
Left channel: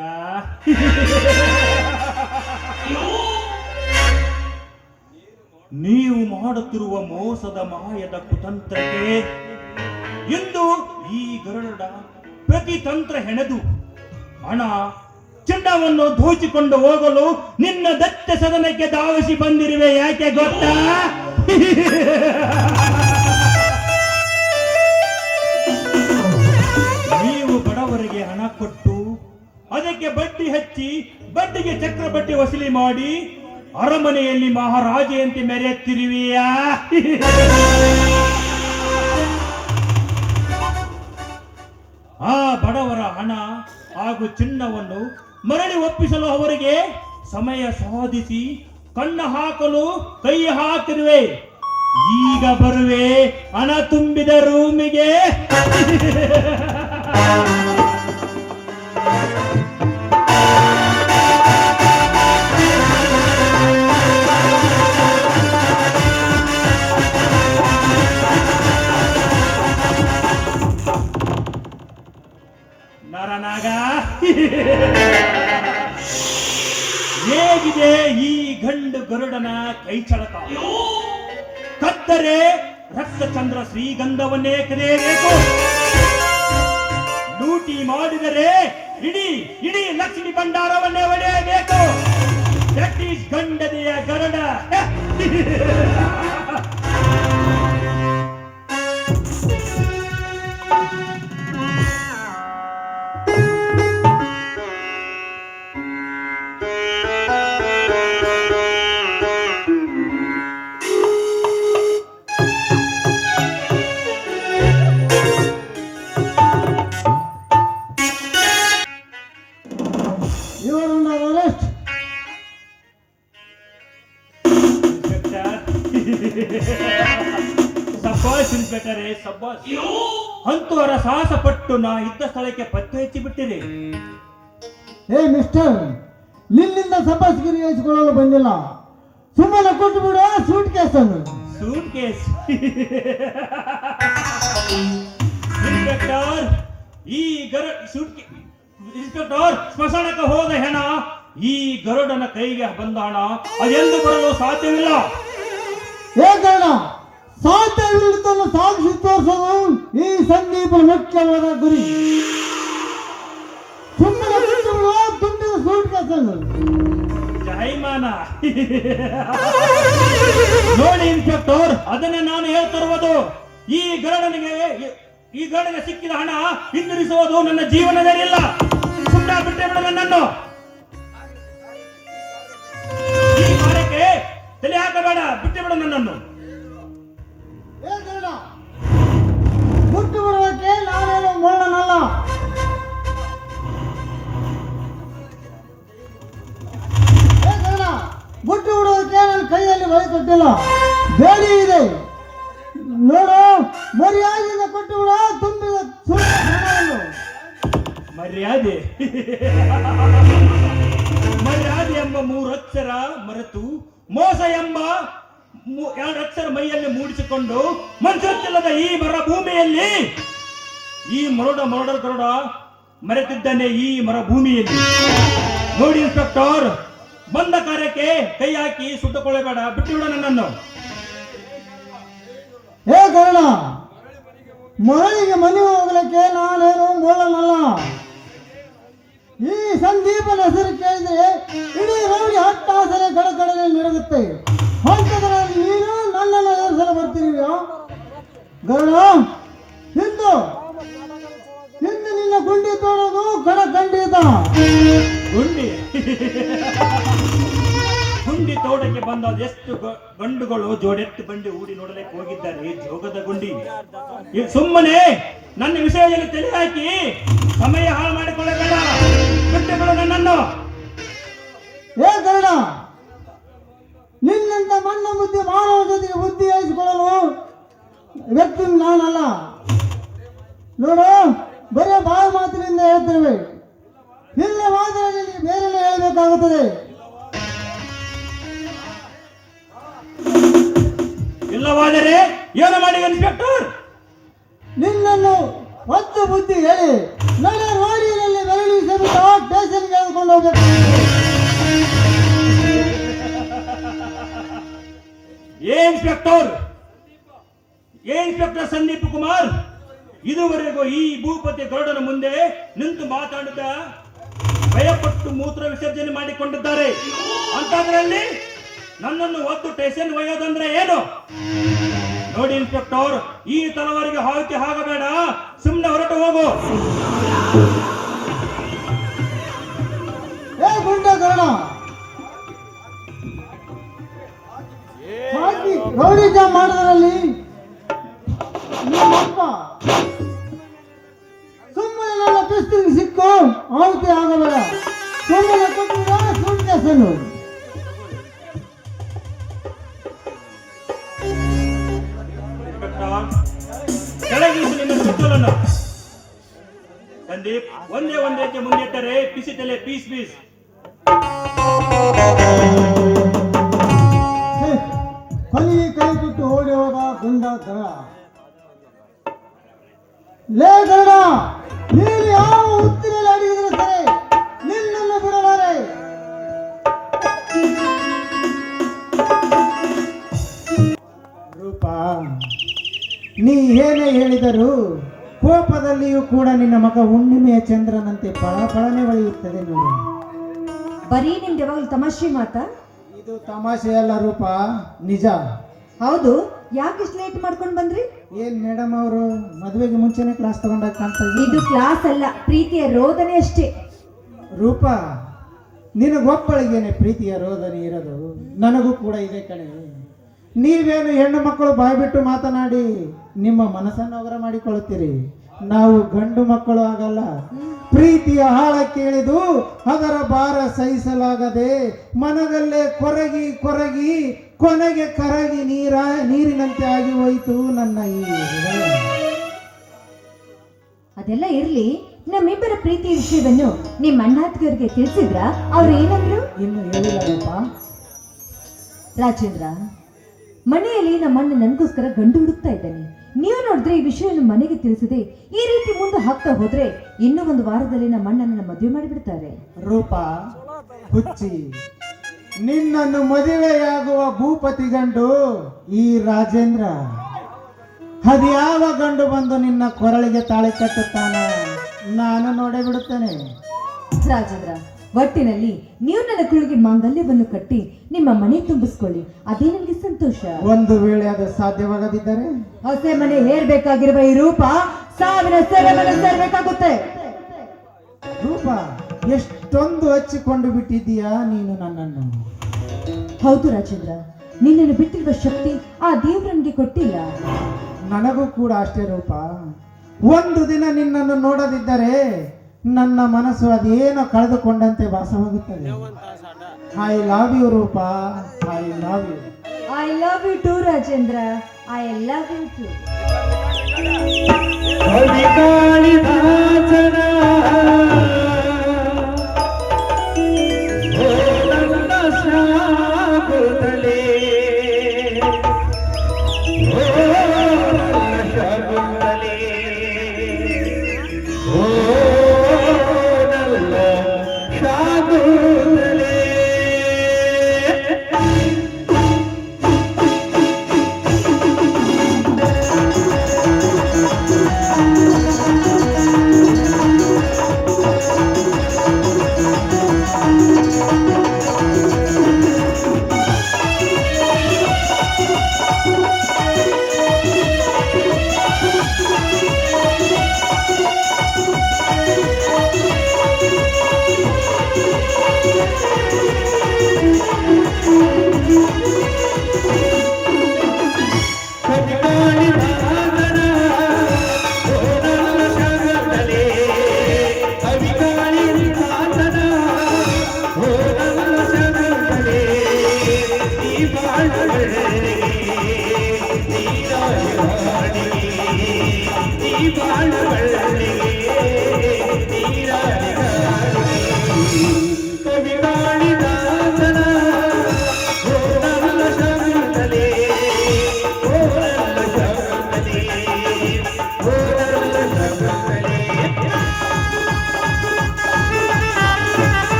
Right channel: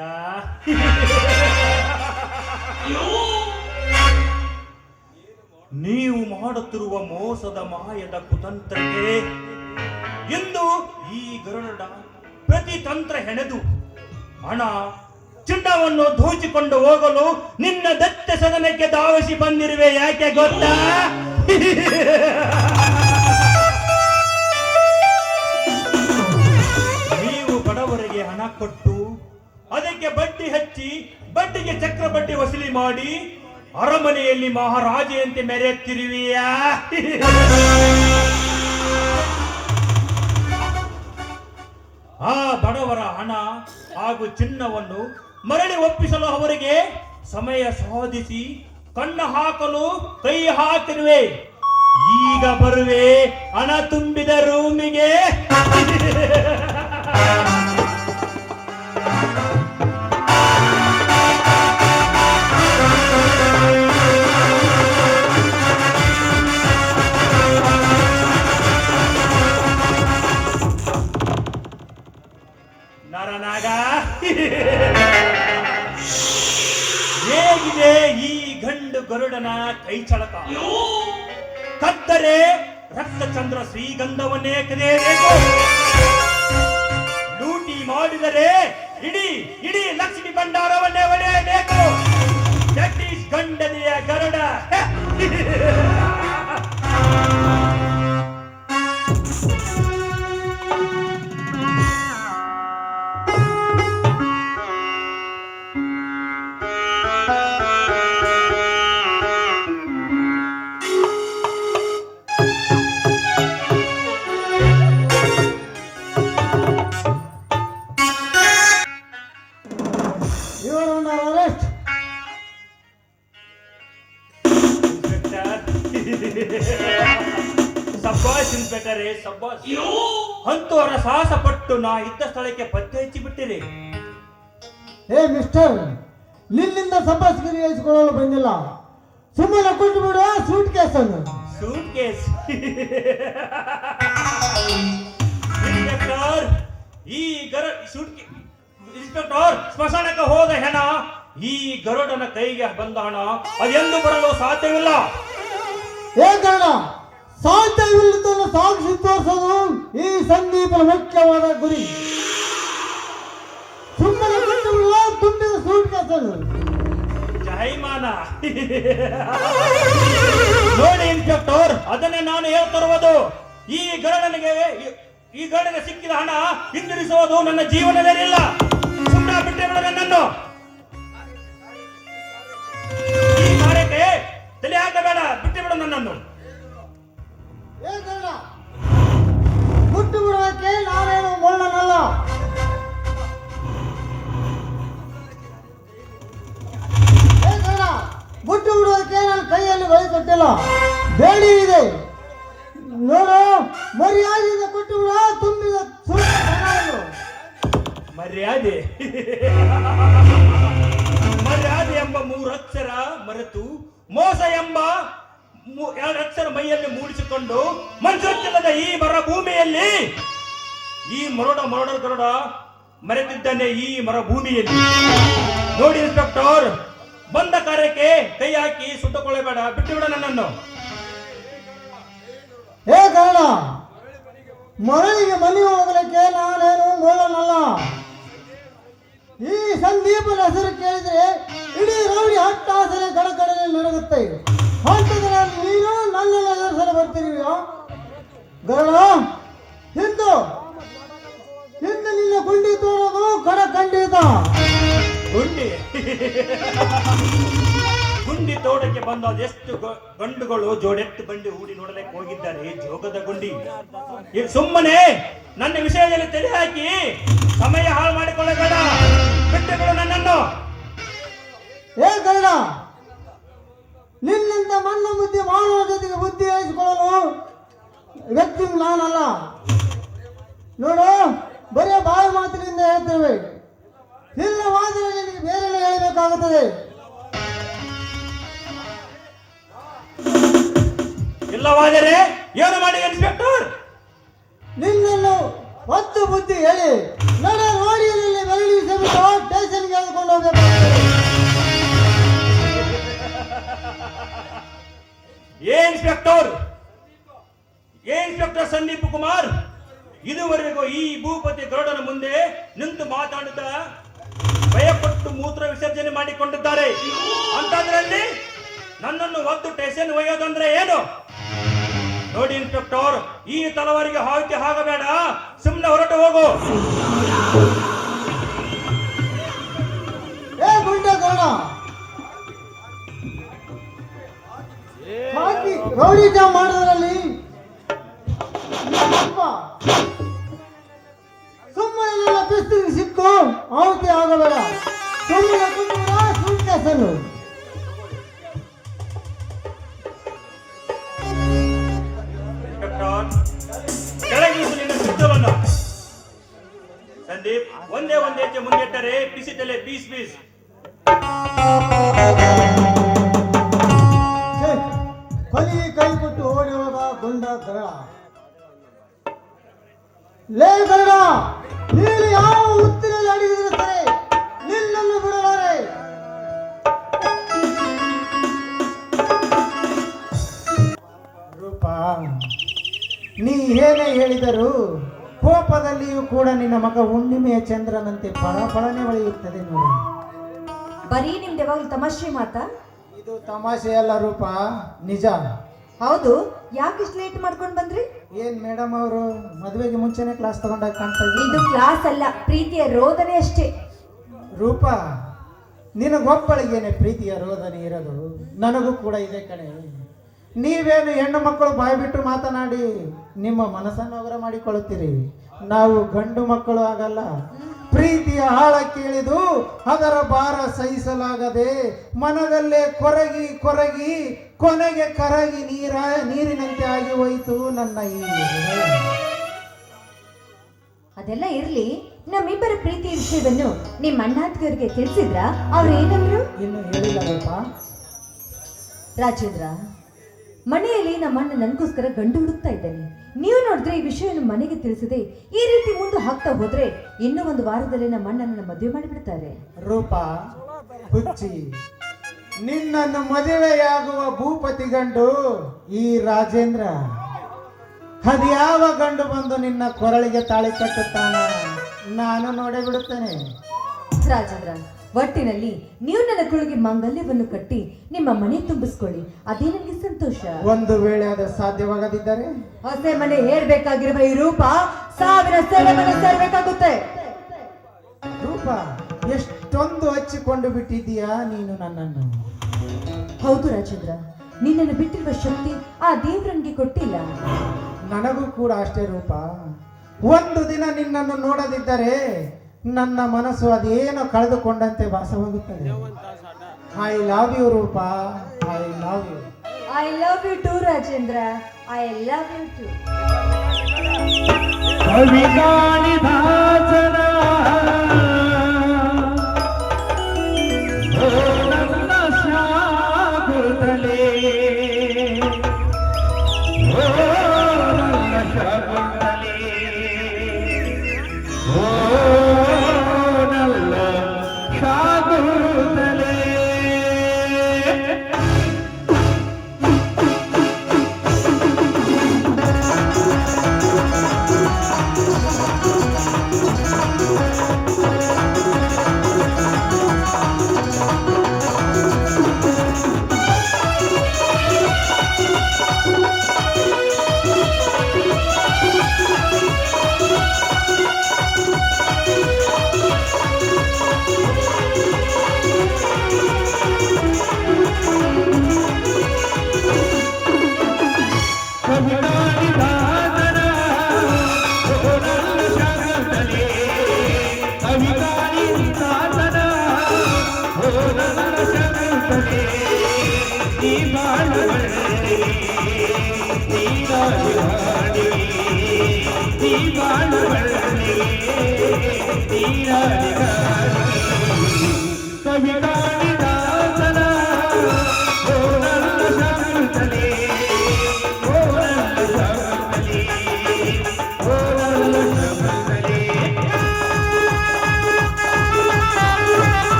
ನೀವು ಮಾಡುತ್ತಿರುವ ಮೋಸದ ಮಾಯದ ಕುತಂತ್ರಕ್ಕೆ ಇಂದು ಈ ಗರುಡ ಪ್ರತಿ ತಂತ್ರ ಹೆಣೆದು ಹಣ ಚಿನ್ನವನ್ನು ದೋಚಿಕೊಂಡು ಹೋಗಲು ನಿನ್ನ ದತ್ತ ಸದನಕ್ಕೆ ಧಾವಿಸಿ ಬಂದಿರುವೆ. ಯಾಕೆ ಗೊತ್ತಾ? ನೀವು ಬಡವರಿಗೆ ಹಣ ಕೊಟ್ಟು ಅದಕ್ಕೆ ಬಡ್ಡಿ ಹಚ್ಚಿ ಬಡ್ಡಿಗೆ ಚಕ್ರ ಬಡ್ಡಿ ವಸೂಲಿ ಮಾಡಿ ಅರಮನೆಯಲ್ಲಿ ಮಹಾರಾಜೆಯಂತೆ ಮೆರೆಯುತ್ತಿರುವೆಯಾ? ಆ ಬಡವರ ಹಣ ಹಾಗೂ ಚಿನ್ನವನ್ನು ಮರಳಿ ಒಪ್ಪಿಸಲು ಅವರಿಗೆ ಸಮಯ ಸಾಧಿಸಿ ಕಣ್ಣ ಹಾಕಲು ಕೈ ಹಾಕಿರುವೆ. ಈಗ ಬರುವೆ ಹಣ ತುಂಬಿದ ರೂಮಿಗೆ. ನರನಾಗ, ಹೇಗಿದೆ ಈ ಗಂಡು ಗರುಡನ ಕೈ ಚಳಕ? ಕತ್ತರೆ ರಕ್ತಚಂದ್ರ ಶ್ರೀಗಂಧವನ್ನೇ ಕರೆಯಬೇಕು. ಲೂಟಿ ಮಾಡಿದರೆ ಇಡೀ ಇಡೀ ಲಕ್ಷ್ಮಿ ಭಂಡಾರವನ್ನೇ ಒಡೆಯಬೇಕು. ದಟ್ ಈಸ್ ಗಂಡನೆಯ ಗರುಡ. ಸಬ್ಬಾಸ್ ಇನ್ಸ್ಪೆಕ್ಟರೇ, ಸಬ್ಬಾಸ್. ಅಂತೂ ಅವರ ಸಾಹಸ ಪಟ್ಟು ನಾ ಇದ್ದ ಸ್ಥಳಕ್ಕೆ ಪತ್ತೆ ಹಚ್ಚಿ ಬಿಟ್ಟಿರಿ. ಏ ಮಿಸ್ಟರ್, ನಿನ್ನಿಂದ ಸಂಪಾದಿಸಿರಿ ಹೇಳಿಸಿಕೊಳ್ಳಲು ಬಂದಿಲ್ಲ. ಸುಮ್ಮನೆ ಕೊಟ್ಟು ಬಿಡು ಸೂಟ್ ಕೇಸ್ ಅನ್ನು. Suitcase? ಇನ್ಸ್ಪೆಕ್ಟರ್, ಈ ಇನ್ಸ್ಪೆಕ್ಟರ್, ಸ್ಮಶಾನಕ್ಕೆ ಹೋದ ಹೆಣ ಈ ಗರುಡನ ಕೈಗೆ ಬಂದ ಹಣ ಅದೆಂದು ಬರಲು ಸಾಧ್ಯವಿಲ್ಲ. ಏ ಗರುಡ, ಸಾಧ್ಯವಿಲ್ಲದನ್ನು ಸಾಕ್ಷಿ ತೋರಿಸಲು ಈ ಸಂದೀಪನ ಮುಖ್ಯವಾದ ಗುರಿ. ಸುಮ್ಮನೆ ಕೊಟ್ಟು ಬಿಡು ತುಂಬಿದ ಸೂಟ್ ಕೇಸ್ ಅನ್ನು. ಜೈಮಾನ. ನೋಡಿ ಇನ್ಸ್ಪೆಕ್ಟರ್, ಅದನ್ನೇ ನಾನು ಹೇಳ್ತಿರುವುದು. ಈ ಗರುಡನಿಗೆ ಈ ಗಂಡಗೆ ಸಿಕ್ಕಿದ ಹಣ ಹಿಂದಿರಿಸುವುದು ನನ್ನ ಜೀವನವೇನಿಲ್ಲ. ಸುಮ್ಮನೆ ಬಿಟ್ಟೆ ಬಿಡ ನನ್ನನ್ನು. ಈ ಕಾರ್ಯಕ್ಕೆ ತಲೆ ಹಾಕಬೇಡ, ಬಿಟ್ಟೆ ಬಿಡು ನನ್ನನ್ನು. ಬಿಟ್ಟು ಬಿಡೋದಕ್ಕೆ ನಾನೇನು ಮುಳ್ಳನಲ್ಲ. ಬಿಟ್ಟು ಬಿಡೋದಕ್ಕೆ ನನ್ನ ಕೈಯಲ್ಲಿ ಬಳಿ ಕೊಟ್ಟಿಲ್ಲ, ಬೇಡಿ ಇದೆ ನೋಡು. ಮರ್ಯಾದೆಯಿಂದ ಕೊಟ್ಟು ಬಿಡ ತುಂಬಿದ ಹಣವನ್ನು. ಮರ್ಯಾದೆ ಮರ್ಯಾದೆ ಎಂಬ 3 ಅಕ್ಷರ ಮರೆತು ಮೋಸ ಎಂಬ 2 ಅಕ್ಷರ ಮೈಯಲ್ಲಿ ಮೂಡಿಸಿಕೊಂಡು ಮಂಜುತ್ತಿಲ್ಲದ ಈ ಮರ ಭೂಮಿಯಲ್ಲಿ ಈ ಮರಡ ಗರುಡ ಮರೆತಿದ್ದಾನೆ. ಈ ಮರ ಭೂಮಿಯಲ್ಲಿ ನೋಡಿ ಇನ್ಸ್ಪೆಕ್ಟರ್, ಬಂದ ಕಾರ್ಯಕ್ಕೆ ಕೈ ಹಾಕಿ ಸುಟ್ಟುಕೊಳ್ಳಬೇಡ, ಬಿಟ್ಟುಬಿಡ ನನ್ನನ್ನು. ಹೇ ಕಾರಣ, ಮರಳಿಗೆ ಮನೆ ಹೋಗಲಿಕ್ಕೆ ನಾನೇನು ಮೂಲನಲ್ಲ. ಈ ಸಂದೀಪನ ಹೆಸರು ಕೇಳಿದ್ರೆ ಇಡೀ ರೌಡಿ ಹಟ್ಟಾಸನೆ ಕಡಕಡನೆ ನಡೆಯುತ್ತೆ. ಅಂಥದ್ರಲ್ಲಿ ನೀನು ನನ್ನನ್ನು ಎದುರಿಸಲು ಬರ್ತೀರಿಯೋ ಗರುಡ? ಹಿಂದು ನಿನ್ನ ಗುಂಡಿ ತೋಡೋದು ಖಂಡಿತ. ಗುಂಡಿ ತೋಟಕ್ಕೆ ಬಂದ ಎಷ್ಟು ಗಂಡುಗಳು ಜೋಡೆತ್ತು ಬಂಡಿ ಹೂಡಿ ನೋಡಲಿಕ್ಕೆ ಹೋಗಿದ್ದಾರೆ. ಜೋಗದ ಗುಂಡಿ. ಸುಮ್ಮನೆ ನನ್ನ ವಿಷಯದಲ್ಲಿ ತಲೆ ಹಾಕಿ ಸಮಯ ಹಾಳು ಮಾಡಿಕೊಳ್ಳಬೇಡ, ಬಿಟ್ಟುಗಳು ನನ್ನನ್ನು. ಏ ಗರುಡ, ನಿನ್ನಂತ ಮಣ್ಣ ಬುದ್ಧಿ ಮಾಡುವ ಜೊತೆಗೆ ಬುದ್ಧಿ ಹೇಳಿಸಿಕೊಳ್ಳಲು ವ್ಯಕ್ತಿ ನಾನಲ್ಲ. ನೋಡು, ಬರೀ ಬಾಯಿ ಮಾತಿನಿಂದ ಹೇಳ್ತೇವೆ, ಇಲ್ಲ ಮಾತ್ರ ನಿನಗೆ ಬೇರೆ ಹೇಳಬೇಕಾಗುತ್ತದೆ. ಇಲ್ಲವಾದರೆ ಏನು ಮಾಡಿ ಇನ್ಸ್ಪೆಕ್ಟರ್? ನಿನ್ನನ್ನು ಒತ್ತು ಬುದ್ಧಿ ಹೇಳಿ ನನ್ನ ರೋಡಿಯಲ್ಲಿ ಬೆರಳಿ ಸಮೇತ ಸ್ಟೇಷನ್ಗೆ ಎಳ್ಕೊಂಡು ಹೋಗಬೇಕು. ಇನ್ಸ್ಪೆಕ್ಟರ್ ಸಂದೀಪ್ ಕುಮಾರ್, ಇದುವರೆಗೂ ಈ ಭೂಪತಿ ಗರುಡನ ಮುಂದೆ ನಿಂತು ಮಾತಾಡಿದ ಭಯಪಟ್ಟು ಮೂತ್ರ ವಿಸರ್ಜನೆ ಮಾಡಿಕೊಂಡಿದ್ದಾರೆ. ಅಂತದ್ರಲ್ಲಿ ನನ್ನನ್ನು ಒದ್ದು ಸ್ಟೇಷನ್ ಒಯ್ಯೋದಂದ್ರೆ ಏನು? ನೋಡಿ ಇನ್ಸ್ಪೆಕ್ಟರ್, ಈ ತಲವಾರಿಗೆ ಹಾಕಿ ಹಾಕಬೇಡ, ಸುಮ್ಮನೆ ಹೊರಟು ಹೋಗು. ಏ ಗುಂಡೆ ಗರುಡ, ಹಾಕಿ ರೌಡಿಜ ಮಾಡೋದ್ರಲ್ಲಿ ನಿಮ್ಮಪ್ಪ ಸುಮ್ಮನೆ ನನ್ನ ಪಿಸ್ತಿಗೆ ಸಿಕ್ಕು ಆವತಿ ಆಗಬೇಡ. ಸುಮ್ಮನೆ ಕೊಟ್ಟಿಲ್ಲ ಸುಮ್ಮನೆ ಕೆಳಗಿಳಿಸು ನಿನ್ನ ಪಿಸ್ತೂಲನ್ನು. ಸಂದೀಪ್, ಒಂದೇ ಹೆಜ್ಜೆ ಮುಂದಿಟ್ಟರೆ ಪಿಸಿತಲೆ ಪೀಸ್. ಕೊನೆಗೆ ಕೈ ಕೊಟ್ಟು ಓಡಿ ಹೋದ ಗುಂಡ ಗರುಡ. ಲೇ ಗರುಡ, ನೀನು ಯಾವ ಹುತ್ತಿನಲ್ಲಿ ಅಡಗಿದ್ರೆ ಸರಿ, ನಿನ್ನನ್ನು ಬಿಡಲಾರೆ. ರೂಪ, ನೀ ಏನೇ ಹೇಳಿದರೂ ಕೋಪದಲ್ಲಿಯೂ ಕೂಡ ನಿನ್ನ ಮಗ ಹುಣ್ಣಿಮೆಯ ಚಂದ್ರನಂತೆ ಪಳಪಳನೆ ಹೊಳೆಯುತ್ತದೆ ನೋಡಿ. ಬರೀ ನಿಮ್ದು ಯಾವಾಗಲೂ ತಮಾಷೆ ಮಾತಾ? ಇದು ತಮಾಷೆ ಅಲ್ಲ ರೂಪ, ನಿಜ. ಹೌದು, ಯಾಕೆ ಇಷ್ಟು ಲೇಟ್ ಮಾಡ್ಕೊಂಡು ಬಂದ್ರಿ? ಏನ್ ಮೇಡಮ್ ಅವರು ಮದುವೆಗೆ ಮುಂಚೆನೆ ಕ್ಲಾಸ್ ತಗೊಂಡಾಗ ಕಾಣ್ತಾ ಇದು ಇದ್ದೀವಿ. ಕ್ಲಾಸ್ ಅಲ್ಲ, ಪ್ರೀತಿಯ ರೋದನೆ ಅಷ್ಟೇ. ರೂಪ, ನಿನಗೊಬ್ಬಳಿಗೇನೆ ಪ್ರೀತಿಯ ರೋದನೆ ಇರೋದು, ನನಗೂ ಕೂಡ ಇದೆ ಕಣೆ. ನೀವೇನು ಹೆಣ್ಣು ಮಕ್ಕಳು ಬಾಯ್ಬಿಟ್ಟು ಮಾತನಾಡಿ ನಿಮ್ಮ ಮನಸ್ಸನ್ನು ಅವರ ಮಾಡಿಕೊಳ್ಳುತ್ತೀರಿ. ನಾವು ಗಂಡು ಮಕ್ಕಳು ಆಗಲ್ಲ. ಪ್ರೀತಿಯ ಆಳಕ್ಕೆ ಇಳಿದು ಅದರ ಭಾರ ಸಹಿಸಲಾಗದೆ ಮನದಲ್ಲೇ ಕೊರಗಿ ಕೊನೆಗೆ ಕರಗಿ ನೀರಿನಂತೆ ಆಗಿ ಹೋಯಿತು ನನ್ನ ಈ ಹೃದಯ. ಅದೆಲ್ಲ ಇರ್ಲಿ, ನಮ್ಮಿಬ್ಬರ ಪ್ರೀತಿ ವಿಷಯವನ್ನು ನಿಮ್ಮ ಅಣ್ಣಾತ್ಗರಿಗೆ ತಿಳಿಸಿದ್ರ? ಅವ್ರು ಏನಂದ್ರು? ಇನ್ನು ಹೇಳಿಲ್ಲ ರೂಪ. ರಾಜೇಂದ್ರ, ಮನೆಯಲ್ಲಿ ನಮ್ಮಣ್ಣ ನನಗೋಸ್ಕರ ಗಂಡು ಹುಡುಕ್ತಾ ಇದ್ದಾನೆ. ನೀವು ನೋಡಿದ್ರೆ ಈ ವಿಷಯವನ್ನು ಮನೆಗೆ ತಿಳಿಸದೆ ಈ ರೀತಿ ಮುಂದೆ ಹಾಕ್ತಾ ಹೋದ್ರೆ ಇನ್ನೂ 1 ವಾರದಲ್ಲಿ ನಮ್ಮ ಅಣ್ಣನ ಮದುವೆ ಮಾಡಿಬಿಡ್ತಾರೆ. ರೂಪ ಹುಚ್ಚಿ, ನಿನ್ನನ್ನು ಮದುವೆಯಾಗುವ ಭೂಪತಿ ಗಂಡು ಈ ರಾಜೇಂದ್ರ. ಅದ್ಯಾವ ಗಂಡು ಬಂದು ನಿನ್ನ ಕೊರಳಿಗೆ ತಾಳಿ ಕಟ್ಟುತ್ತಾನೆ ನಾನು ನೋಡೇ ಬಿಡುತ್ತೇನೆ. ರಾಜೇಂದ್ರ, ಒಟ್ಟಿನಲ್ಲಿ ನೀವು ನನ್ನ ಕುಳಿಗೆ ಮಾಂಗಲ್ಯವನ್ನು ಕಟ್ಟಿ ನಿಮ್ಮ ಮನೆ ತುಂಬಿಸ್ಕೊಳ್ಳಿ, ಅದೇ ನನಗೆ ಸಂತೋಷ. ಒಂದು ವೇಳೆ ಅದು ಸಾಧ್ಯವಾಗದಿದ್ದರೆ ಹೊಸ ಮನೆ ಹೇರ್ಬೇಕಾಗಿರುವ ಈ ರೂಪ 1000 ಸೆರೆಮನೆ ಸೇರ್ಬೇಕಾಗುತ್ತೆ. ರೂಪ, ಎಷ್ಟೊಂದು ಹಚ್ಚಿಕೊಂಡು ಬಿಟ್ಟಿದ್ದೀಯಾ ನೀನು ನನ್ನನ್ನು. ಹೌದು ರಾಜೇಂದ್ರ, ನಿನ್ನನ್ನು ಬಿಟ್ಟಿರುವ ಶಕ್ತಿ ಆ ದೇವ್ರನ್ಗೆ ಕೊಟ್ಟಿಲ್ಲ. ನನಗೂ ಕೂಡ ಅಷ್ಟೇ ರೂಪ. ಒಂದು ದಿನ ನಿನ್ನನ್ನು ನೋಡದಿದ್ದರೆ ನನ್ನ ಮನಸ್ಸು ಅದೇನೋ ಕಳೆದುಕೊಂಡಂತೆ ಭಾಸವಾಗುತ್ತದೆ. I love you Roopa, I love you. I love you too Rajendra, I love you too. ಕವಿಕಾಳಿದಾಸನ ಶಾಕುಂತಲೆ, ಓ ಶಾಕುಂತಲೆ, ಓ ನಲ್ಲ ಶಾಕುಂತಲೆ.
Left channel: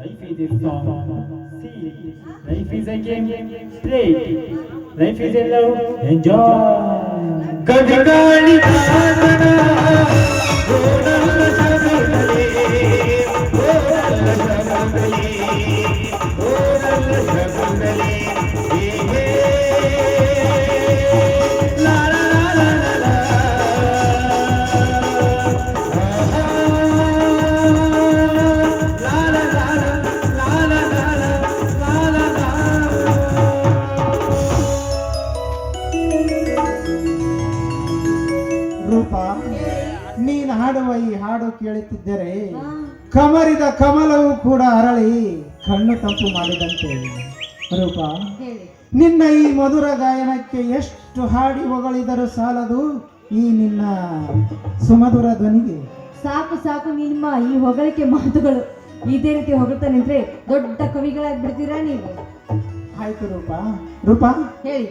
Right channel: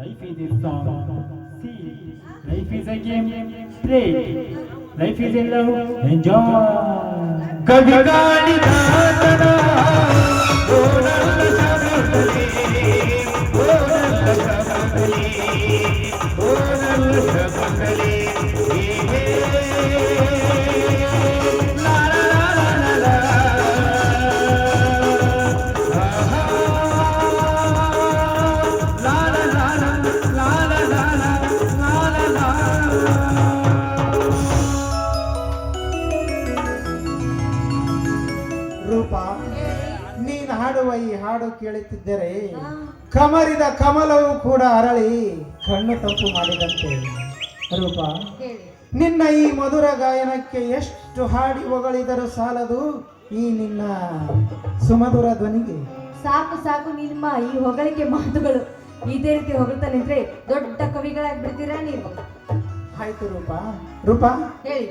Life is a song. See, life is a game. Play. Life is a love. Enjoy. ಕವಿಕಾಳಿದಾಸನ ಓಡಲ್ಲ Shabari, ಓಡಲ್ಲ Shabari, ಓಡಲ್ಲ Shabari. ಲಾ ಲಾ ಲಾ ಲಾ ಲಾ. ರೂಪ, ನೀನು ಹಾಡುವ ಈ ಹಾಡು ಕೇಳುತ್ತಿದ್ದರೆ ಕಮರಿದ ಕಮಲವು ಕೂಡ ಅರಳಿ ಕಣ್ಣು ತಂಪು ಮಾಡಿದಂತೆ. ರೂಪ, ನಿನ್ನ ಈ ಮಧುರ ಗಾಯನಕ್ಕೆ ಎಷ್ಟು ಹಾಡಿ ಹೊಗಳಿದರೂ ಸಾಲದು ಈ ನಿನ್ನ ಸುಮಧುರ ಧ್ವನಿಗೆ. ಸಾಕು ಸಾಕು ನಿಮ್ಮ ಈ ಹೊಗಳಿಕೆ ಮಾತುಗಳು. ಇದೇ ರೀತಿ ಹೊಗಳ್ತಾ ನಿಂತ್ರೆ ದೊಡ್ಡ ಕವಿಗಳಾಗಿ ಬಿಡ್ತೀರಾ ನೀವು. ಆಯ್ತು ರೂಪ. ರೂಪ, ಹೇಳಿ.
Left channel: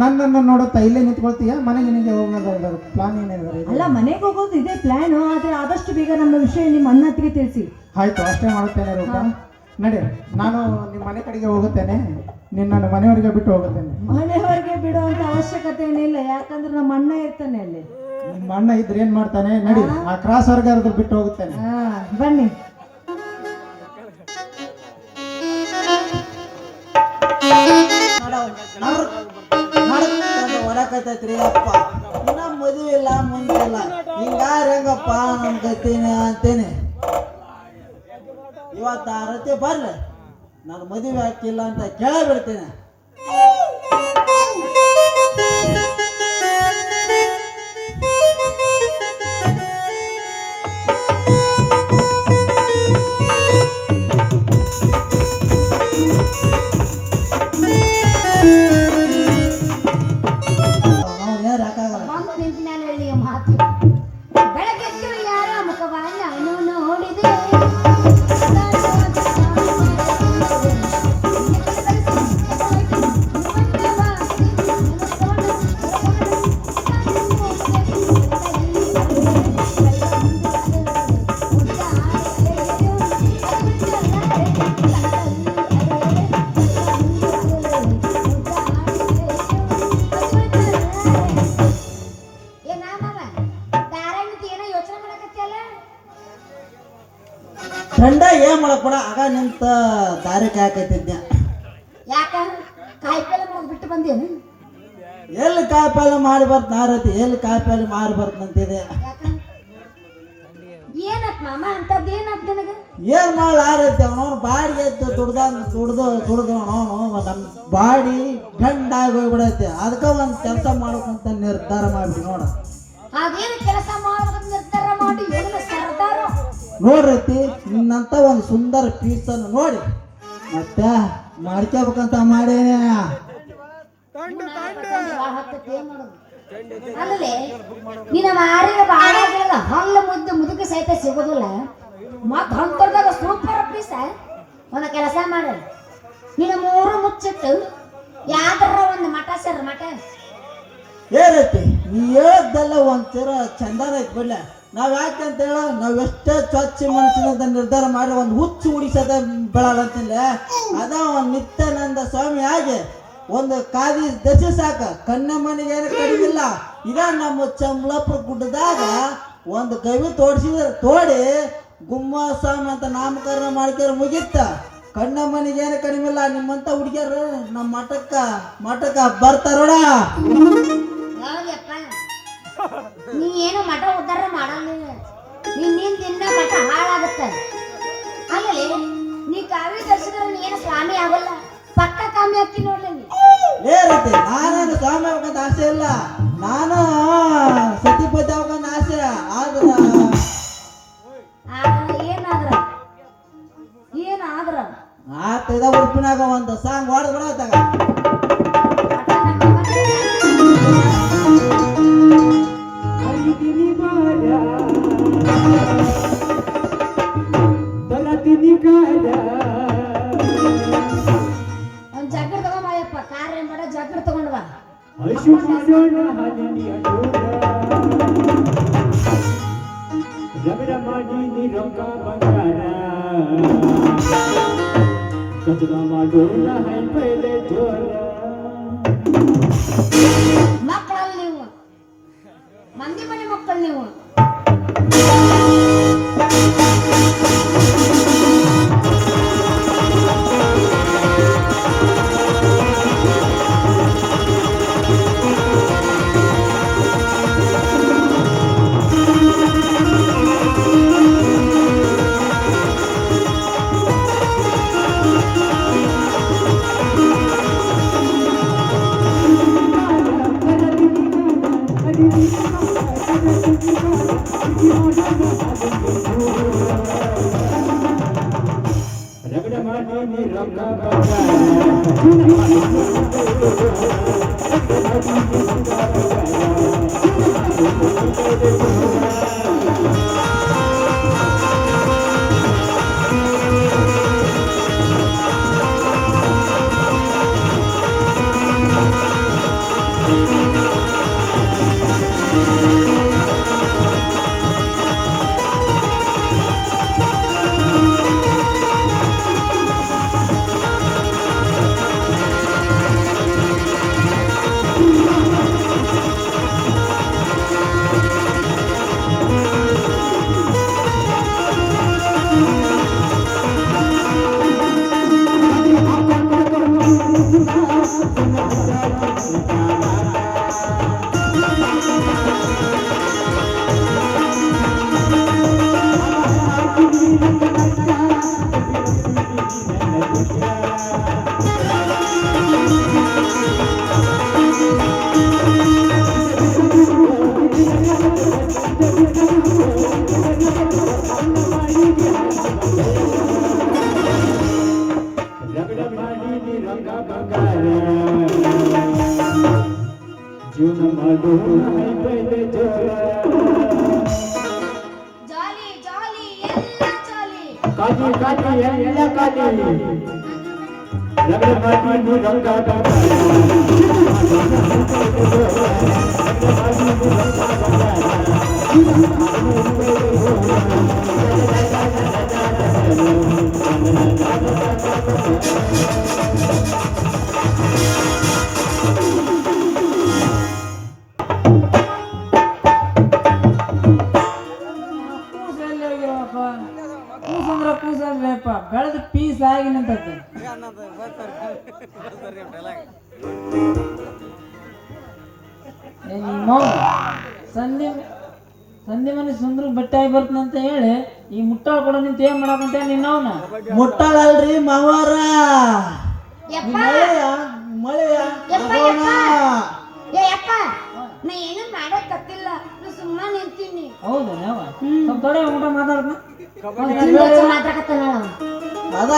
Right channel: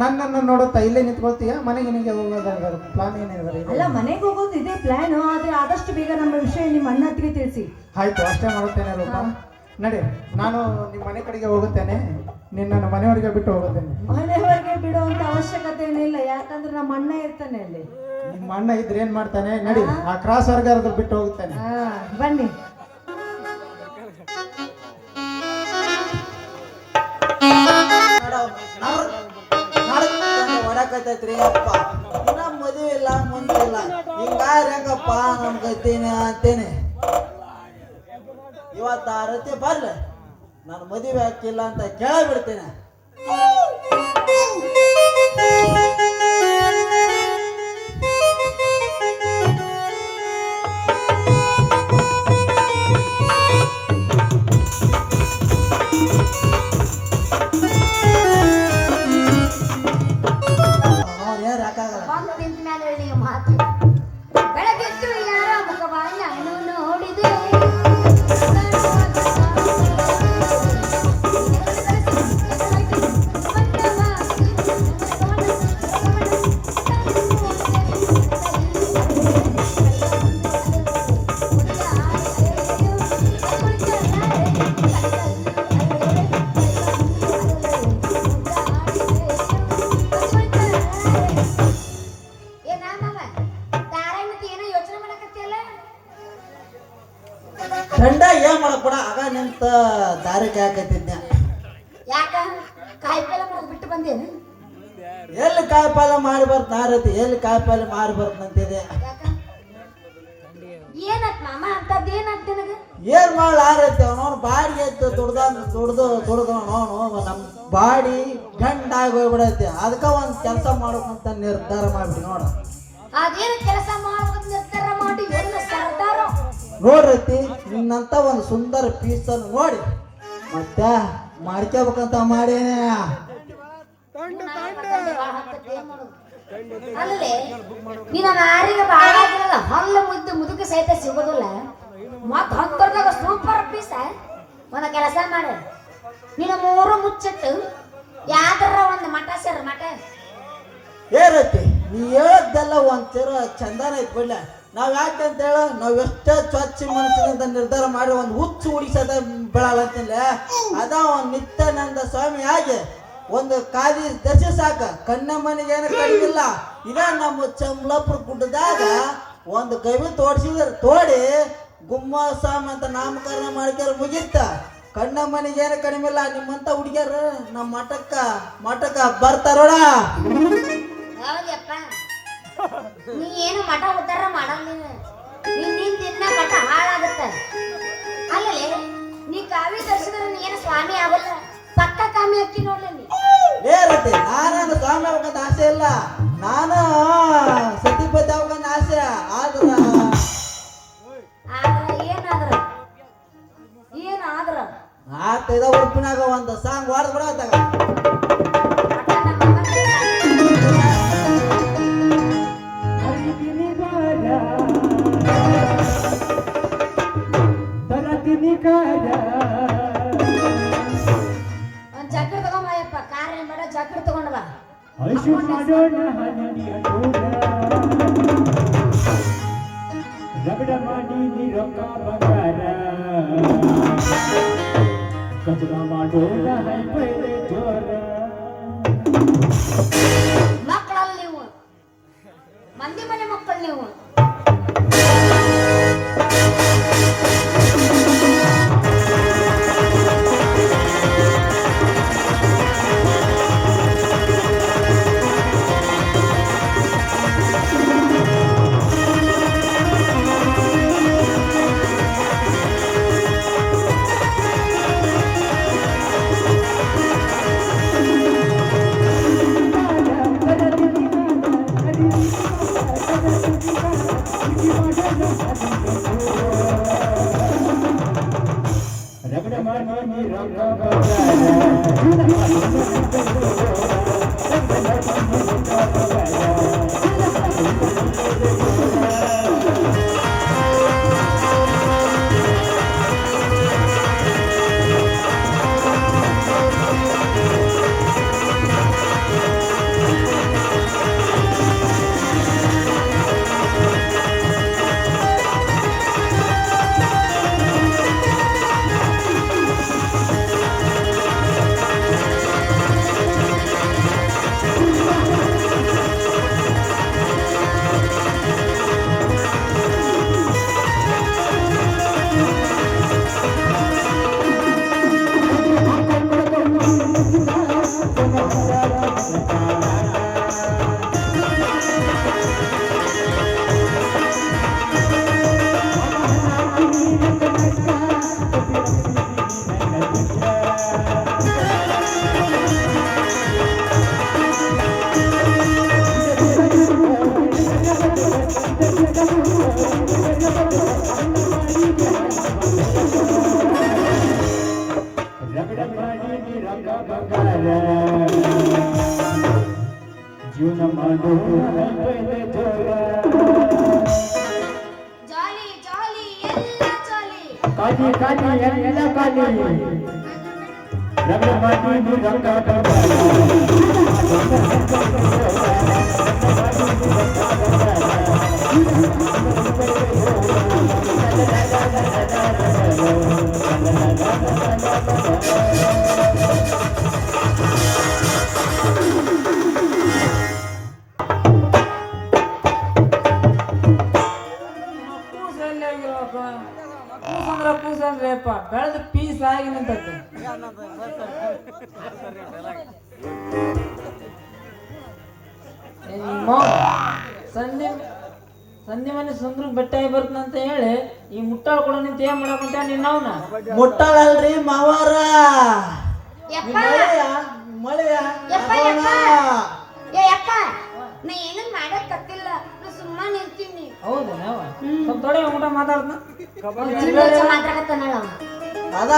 ನನ್ನನ್ನು ನೋಡುತ್ತಾ ಇಲ್ಲೇ ನಿಂತ್ಕೊಳ್ತೀಯಾ? ಮನೆಗೆ ನಿನಗೆ ಹೋಗೋದ ಪ್ಲಾನ್ ಏನಿದ್ದಾರೆ? ಅಲ್ಲ, ಮನೆಗೆ ಹೋಗೋದು ಇದೇ ಪ್ಲಾನ್. ಆದ್ರೆ ಆದಷ್ಟು ಬೇಗ ನಮ್ಮ ವಿಷಯ ನಿಮ್ಮ ಅಣ್ಣ ಹತ್ತಿಗೆ ತಿಳಿಸಿ. ಆಯ್ತು, ಅಷ್ಟೇ ಮಾಡುತ್ತೇನೆ ರೂಪ. ನಡಿ, ನಾನು ನಿಮ್ಮ ಮನೆ ಕಡೆಗೆ ಹೋಗುತ್ತೇನೆ, ನಿನ್ನನ್ನು ಮನೆಯವರಿಗೆ ಬಿಟ್ಟು ಹೋಗುತ್ತೇನೆ. ಮನೆಯವರೆಗೆ ಬಿಡುವಂತ ಅವಶ್ಯಕತೆ ಏನಿಲ್ಲ, ಯಾಕಂದ್ರೆ ನಮ್ಮ ಅಣ್ಣ ಇರ್ತಾನೆ ಅಲ್ಲಿ. ನಿಮ್ಮ ಅಣ್ಣ ಇದ್ರೆ ಏನ್ ಮಾಡ್ತಾನೆ? ನಡಿ, ಆ ಕ್ರಾಸ್ ವರ್ಗಾದ್ರು ಬಿಟ್ಟು ಹೋಗುತ್ತೇನೆ. ಬನ್ನಿ. ಹೊರಕೈತೈತ್ರಿ ಅಪ್ಪ. ಇನ್ನ ಮದುವೆ ಇಲ್ಲ, ಮುಂದಿಲ್ಲ, ಹಿಂಗಾರ ಹೆಂಗಪ್ಪ ಏನಪ್ಪ ನನ್ಗೈತೀನಿ ಅಂತೇನೆ. ಇವತ್ತು ಆ ರತಿ ಬರ್ಲಿ, ನಾನು ಮದುವೆ ಹಾಕಿಲ್ಲ ಅಂತ ಕೇಳಿಬಿಡ್ತೀನಿ. ಅವ್ರು ಯಾರು ಹಾಕಾಗಲ್ಲ. ಬಂದು ನಿಂತ ಮೇಲೆ ಹೇಳಿ ಮಾತು. ಬೆಳಗ್ಗೆ ಎದ್ದು ಯಾರ ಮುಖವ ನಾನು ನೋಡಿದೆ. ಗಂಡ ಏನ್ ಮಾಡಕ್ ಬಿಡ, ಆಗ ನಿಂತ ದಾರಿ ಕಾಯಕತ್ತಿದ್ದೆ. ಯಾಕ ಕಾಯಿಪಲ್ಲೆ ಮಾಡೋದು ಬಿಟ್ಟು ಬಂದೇನು? ಎಲ್ಲಿ ಕಾಯಿಪಲ್ಲೆ ಮಾಡಿ ಬರ್ತ ರತಿ, ಎಲ್ಲಿ ಕಾಯಿಪಲ್ಲೆ ಮಾಡಿ ಬರ್ತಂತಿದೆ. ಯಾಕ ಏನತ್ ಮಾಮ ಅಂತದ್ ಏನತ್ ನಿನಗ? ಏನ್ ಮಾಡ್ಲ ಆರೈತಿ, ಅವನವನು ಬಾಡಿಗೆ ಎದ್ದು ದುಡ್ದು ನಮ್ ಬಾಡಿ ಗಂಡಾಗಿ ಹೋಗ್ಬಿಡೈತಿ. ಅದಕ್ಕ ಒಂದ್ ಕೆಲಸ ಮಾಡ್ಬೇಕಂತ ನಿರ್ಧಾರ ಮಾಡ್ಬಿಡಿ ನೋಡ. ಅದೇನು ಕೆಲಸ ಮಾಡೋದು ನಿರ್ಧಾರ ಮಾಡಿ ಎಲ್ಲ ಸರ್ದಾರ ನೋಡ್ರೈತಿ, ನಿನ್ನಂತ ಒಂದು ಸುಂದರ ಪೀಸ್ ಅನ್ನು ನೋಡಿ ಮತ್ತೆ ಮಾಡ್ಕೋಬೇಕಂತ ಮಾಡೇನೆ. ಅಲ್ಲೇ ನಿನ್ನ ಮಾರಿಗೆ ಬಾಳ ಹಲ್ಲು ಮುದುಕಿ ಸಹಿತ ಸಿಗೋದಿಲ್ಲ. ಮತ್ ಹಂತರ್ದಾಗ ಸೂಪರ್ ಪೀಸ ಒಂದ ಕೆಲಸ ಮಾಡಿ ನಿನ್ನ ಮೂರು ಮುಚ್ಚಿಟ್ಟು ಯಾವ್ದಾರ ಒಂದು ಮಠ ಸರ್ ಮಠ ಏನೈತಿ ನೀ ಹೇಳದ್ದೆಲ್ಲ ಒಂಚೂರ ಚಂದನ ಐತಿ ಬಿಡ್ಲ. ನಾವ್ ಯಾಕಂತ ಹೇಳ, ನಾವ್ ಎಷ್ಟೇ ಸ್ವಚ್ಛ ಮನಸ್ಸಿನಂತ ನಿರ್ಧಾರ ಮಾಡಿ ಒಂದು ಹುಚ್ಚು ಉಡಿಸದ ಬೆಳಲ್ಲ. ಅದ ಒಂದು ನಿತ್ಯಾನಂದ ಸ್ವಾಮಿ ಆಗಿ ಒಂದು ಕಾದಿ ದಶೆ ಸಾಕ, ಕಣ್ಣಮ್ಮನಿಗೆ ಏನು ಕಡಿಮಿಲ್ಲ. ಇದ ನಮ್ಮ ಚಂಬ್ಲಾಪುರ ಗುಡ್ಡದಾಗ ಒಂದು ಕವಿ ತೋಡಿ ಗುಮ್ಮ ಸ್ವಾಮಿ ಅಂತ ನಾಮಕರಣ ಮಾಡ್ಕ್ಯಾರ ಮುಗಿತ್ತ. ಕಣ್ಣಮ್ಮನಿಗೇನು ಕಡಿಮೆ ಇಲ್ಲ. ನಿಮ್ಮಂತ ಹುಡುಗಿಯರು ನಮ್ಮ ಮಠಕ್ಕ ಬರ್ತಾರೋಡ. ಹೌದಪ್ಪ, ನೀ ಏನು ಮಠ ಉದ್ಧಾರ ಮಾಡಲ್ಲ. ನಿನ್ನಿಂದ ಇನ್ನ ಮಠ ಹಾಳಾಗತ್ತ. ಅಲ್ಲೇ ನೀ ಕಾವಿ ದರ್ಶಿದ್ರೆ ನೀ ಏನು ಸ್ವಾಮಿ ಆಗಲ್ಲ, ಪಕ್ಕ ಕಾಮಿ ಹಾಕಿ ನೋಡ್ಲಿ. ಏರುತ್ತೆ, ನಾನೇನು ಸ್ವಾಮಿ ಆಗ್ಬೇಕಂತ ಆಸೆ ಇಲ್ಲ, ನಾನು ಸತಿಪತಿ ಆಗ್ಬೇಕಂತ ಆಸೆ. ಆದ್ರ ಏನಾದ್ರ ನಾಲ್ಕೈದ ಉಡುಪಿನಾಗ ಒಂದು ಸಾಂಗ್ ಹೊಡೆದು ಬಿಡತ್ತಾಗ. ಒಂದ್ ಜಗ್ಗರ್ ತಗೊಂಬಯಪ್ಪ, ಕಾರ್ ಏನ್ ಬೇಡ, ಜಗ್ಗರ್ ತಗೊಂಡ್ ಬಾ. ರಗಡ ಮಾಡಿ ನೀ ರೊಕ್ಕ ಬಂಗಾರ ಕಚಗ ಮಾಡೋಣ ಹೈಪೈಲೆ ಜೋರ. ಮಕ್ಕಳಲ್ಲಿ ನೀವು ಮಂದಿ ಮನೆ ಮಕ್ಕಳು ನೀವು. ರಗಡ ಮಾಡಿ ನೀ ರೊಕ್ಕ ಕಾಟಿ ಕಾಟಿ ಎಲ್ಲ ಕಾಟಿ ರಗಡ ಮಾಟಿ ಬಂಗಾಟ ಕೂಸಲ್ಲಿ ಆಗಿರೋಪ್ಪ ಕೂಸಂದ್ರ ಕೂಸಲ್ರಿಪ್ಪ ಬೆಳೆದ ಪೀಸ್ ಆಗಿ ನಿಂತೈತೆ ಸಂಜೆ ಸಂಜೆ ಮೇಲೆ ಸುಂದ್ರ ಬೆಟ್ಟ ಆಗಿ ಬರ್ತಂತ ಹೇಳಿ ಈ ಮುಟ್ಟಾಳ ಕೂಡ ನಿಂತ ಏನ್ ಮಾಡಕಂತ ನಿನ್ನ ಅವನ ಮುಟ್ಟಾಳಲ್ರಿ ಮಾವಾರ ಯಪ್ಪ ಮಳೆಯ ಯಪ್ಪ ಯಪ್ಪ ಏ ಯಪ್ಪ ನಾ ಏನು ಮಾಡಕ್ ಕತ್ತಿಲ್ಲ ನಾ ಸುಮ್ಮನೆ ನಿಂತೀನಿ ಹೌದೇನವ ಸ್ವಲ್ಪ ತೊಡೆ ಊಟ ಮಾತಾಡ್ದ ಮಾತಾಡಕತ್ತಾನಳ ಅದ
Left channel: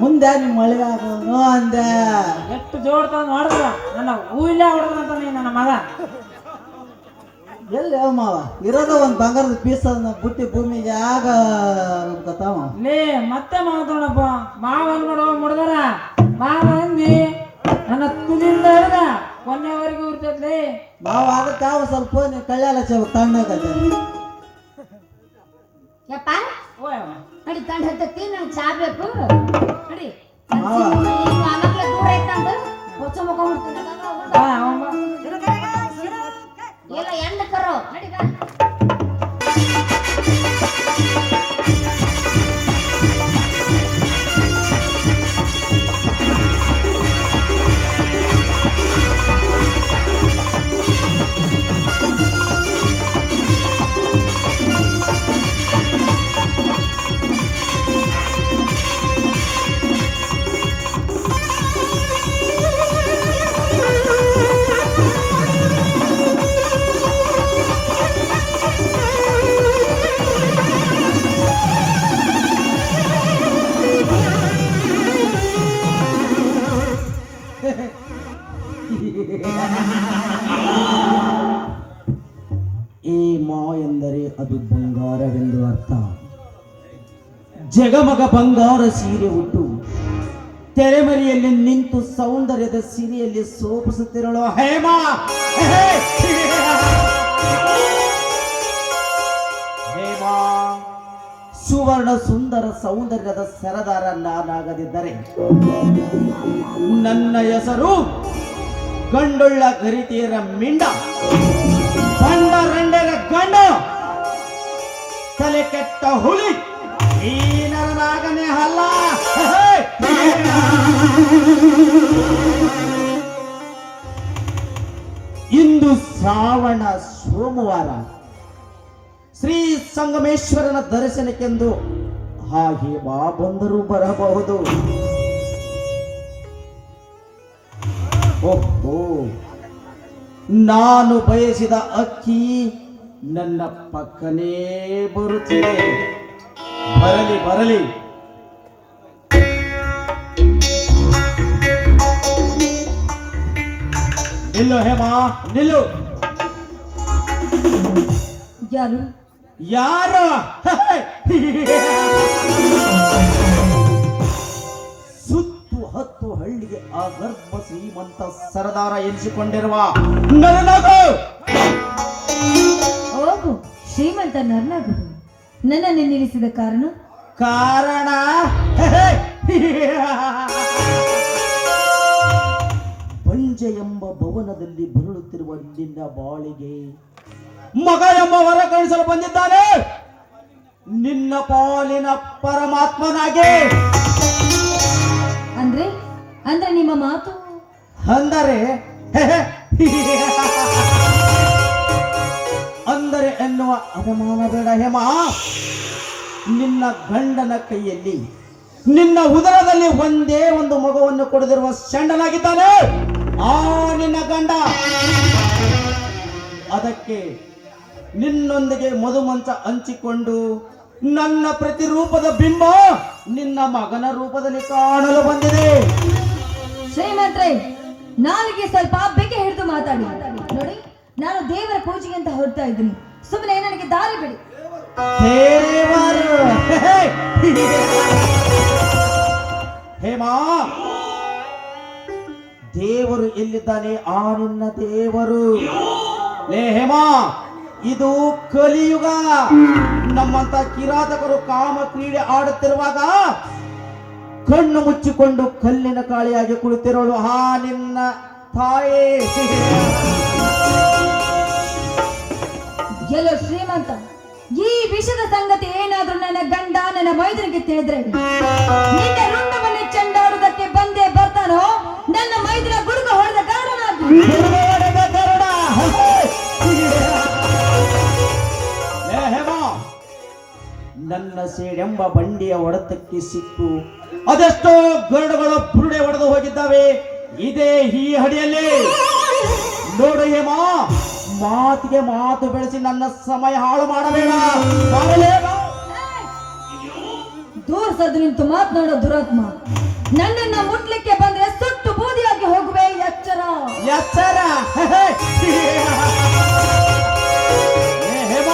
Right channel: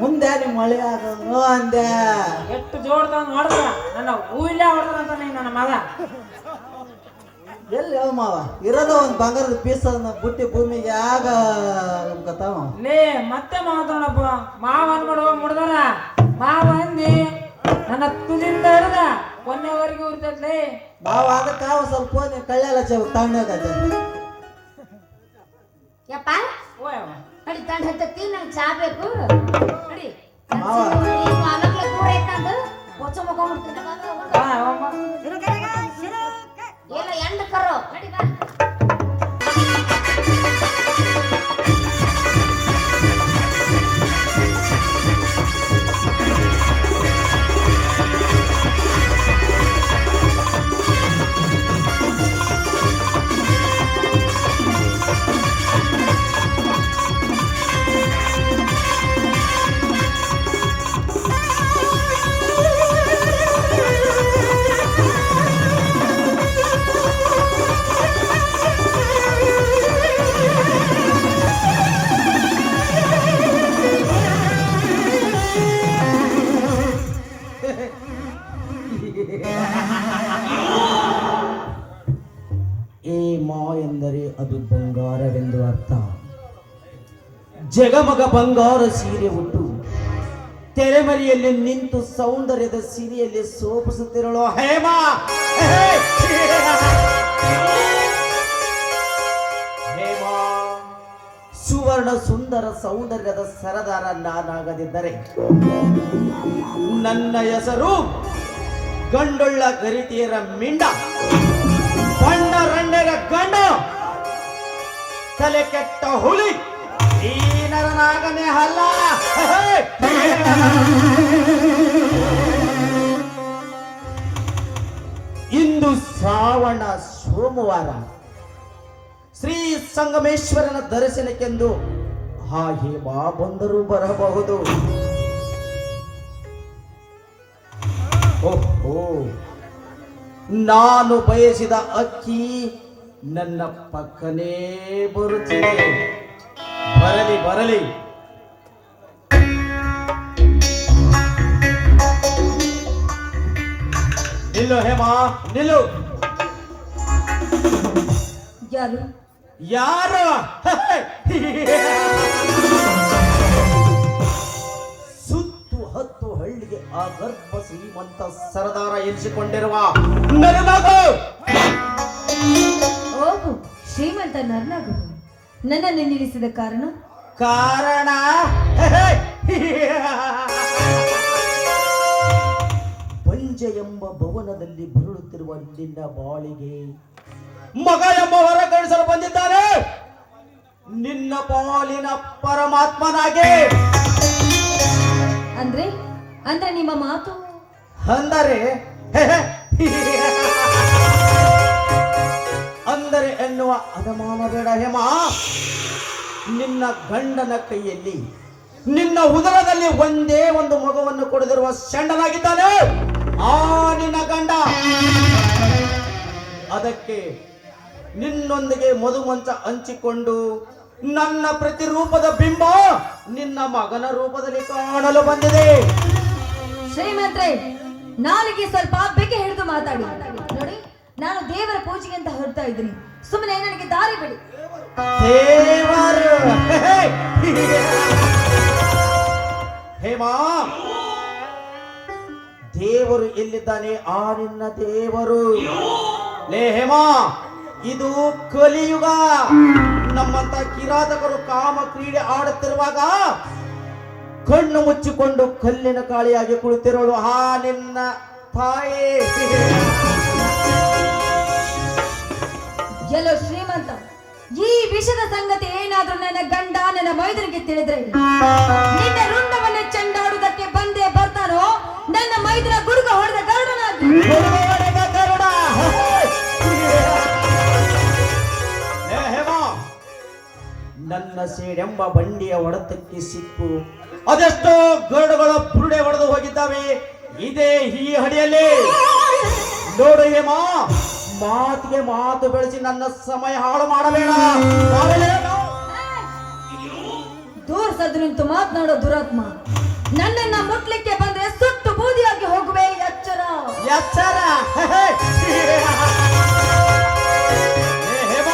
ಮುಂದೆ ನಿಮ್ ಮಳೆ ಆಗೋದು ಅಂದೆ ಎಷ್ಟು ಜೋಡ್ತಾವ ನೋಡಿದ್ರ ನನ್ನ ಹೂವಿಲ್ಲೇ ಹೊಡೆದ್ರಂತ ನೀ ನನ್ನ ಮಗ ಎಲ್ಲಿ ಮಾವ ಇರೋದ ಒಂದ್ ಬಂಗಾರದ ಪೀಸ್ ಬುಟ್ಟಿ ಭೂಮಿಗೆ ಆಗ ಗೊತ್ತಾವ ಲೇ ಮತ್ತೆ ಮಾತಾಡಪ್ಪ ಮಾವ ಅನ್ಕೊಂಡು ಹೋಗಿ ಮುಡ್ದಾರ ಮಾವ ಅಂದಿ ನನ್ನ ತುದಿಯಿಂದ ಹಿಡ್ದ ಕೊನೆವರೆಗೂ ಇರ್ತೈತ್ಲಿ ಮಾವ ಅದಕ್ಕ ಒಂದ್ ಸ್ವಲ್ಪ ಕಳ್ಳೆಲ್ಲ ತಣ್ಣಗತ್ತೆ ಯಪ್ಪ ಓಯ್ ನಡಿ ತಂಡ ಹತ್ತತ್ತಿ ನಂಗೆ ಚಾ ಬೇಕು ನಡಿ ಮಾವ. ಅನಕ್ಲೆ ದೂರ ಐತಂದ ಹೊಚ್ಚ ಮುಖ ಎಲ್ಲ ಎಂಡ ಕರೋ ನಡಿ ಬಾ ಈ ಮಾ ಎಂದರೆ ಅದು ಬಂಗಾರವೆಂದು ಅರ್ಥ. ಜಗಮಗ ಬಂಗಾರ ಸೀರೆ ಉಟ್ಟು ತೆರೆಮರೆಯಲ್ಲಿ ನಿಂತು ಸೌಂದರ್ಯದ ಸೀರೆಯಲ್ಲಿ ಸೋಪಿಸುತ್ತಿರಲು ಹೇಮಾ ಹೇಮಾ ಸುವರ್ಣ ಸುಂದರ ಸೌಂದರ್ಯದ ಸರದಾರ ನಾನಾಗದಿದ್ದರೆ ನನ್ನ ಹೆಸರು ಗಂಡುಳ್ಳ ಗರಿತಿಯರ ಮಿಂಡ ಬಂಡ ರಂಡರ ಗಂಡ ತಲೆ ಕೆಟ್ಟ ಹುಲಿ ಈ ನರನಾಗನೇ ಅಲ್ಲ. ಇಂದು ಶ್ರಾವಣ ಸೋಮವಾರ ಶ್ರೀ ಸಂಗಮೇಶ್ವರನ ದರ್ಶನಕ್ಕೆಂದು ಹಾಗೆ ಬಾ ಬಂದರೂ ಬರಬಹುದು. ಓಹೋ, ನಾನು ಬಯಸಿದ ಅಕ್ಕಿ ನನ್ನ ಪಕ್ಕನೇ ಬರುತ್ತಿದೆ. ಬರಲಿ ಬರಲಿ. ನಿಲ್ಲು ಹೇಮಾ ನಿಲ್ಲು. ಯಾರು ಯಾರು? ಸುತ್ತು ಹತ್ತು ಹಳ್ಳಿಗೆ ಆ ಗರ್ಭ ಶ್ರೀಮಂತ ಸರದಾರ ಎನಿಸಿಕೊಂಡಿರುವ ನರನಗು. ಓಹೋ, ಶ್ರೀಮಂತ ನರ್ನಾಗು ನನ್ನನ್ನು ನಿಲ್ಲಿಸಿದ ಕಾರಣ ಪಂಜ ಎಂಬ ಭವನದಲ್ಲಿ ಬರುಳುತ್ತಿರುವ ನಿನ್ನ ಬಾಳಿಗೆ ಮಗ ಎಂಬ ವರ ಕಳಿಸಲು ಬಂದಿದ್ದಾನೆ. ನಿನ್ನ ಪಾಲಿನ ಪರಮಾತ್ಮನಾಗೆ. ಅಂದ್ರೆ ಅಂದ್ರೆ ನಿಮ್ಮ ಮಾತು ಅಂದರೆ ಅಂದರೆ ಎನ್ನುವ ಅನುಮಾನ ಬೇಡ ಹೇಮ. ನಿನ್ನ ಗಂಡನ ಕೈಯಲ್ಲಿ ನಿನ್ನ ಉದರದಲ್ಲಿ ಒಂದೇ ಒಂದು ಮಗುವನ್ನು ಕೊಡದಿರುವ ಷಂಡನಾಗಿದ್ದಾನೆ ಆ ನಿನ್ನ ಗಂಡ. ಅದಕ್ಕೆ ನಿನ್ನೊಂದಿಗೆ ಮದುಮಂಚ ಹಂಚಿಕೊಂಡು ನನ್ನ ಪ್ರತಿರೂಪದ ಬಿಂಬ ನಿನ್ನ ಮಗನ ರೂಪದಲ್ಲಿ ಕಾಣಲು ಬಂದಿದೆ. ಶ್ರೀಮಂತ್ರೆ, ನಾಲಿಗೆ ಸ್ವಲ್ಪ ಬೆಕ್ಕೆ ಹಿಡಿದು ಮಾತಾಡಿ. ನೋಡಿ, ನಾನು ದೇವರ ಪೂಜೆಗೆ ಅಂತ ಹೊರಡ್ತಾ ಇದ್ದೀನಿ. ಸುಮ್ಮನೆ ನನಗೆ ದಾರಿ ಬಿಡಿ. ದೇವರು ದೇವರು ಎಲ್ಲಿದ್ದಾನೆ ಆ ನಿನ್ನ ದೇವರು. ಲೇ ಹೇಮ, ಇದು ಕಲಿಯುಗ. ನಮ್ಮಂತ ಕಿರಾತಕರು ಕಾಮ ಕ್ರೀಡೆ ಆಡುತ್ತಿರುವಾಗ ಕಣ್ಣು ಮುಚ್ಚಿಕೊಂಡು ಕಲ್ಲಿನ ಕಾಳಿಯಾಗಿ ಕುಳಿತಿರೋಳು ಆ ನಿನ್ನ ತಾಯಿ. ಎಲ್ಲೋ ಶ್ರೀಮಂತ, ಈ ವಿಷದ ಸಂಗತಿ ಏನಾದ್ರೂ ನನ್ನ ಗಂಡ ನನ್ನ ಮೈದನಿಗೆ ತಿಳಿದ್ರೆ ನಿನ್ನೆ ರುಂಡವನ್ನೇ ಚೆಂಡಾಡುವುದಕ್ಕೆ ಬಂದೇ ಬರ್ತಾನೋ ನನ್ನ ಮೈದನ ಗುಡುಗ ಹೊಡೆದ ಗರುಡನಾಗಿ. ಲೇ ಹೇಮ, ನನ್ನ ಸೇಡೆಂಬ ಬಂಡಿಯ ಹೊಡೆತಕ್ಕೆ ಸಿಕ್ಕು ಅದೆಷ್ಟೋ ಗರುಡುಗಳು ಬುರುಡೆ ಹೊಡೆದು ಹೋಗಿದ್ದಾವೆ ಇದೇ ಈ ಹಡಿಯಲ್ಲಿ. ನೋಡು ಹೇಮ, ಮಾತಿಗೆ ಮಾತು ಬೆಳೆಸಿ ನನ್ನ ಸಮಯ ಹಾಳು ಮಾಡಬೇಡ. ದೂರ ಸದ್ದು ನಿಂತು ಮಾತನಾಡೋ ದುರಾತ್ಮ, ನನ್ನನ್ನ ಮುಟ್ಲಿಕ್ಕೆ ಬಂದ್ರೆ ಸುಟ್ಟು ಬೂದಿಯಾಗಿ ಹೋಗುವೆ. ಎಚ್ಚರ ಎಚ್ಚರ. ಹೇಮ,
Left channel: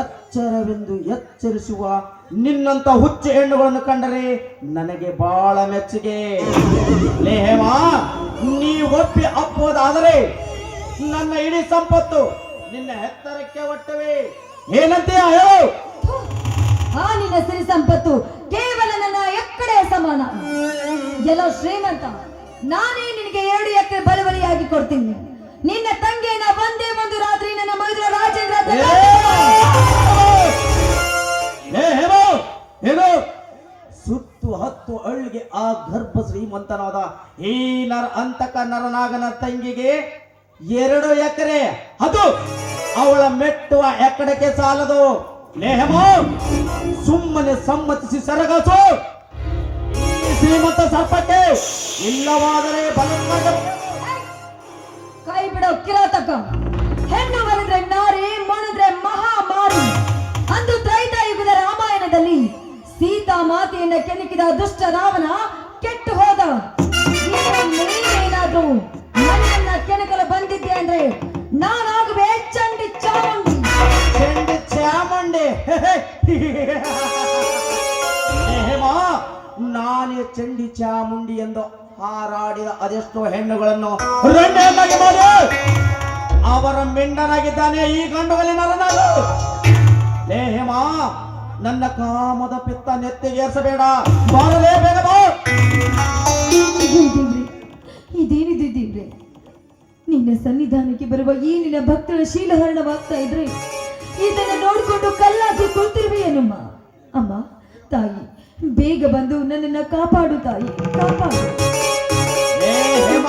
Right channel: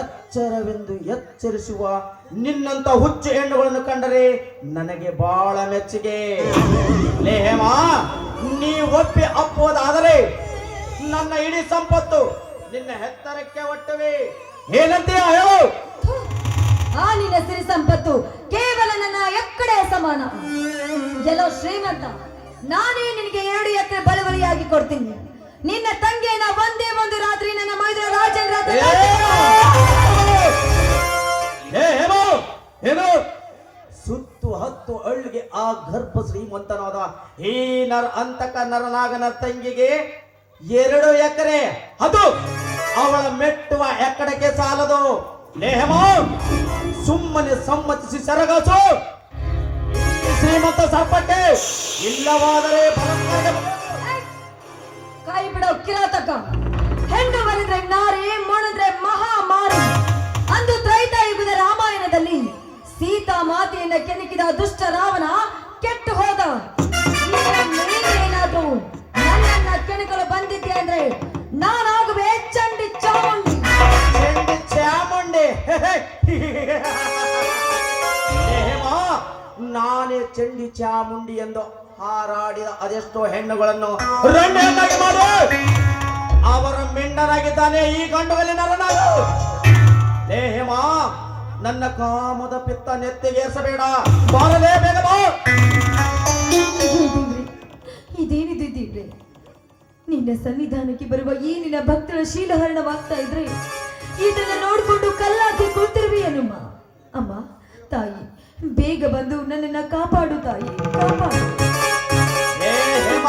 ಎಚ್ಚರವೆಂದು ಎಚ್ಚರಿಸುವ ನಿನ್ನಂತ ಹುಚ್ಚು ಹೆಣ್ಣುಗಳನ್ನು ಕಂಡರೆ ನನಗೆ ಬಹಳ ಮೆಚ್ಚುಗೆ. ಲೇ ಹೇಮ, ನೀ ಒಪ್ಪಿ ಅಪ್ಪುವುದಾದರೆ ನನ್ನ ಇಡೀ ಸಂಪತ್ತು ನಿನ್ನ ಹೆತ್ತರಕ್ಕೆ ಒಟ್ಟವೆ. ಏನಂತೀಯ ಹೇಳು? ಆ ನಿನ್ನ ಸಿರಿ ಸಂಪತ್ತು ಕೇವಲ ನನ್ನ ಎಕ್ಕಡೆಯ ಸಮಾನ. ಎಲ್ಲೋ ಶ್ರೀಮಂತ, ನಾನೇ ನಿನಗೆ 2 ಎಕರೆ ಬಳುವಳಿಯಾಗಿ ಕೊಡ್ತೀನಿ. ನಿನ್ನ ತಂಗಿನ ಒಂದೇ ಒಂದು ರಾತ್ರಿ ನನ್ನ ಮೈದೂರ ರಾಜೇಂದ್ರ ಏನು ಸುತ್ತು ಹತ್ತು ಅಳ್ಳಿಗೆ ಆ ಗರ್ಭ ಶ್ರೀಮಂತನಾದ ಈ ಅಂತಕ ನರನಾಗನ ತಂಗಿಗೆ 2 ಎಕರೆ, ಅದು ಅವಳ ಮೆಟ್ಟುವ ಎಕ್ಕಡಕ್ಕೆ ಸಾಲದು. ನೇಹಮ, ಸುಮ್ಮನೆ ಸಮ್ಮತಿಸಿ ಸರಗಾಸು ಶ್ರೀಮಂತ ಸರ್ಪಕ್ಕೆ, ಇಲ್ಲವಾದರೆ ಬಲವಾಗಿ ಕೈ ಬಿಡೋ ಕಿರಾತಕ. ಹೆಣ್ಣು ಒಲಿದ್ರೆ ನಾರಿ, ಮೊಣದ್ರೆ ಮಹಾಮಾರಿ. ಅಂದು ತ್ರೈತಾಯುಗದ ರಾಮಾಯಣದಲ್ಲಿ ಸೀತಾ ಮಾತೆಯನ್ನ ಕೆಣಕಿದ ದುಷ್ಟ ರಾವಣ ಕೆಟ್ಟು ಹೋದ. ಏನಾದ್ರೂ ನನ್ನನ್ನ ಕೆಣಕಲು ಬಂದಿದ್ದೆ ಅಂದ್ರೆ ನಾನಾಗುವೆ ಚಂಡಿ ಚಾಮುಂಡಿ. ಚಂಡಿ ಚಾಮುಂಡಿ. ಹೇಮ, ನಾನೇ ಚಂಡಿ ಚಾಮುಂಡಿ ಎಂದು ಹಾರಾಡಿದ ಅದೆಷ್ಟೋ ಹೆಣ್ಣುಗಳನ್ನು ರಂಡೆಯನ್ನಾಗಿ ಮಾಡಿ ಅವರ ಮಿಂಡನಾಗಿದ್ದಾನೆ ಈ ಗಂಡುಗಲಿ ನರನಾಗು. ಲೇ ಹೇಮ, ನನ್ನ ಕಾಮದ ಪಿತ್ತ ನೆತ್ತಿಗೇರಿಸಬೇಡ. ಬಾರಲೇ, ಬೇಗ ಬಾ. ಇದೇನಿದ್ದೀವ್ರೆ, ನಿನ್ನ ಸನ್ನಿಧಾನಕ್ಕೆ ಬರುವ ಈ ನಿನ್ನ ಭಕ್ತರ ಶೀಲಹರಣವಾಗ್ತಾ ಇದ್ರೆ ಇದನ್ನ ನೋಡ್ಕೊಂಡು ಕಲ್ಲಾಕಿ ಕೂತಿರುವೆಯೇನಮ್ಮ. ಅಮ್ಮ ತಾಯಿ, ಬೇಗ ಬಂದು ನನ್ನನ್ನ ಕಾಪಾಡು ತಾಯಿ, ಕಾಪಾಡು. ಲೇ ಹೇಮ,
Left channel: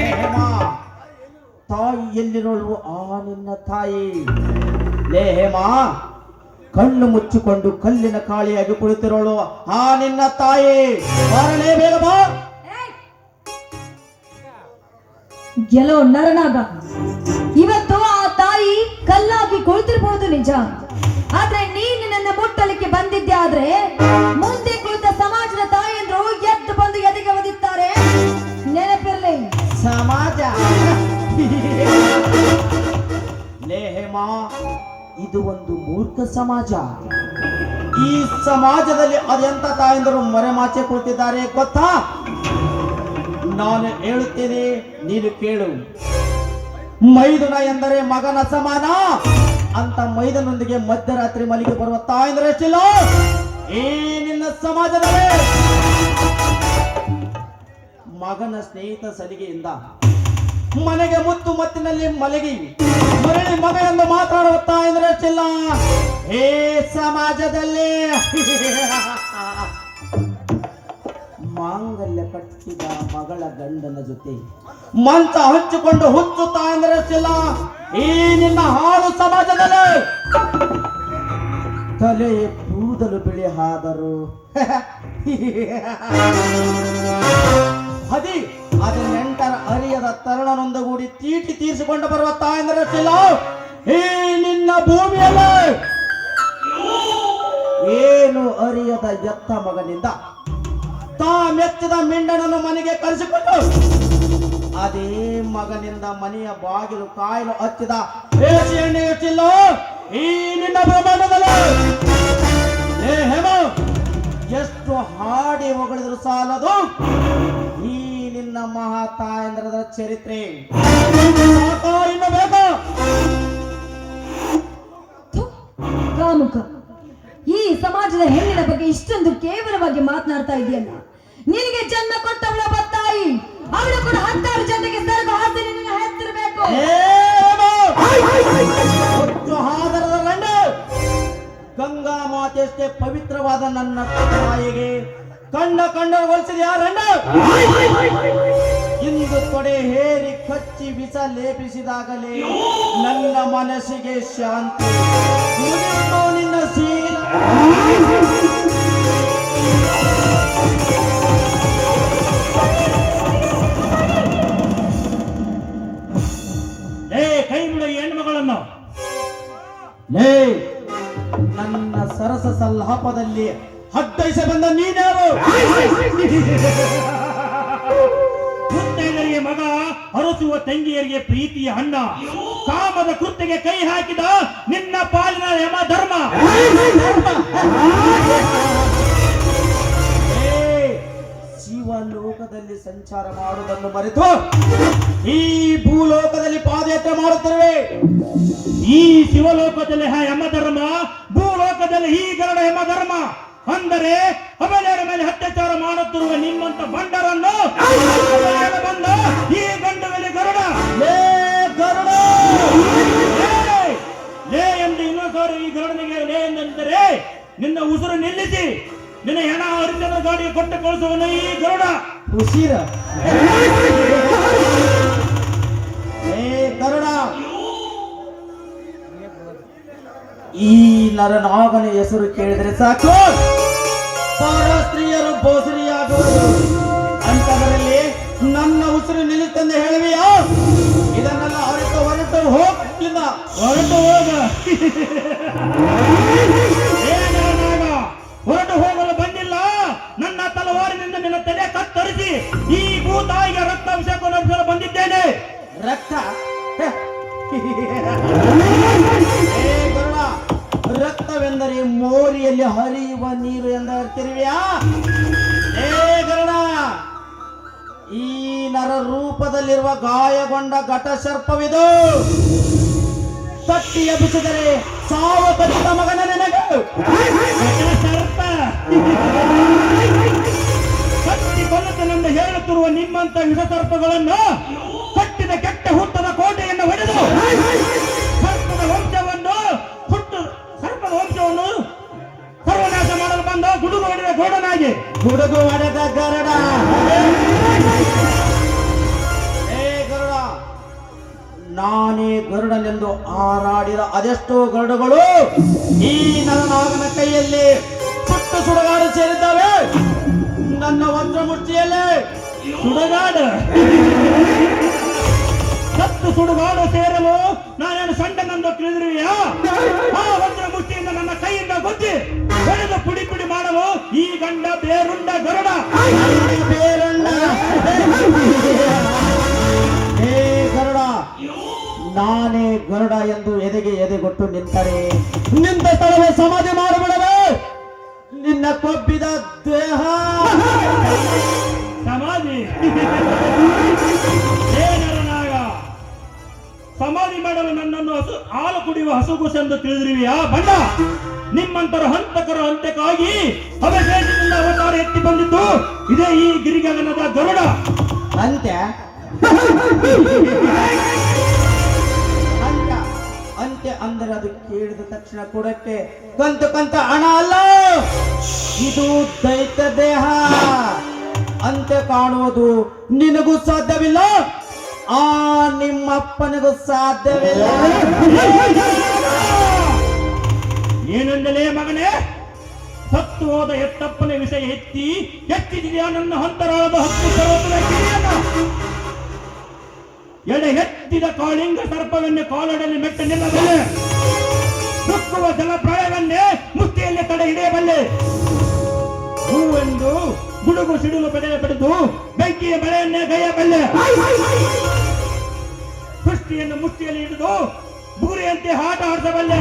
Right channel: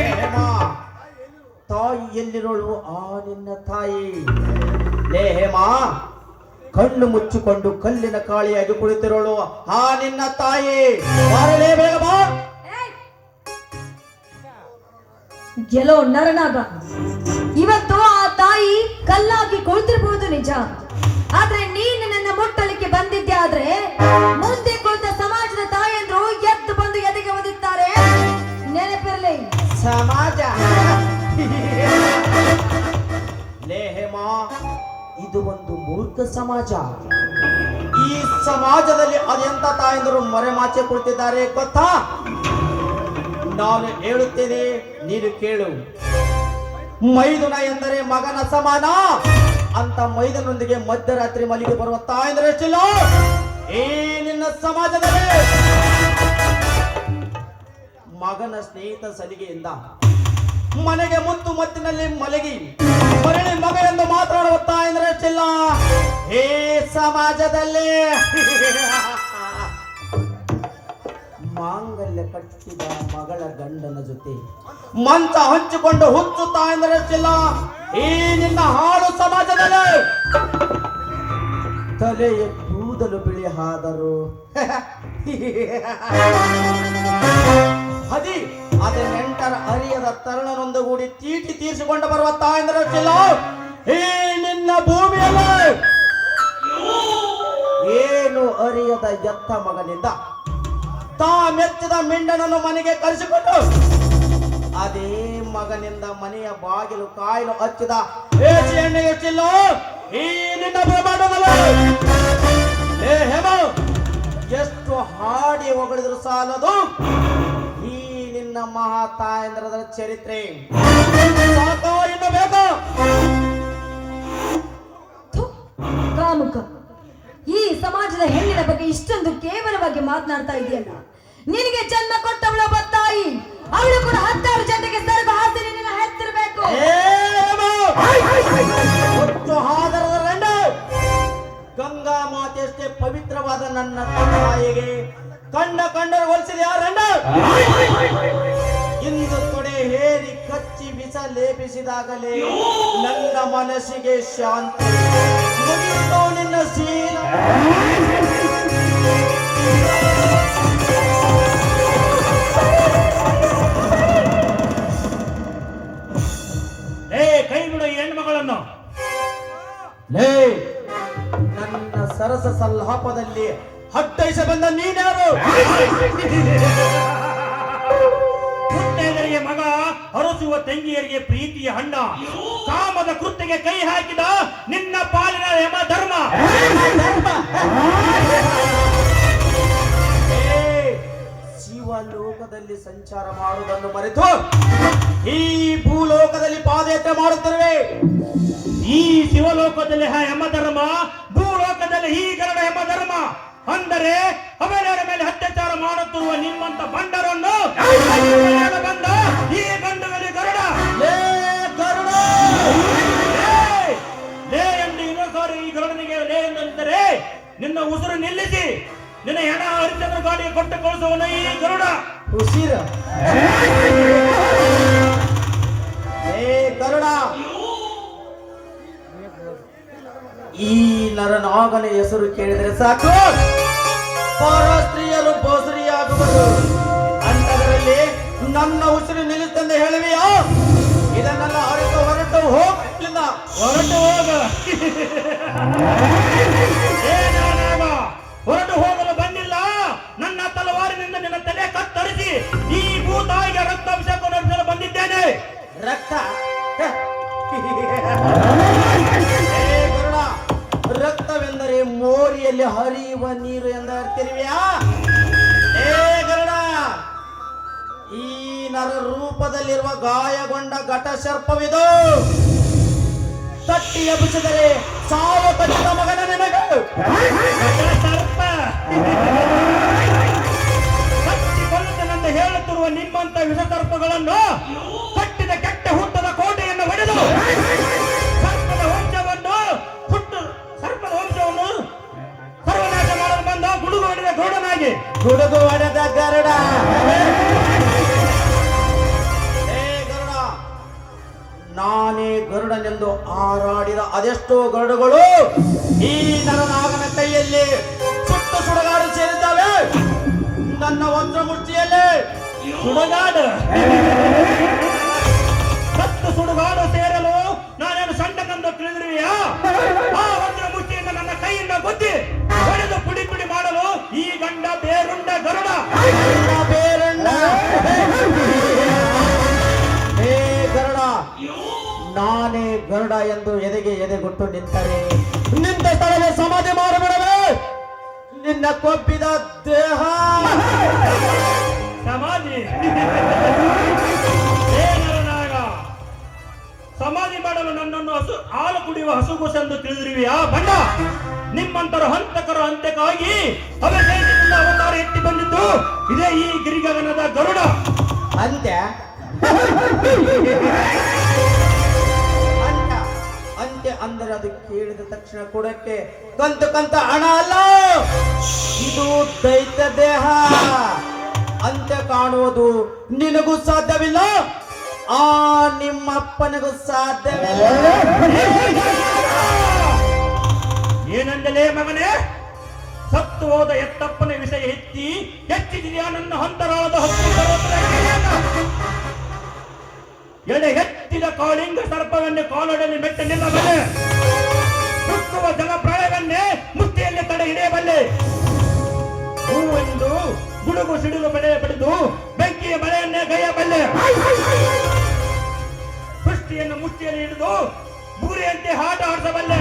ಹೇಮ, ತಾಯಿ ಎಲ್ಲಿರೋಳು ಆ ನಿನ್ನ ತಾಯಿ. ಲೇ ಹೇಮ, ಕಣ್ಣು ಮುಚ್ಚಿಕೊಂಡು ಕಲ್ಲಿನ ಕಾಳಿಯಾಗಿ ಕುಳಿತಿರೋಳು ಆ ನಿನ್ನ ತಾಯಿ. ಬಾರಲೇ, ಬೇಗ ಬಾ. ಗೆಲೋ ನರನಾಗ, ಇವತ್ತು ಆ ತಾಯಿ ಕಲ್ಲಾಗಿ ಕುಳಿತಿರ್ಬಹುದು ನಿಜ. ಆದ್ರೆ ನೀನು ನನ್ನ ಮುಟ್ಟಲಿಕ್ಕೆ ಬಂದಿದ್ದೆ ಆದ್ರೆ ಮುಂದೆ ಕುಳಿತ ಸಮಾಜದ ತಾಯಿಯಂದ್ರು ಎದ್ದು ಬಂದು ಎದೆಗೆ ಒದಿತಾರೆ. ನೆನಪಿರ್ಲಿ. ಸಮಾಜ. ಲೇ ಹೇಮ, ಇದು ಒಂದು ಮೂರ್ಖ ಸಮಾಜ. ಈ ಸಮಾಜದಲ್ಲಿ ಅದೆಂತ ತಾಯಂದರು ಮರೆಮಾಚೆ ಕುಳಿತಿದ್ದಾರೆ ಗೊತ್ತಾ? ನಾನು ಹೇಳುತ್ತೇನೆ, ನೀನು ಕೇಳು. ಮೈದುನ ಎಂದರೆ ಮಗನ ಸಮಾನ ಅಂತ ಮೈದನೊಂದಿಗೆ ಮಧ್ಯರಾತ್ರಿ ಮಲಿಗೆ ಬರುವ ತಾಯಂದ್ರೆ ಎಷ್ಟಿಲ್ಲ ಈ ನಿನ್ನ ಸಮಾಜದಲ್ಲಿ. ಮಗನ ಸ್ನೇಹಿತ ಸಲಿಗೆಯಿಂದ ಮನೆಗೆ ಮುತ್ತು ಮತ್ತಿನಲ್ಲಿ ಮಲಗಿ ಮರಳಿ ಮಗ ಎಂದು ಮಾತನಾಡುವ ತಾಯಂದ್ರೆ ಎಷ್ಟಿಲ್ಲ ಈ ಸಮಾಜದಲ್ಲಿ. ಮಾಂಗಲ್ಯ ಕಟ್ಟಿದ ಮಗಳ ಗಂಡನ ಜೊತೆ ಮಂಚ ಹಂಚಿಕೊಂಡು ಹುಚ್ಚು ತಾಯಂದ್ರೆ ಎಷ್ಟಿಲ್ಲ ಈ ನಿನ್ನ ಹಾಳು ಸಮಾಜದಲ್ಲಿ. ತಲೆಯ ಕೂದಲು ಬಿಳಿ ಆದರು ಅದೇ ನೆಂಟರ ಅರಿಯದ ತರುಣನೊಂದುಗೂಡಿ ತೀಟಿ ತೀರಿಸಿಕೊಂಡು ಬರುವ ತಾಯಂದಿರಷ್ಟಿಲ್ಲ ಈ ನಿನ್ನ ಭೂಮಿಯಲ್ಲಿ. ಏನು ಅರಿಯದ ಎತ್ತ ಮಗನಿಂದ ತಾ ಮೆಚ್ಚಿದ ಮಿಂಡನನ್ನು ಮನೆಗೆ ಕರೆಸಿಕೊಂಡು ಅದೇ ಮಗನಿಂದ ಮನೆಯ ಬಾಗಿಲು ಕಾಯಲು ಹಚ್ಚಿದ ಬೇಸಿ ಎಣ್ಣೆ ಎಷ್ಟಿಲ್ಲ ಈ ನಿನ್ನ ಬ್ರಹ್ಮಾಂಡದಲ್ಲಿ. ಹೇ ಹೇಮ, ಹಾಡಿ ಹೊಗಳಿದ್ರು ಸಾಲದು ಈ ನಿನ್ನ ಮಹಾ ತಾಯಂದ್ರದ ಚರಿತ್ರೆ. ಸಾಕೋ ಇನ್ನು ಬೇಕು? ಥು, ಕಾಮುಕ, ಈ ಸಮಾಜದ ಹೆಣ್ಣಿನ ಬಗ್ಗೆ ಇಷ್ಟೊಂದು ಕೇವಲವಾಗಿ ಮಾತನಾಡ್ತಾ ಇದೆಯಲ್ಲ. ನಿನಗೆ ಜನ್ಮ ಕೊಟ್ಟವಳ ತಾಯಿ, ಅವಳು ಕೂಡ 10 ಜನರಿಗೆ ಸರಕು ಹಾಕಿ ನಿನ್ನ ಹೆತ್ತಿರಬೇಕು. ಹಾದರದ ಗಂಡು ಗಂಗಾ ಮಾತೆಯಷ್ಟೇ ಪವಿತ್ರವಾದ ನನ್ನ ತಾಯಿಗೆ ಕಣ್ಣ ಹೋಲಿಸಿದ ಯಾರನ್ನು ಇಂದು ತೊಡೆ ಹೇರಿ ಕಚ್ಚಿ ವಿಷ ಲೇಪಿಸಿದಾಗಲೇ ನನ್ನ ಮನಸ್ಸಿಗೆ ಶಾಂತಿ. ಮುಗಿಯಿತು ನಿನ್ನ ಶೀಲ. ಕೈ ಬಿಡು ಈ ಹೆಣ್ಮಗಳನ್ನು. ಲೇ, ನನ್ನ ಸರಸ ಸಲ್ಲಾಪದಲ್ಲಿ ಹತ್ತೈಸ ಬಂದ ನೀನ್ಯಾರು? ಮುತ್ತೈದರಿಗೆ ಮಗ, ಹರಸುವ ತಂಗಿಯರಿಗೆ ಪ್ರೀತಿಯ ಅಣ್ಣ, ಕಾಮದ ಕೃತ್ಯಗೆ ಕೈ ಹಾಕಿದ ನಿನ್ನ ಪಾಲಿನ ಯಮ ಧರ್ಮ. ಶಿವಲೋಕದಲ್ಲಿ ಸಂಚಾರ ಮಾಡುವುದನ್ನು ಮರೆತು ಈ ಭೂಲೋಕದಲ್ಲಿ ಪಾದಯಾತ್ರೆ ಮಾಡುತ್ತಿರುವೆ. ಈ ಶಿವಲೋಕದಲ್ಲಿ ಯಮಧರ್ಮ, ಭೂಲೋಕದಲ್ಲಿ ಈ ಗರುಡ ಯಮಧರ್ಮ. ಅಂದರೆ ಅಬಲೆಯರ ಮೇಲೆ ಅತ್ಯಾಚಾರ ಮಾಡುತ್ತಿರುವ ನಿಮ್ಮಂತ ಬಂಡರನ್ನು ಬಂದ ಈ ಗಂಡದಲ್ಲಿ ಗರುಡ ಲೇ ಗರುಡ, ಲೇ ಎಂದು ಇನ್ನೊಂದು ಸಾರಿ ಈ ಗರುಡನಿಗೆ ಲೇ ಎಂದರೆ ನಿನ್ನ ಉಸಿರು ನಿಲ್ಲಿಸಿ ನಿನ್ನ ಹೆಣ ಹರಿಚಂದ್ರ ಗಾಡಿಗೆ ಕೊಟ್ಟು ಕಳಿಸುವನ ಈ ಗರುಡ. ಉಸಿರ ಏ ಗರುಡ, ಈ ನರನಾಗನ ಹೆಸರು ಕೇಳಿದರೆ ಸಾಕು ಪರಸ್ತ್ರೀಯರು ಬೋಸರಿಯಾಗುವರು. ಅಂತದರಲ್ಲಿ ನನ್ನ ಉಸಿರು ನಿಲ್ಲುತ್ತಂದು ಹೇಳುವೆಯಾ? ಇದನ್ನೆಲ್ಲ ಹೊರಟು ಹೋಗಿಲ್ಲ. ಹೊರಟು ಹೋಗ. ಹೊರಟು ಹೋಗಲು ಬಂದಿಲ್ಲ. ನನ್ನ ತಲವಾರಿನಿಂದ ನಿನ್ನ ತಲೆ ಕತ್ತರಿಸಿ ಈ ಭೂತಾಯಿಗೆ ರಕ್ತಾಭಿಷೇಕ ನಡೆಸಲು ಬಂದಿದ್ದೇನೆ. ರಕ್ತ ಗರುಡ, ರಕ್ತವೆಂದರೆ ಮೋರಿಯಲ್ಲಿ ಹರಿಯುವ ನೀರು ಎಂದು ಅರ್ಥಿರುವೆಯಾ? ಏ ಗರುಡ, ಈ ನರ ರೂಪದಲ್ಲಿರುವ ಗಾಯಗೊಂಡ ಘಟ ಸರ್ಪವಿದು. ತಟ್ಟಿ ಎಬ್ಬಿಸಿದರೆ ಸಾವ ಕಟ್ಟಿದ ಮಗನ ನನಗೆ ಸರ್ಪ ಕಟ್ಟಿ ಕೊಲ್ಲುತ್ತನೆಂದು ಹೇಳುತ್ತಿರುವ ನಿಮ್ಮಂತ ವಿಷಸರ್ಪಗಳನ್ನು ಕಟ್ಟಿದ ಕೆಟ್ಟ ಹುಟ್ಟದ ಕೋಟೆಯನ್ನು ಹೊಡೆದು ಸರ್ಪದ ವಂಶವನ್ನು ಸರ್ವನಾಶ ಮಾಡಲು ಬಂದ ಗುಡುಗು ಹೊಡೆದ ಗೌಡನಾಗಿ. ಗುಡುಗು ಹೊಡೆದ ಗರುಡ. ಏ ಗರುಡ, ನಾನೇ ಗರುಡನೆಂದು ಹಾರಾಡಿದ ಅದೆಷ್ಟೋ ಗರುಡಗಳು ಈ ನನ್ನ ಮಗನ ಕೈಯಲ್ಲಿ ಸುಟ್ಟು ಸುಡುಗಾಡು ಸೇರಿದ್ದಾವೆ. ನನ್ನ ವಜ್ರಮೂರ್ತಿಯಲ್ಲಿ ಸುಡುಗಾಡು ಸತ್ತು ಸುಡುಗಾಡು ಸೇರಲು ನಾನೇನು ಸಣ್ಣನೆಂದು ತಿಳಿದಿರುವೆಯಾ? ಆ ವಜ್ರ ಮುಷ್ಟಿಯಿಂದ ನನ್ನ ಕೈಯಿಂದ ಗುದ್ದಿ ಹೊಡೆದು ಪುಡಿ ಪುಡಿ ಮಾಡಲು ಈ ಗಂಡ ಬೇರುಂಡ ಗರುಡ. ಬೇರಣ್ಣ. ಏ ಗರುಡ, ನಾನೇ ಗರುಡ ಎಂದು ಎದೆಗೆ ಎದೆಗೊಟ್ಟು ನಿಂತರೆ ನಿಂತ ಸ್ಥಳವೇ ಸಮಾಧಿ ಮಾಡಿಬಿಡವೆ ನಿನ್ನ ಕೊಬ್ಬಿದ ದೇಹ. ಸಮಾಧಿ ಸಮಾಧಿ ಮಾಡಲು ನನ್ನನ್ನು ಹಾಲು ಕುಡಿಯುವ ಹಸುಗುಸೆಂದು ತಿಳಿದಿರುವೆಯಾ? ಬಣ್ಣ ನಿಮ್ಮಂತರ ಹಂತಕರ ಅಂತ್ಯಕ್ಕಾಗಿ ಅವಶೇಷದಿಂದ ಅವತಾರ ಎತ್ತಿ ಬಂದಿದ್ದು ಇದೇ ಈ ಗಿರಿಗಗನದ ಗರುಡ. ಅಂತ್ಯ ಅಂತ್ಯ ಅಂದರೆ ಅದು ಕೇಳಿದ ತಕ್ಷಣ ಕೊಡಕ್ಕೆ ಕಂತ ಹಣ ಅಲ್ಲ, ಇದು ದೈತ್ಯ ದೇಹ. ಅಂತ್ಯ ಕಾಣುವುದು ನಿನಗೂ ಸಾಧ್ಯವಿಲ್ಲ, ಆ ನಿಮ್ಮಪ್ಪನಿಗೂ ಸಾಧ್ಯವಿಲ್ಲ. ಏನಂದಲೇ ಮಗನೇ? ಸತ್ತು ಹೋದ ಎತ್ತಪ್ಪನ ವಿಷಯ ಎತ್ತಿದೆಯಾ ನನ್ನ ಹಂತರಾದ ಹತ್ತಿ ಪರ್ವತದ ಗಿರಿಯನ್ನು? ಎಡೆ ಎತ್ತಿದ ಕಾಳಿಂಗ ಸರ್ಪವನ್ನೇ ಕಾಲೊಡಲಿ ಮೆಟ್ಟ ನಿಲ್ಲಬಲ್ಲೆ, ಸುಕ್ಕುವ ಜಲಪ್ರಾಯವನ್ನೇ ಮುಷ್ಟಿಯಲ್ಲಿ ತಡೆ ಹಿಡಿಯಬಲ್ಲೆ. ಹೂವೆಂದು ಗುಡುಗು ಸಿಡಿಲು ಪಡೆದು ಬೆಂಕಿಯ ಬಳೆಯನ್ನೇ ಗೈಯಬಲ್ಲೆ. ಸೃಷ್ಟಿಯನ್ನು ಮುಷ್ಟಿಯಲ್ಲಿ ಹಿಡಿದು ಬೂರಿಯಂತೆ ಆಟ ಆಡಿಸಬಲ್ಲೆ.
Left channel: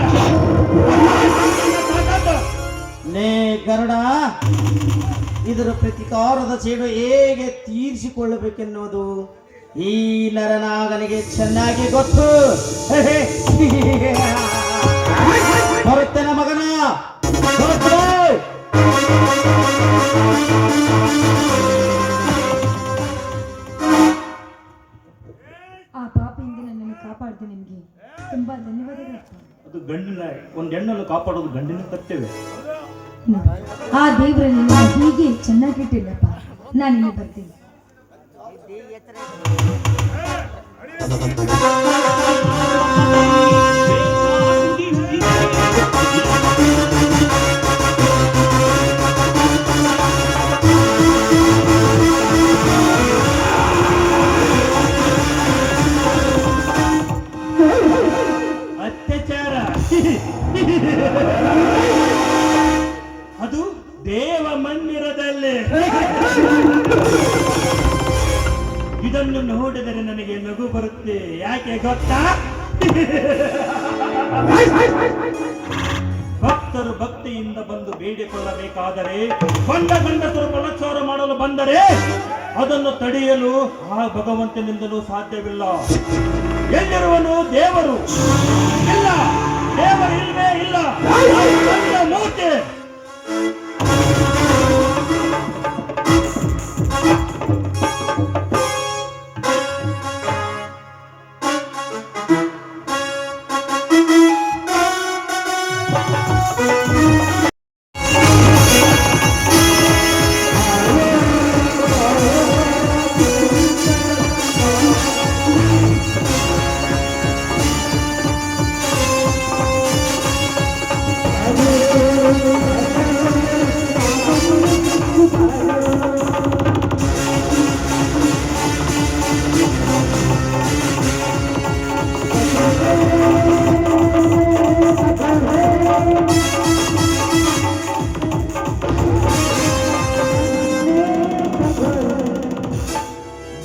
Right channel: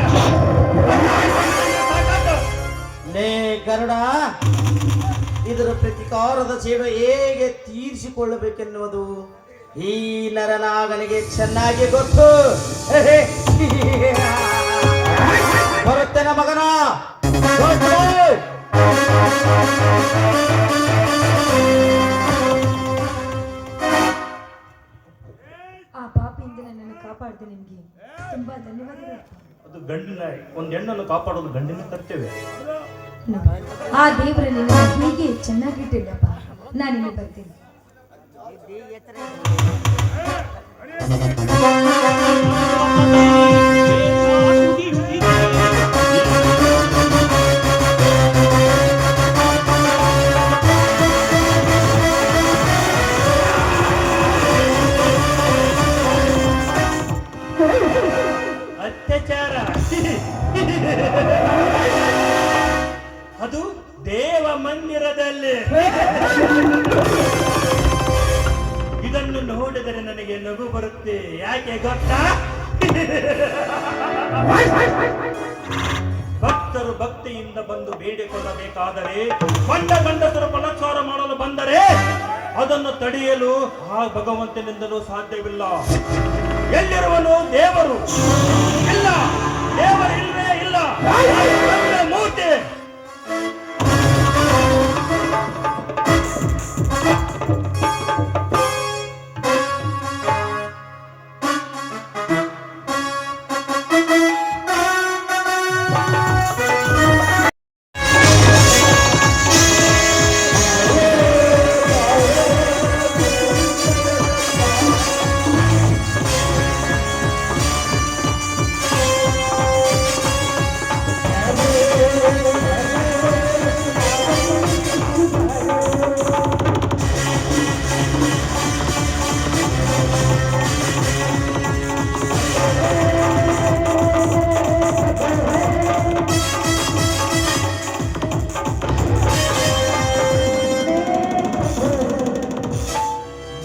ಲೇ ಗರುಡ, ಇದರ ಪ್ರತಿಕಾರದ ಸೇವೆ ಹೇಗೆ ತೀರಿಸಿಕೊಳ್ಳಬೇಕೆನ್ನುವುದು ಈ ನರನಾಗನಿಗೆ ಚೆನ್ನಾಗಿ ಗೊತ್ತು. ಬರುತ್ತೇನೆ ಮಗನ. ಆ ಪಾಪಿಯಿಂದ ನನ್ನನ್ನು ಕಾಪಾಡಿದೆ. ನಿಮಗೆ ತುಂಬಾ ಧನ್ಯವಾದಗಳು. ಅದು ಗಂಡಿನ ಒಂದು ಹೆಣ್ಣನ್ನು ಕಾಪಾಡೋದು ಗಂಡಿನ ಕರ್ತವ್ಯ. ಆ ದೇವರ ನಿನ್ನ ಹೀಗೆ ಚೆನ್ನಾಗಿಟ್ಟಿಲ್ಲಪ್ಪ. ನಾನು ಇಲ್ಲಿ ಬರ್ತೀನಿ. ಅತ್ಯಾಚಾರ ಅದು ದೇವ ಮಂದಿರದಲ್ಲಿ. ಇದನ್ನು ನೋಡಿದರೆ ನನಗೆ ನಗು ಬರುತ್ತೆ. ಯಾಕೆ ಗೊತ್ತಾ? ಭಕ್ತರು ಭಕ್ತಿಯಿಂದ ಬಂದು ಬೇಡಿಕೊಳ್ಳಬೇಕಾದರೆ ಗಂಡಸರು ಬಲಾತ್ಕಾರ ಮಾಡಲು ಬಂದರೆ ಅದನ್ನು ತಡೆಯಲು ಆ ಭಗವಂತನಿಂದಲೂ ಸಾಧ್ಯವಿಲ್ಲ. ಎಲ್ಲಿರುವನು ದೇವರು? ಇಲ್ಲ, ದೇವರಿಲ್ಲವೇ ಇಲ್ಲ. ಮೂರ್ತಿ.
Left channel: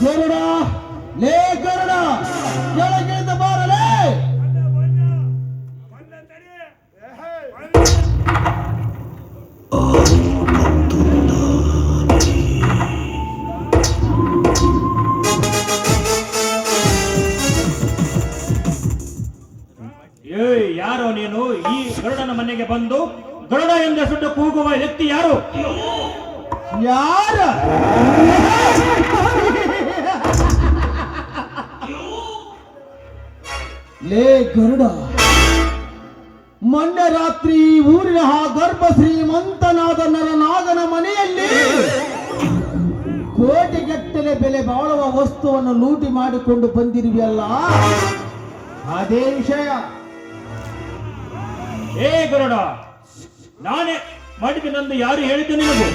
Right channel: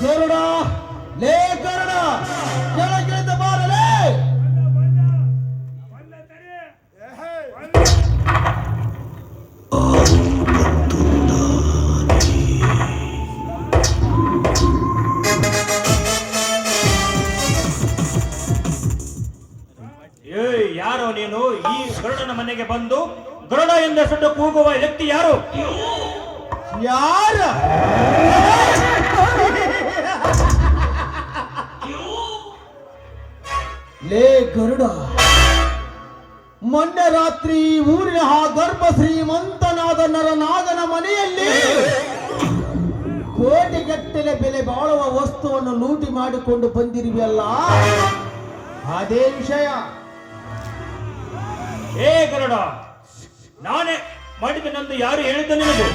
ಗರುಡ, ಲೇ ಗರುಡ, ಕೆಳಗಿಳಿದು ಬಾರಲೇ. ಯಾರೋ ನೀನು? ಈ ಗರುಡನ ಮನೆಗೆ ಬಂದು ಗರುಡ ಎಂದು ಸುಟ್ಟು ಕೂಗುವ ವ್ಯಕ್ತಿ ಯಾರು? ಯಾರ? ಲೇ ಗರುಡ, ಮೊನ್ನೆ ರಾತ್ರಿ ಊರಿನ ಆ ಗರ್ಭ ಶ್ರೀಮಂತನಾದ ನರನಾಗನ ಮನೆಯಲ್ಲಿ ಕೋಟಿಗಟ್ಟಲೆ ಬೆಲೆ ಬಾಳುವ ವಸ್ತುವನ್ನು ಲೂಟಿ ಮಾಡಿಕೊಂಡು ಬಂದಿರುವೆಯಲ್ಲ, ಅದೇ ವಿಷಯ. ಏ ಗರುಡ, ನಾನೇ ಮಾಡಿದೆನೆಂದು ಯಾರು ಹೇಳಿದ್ದೆ ನಿನಗೆ?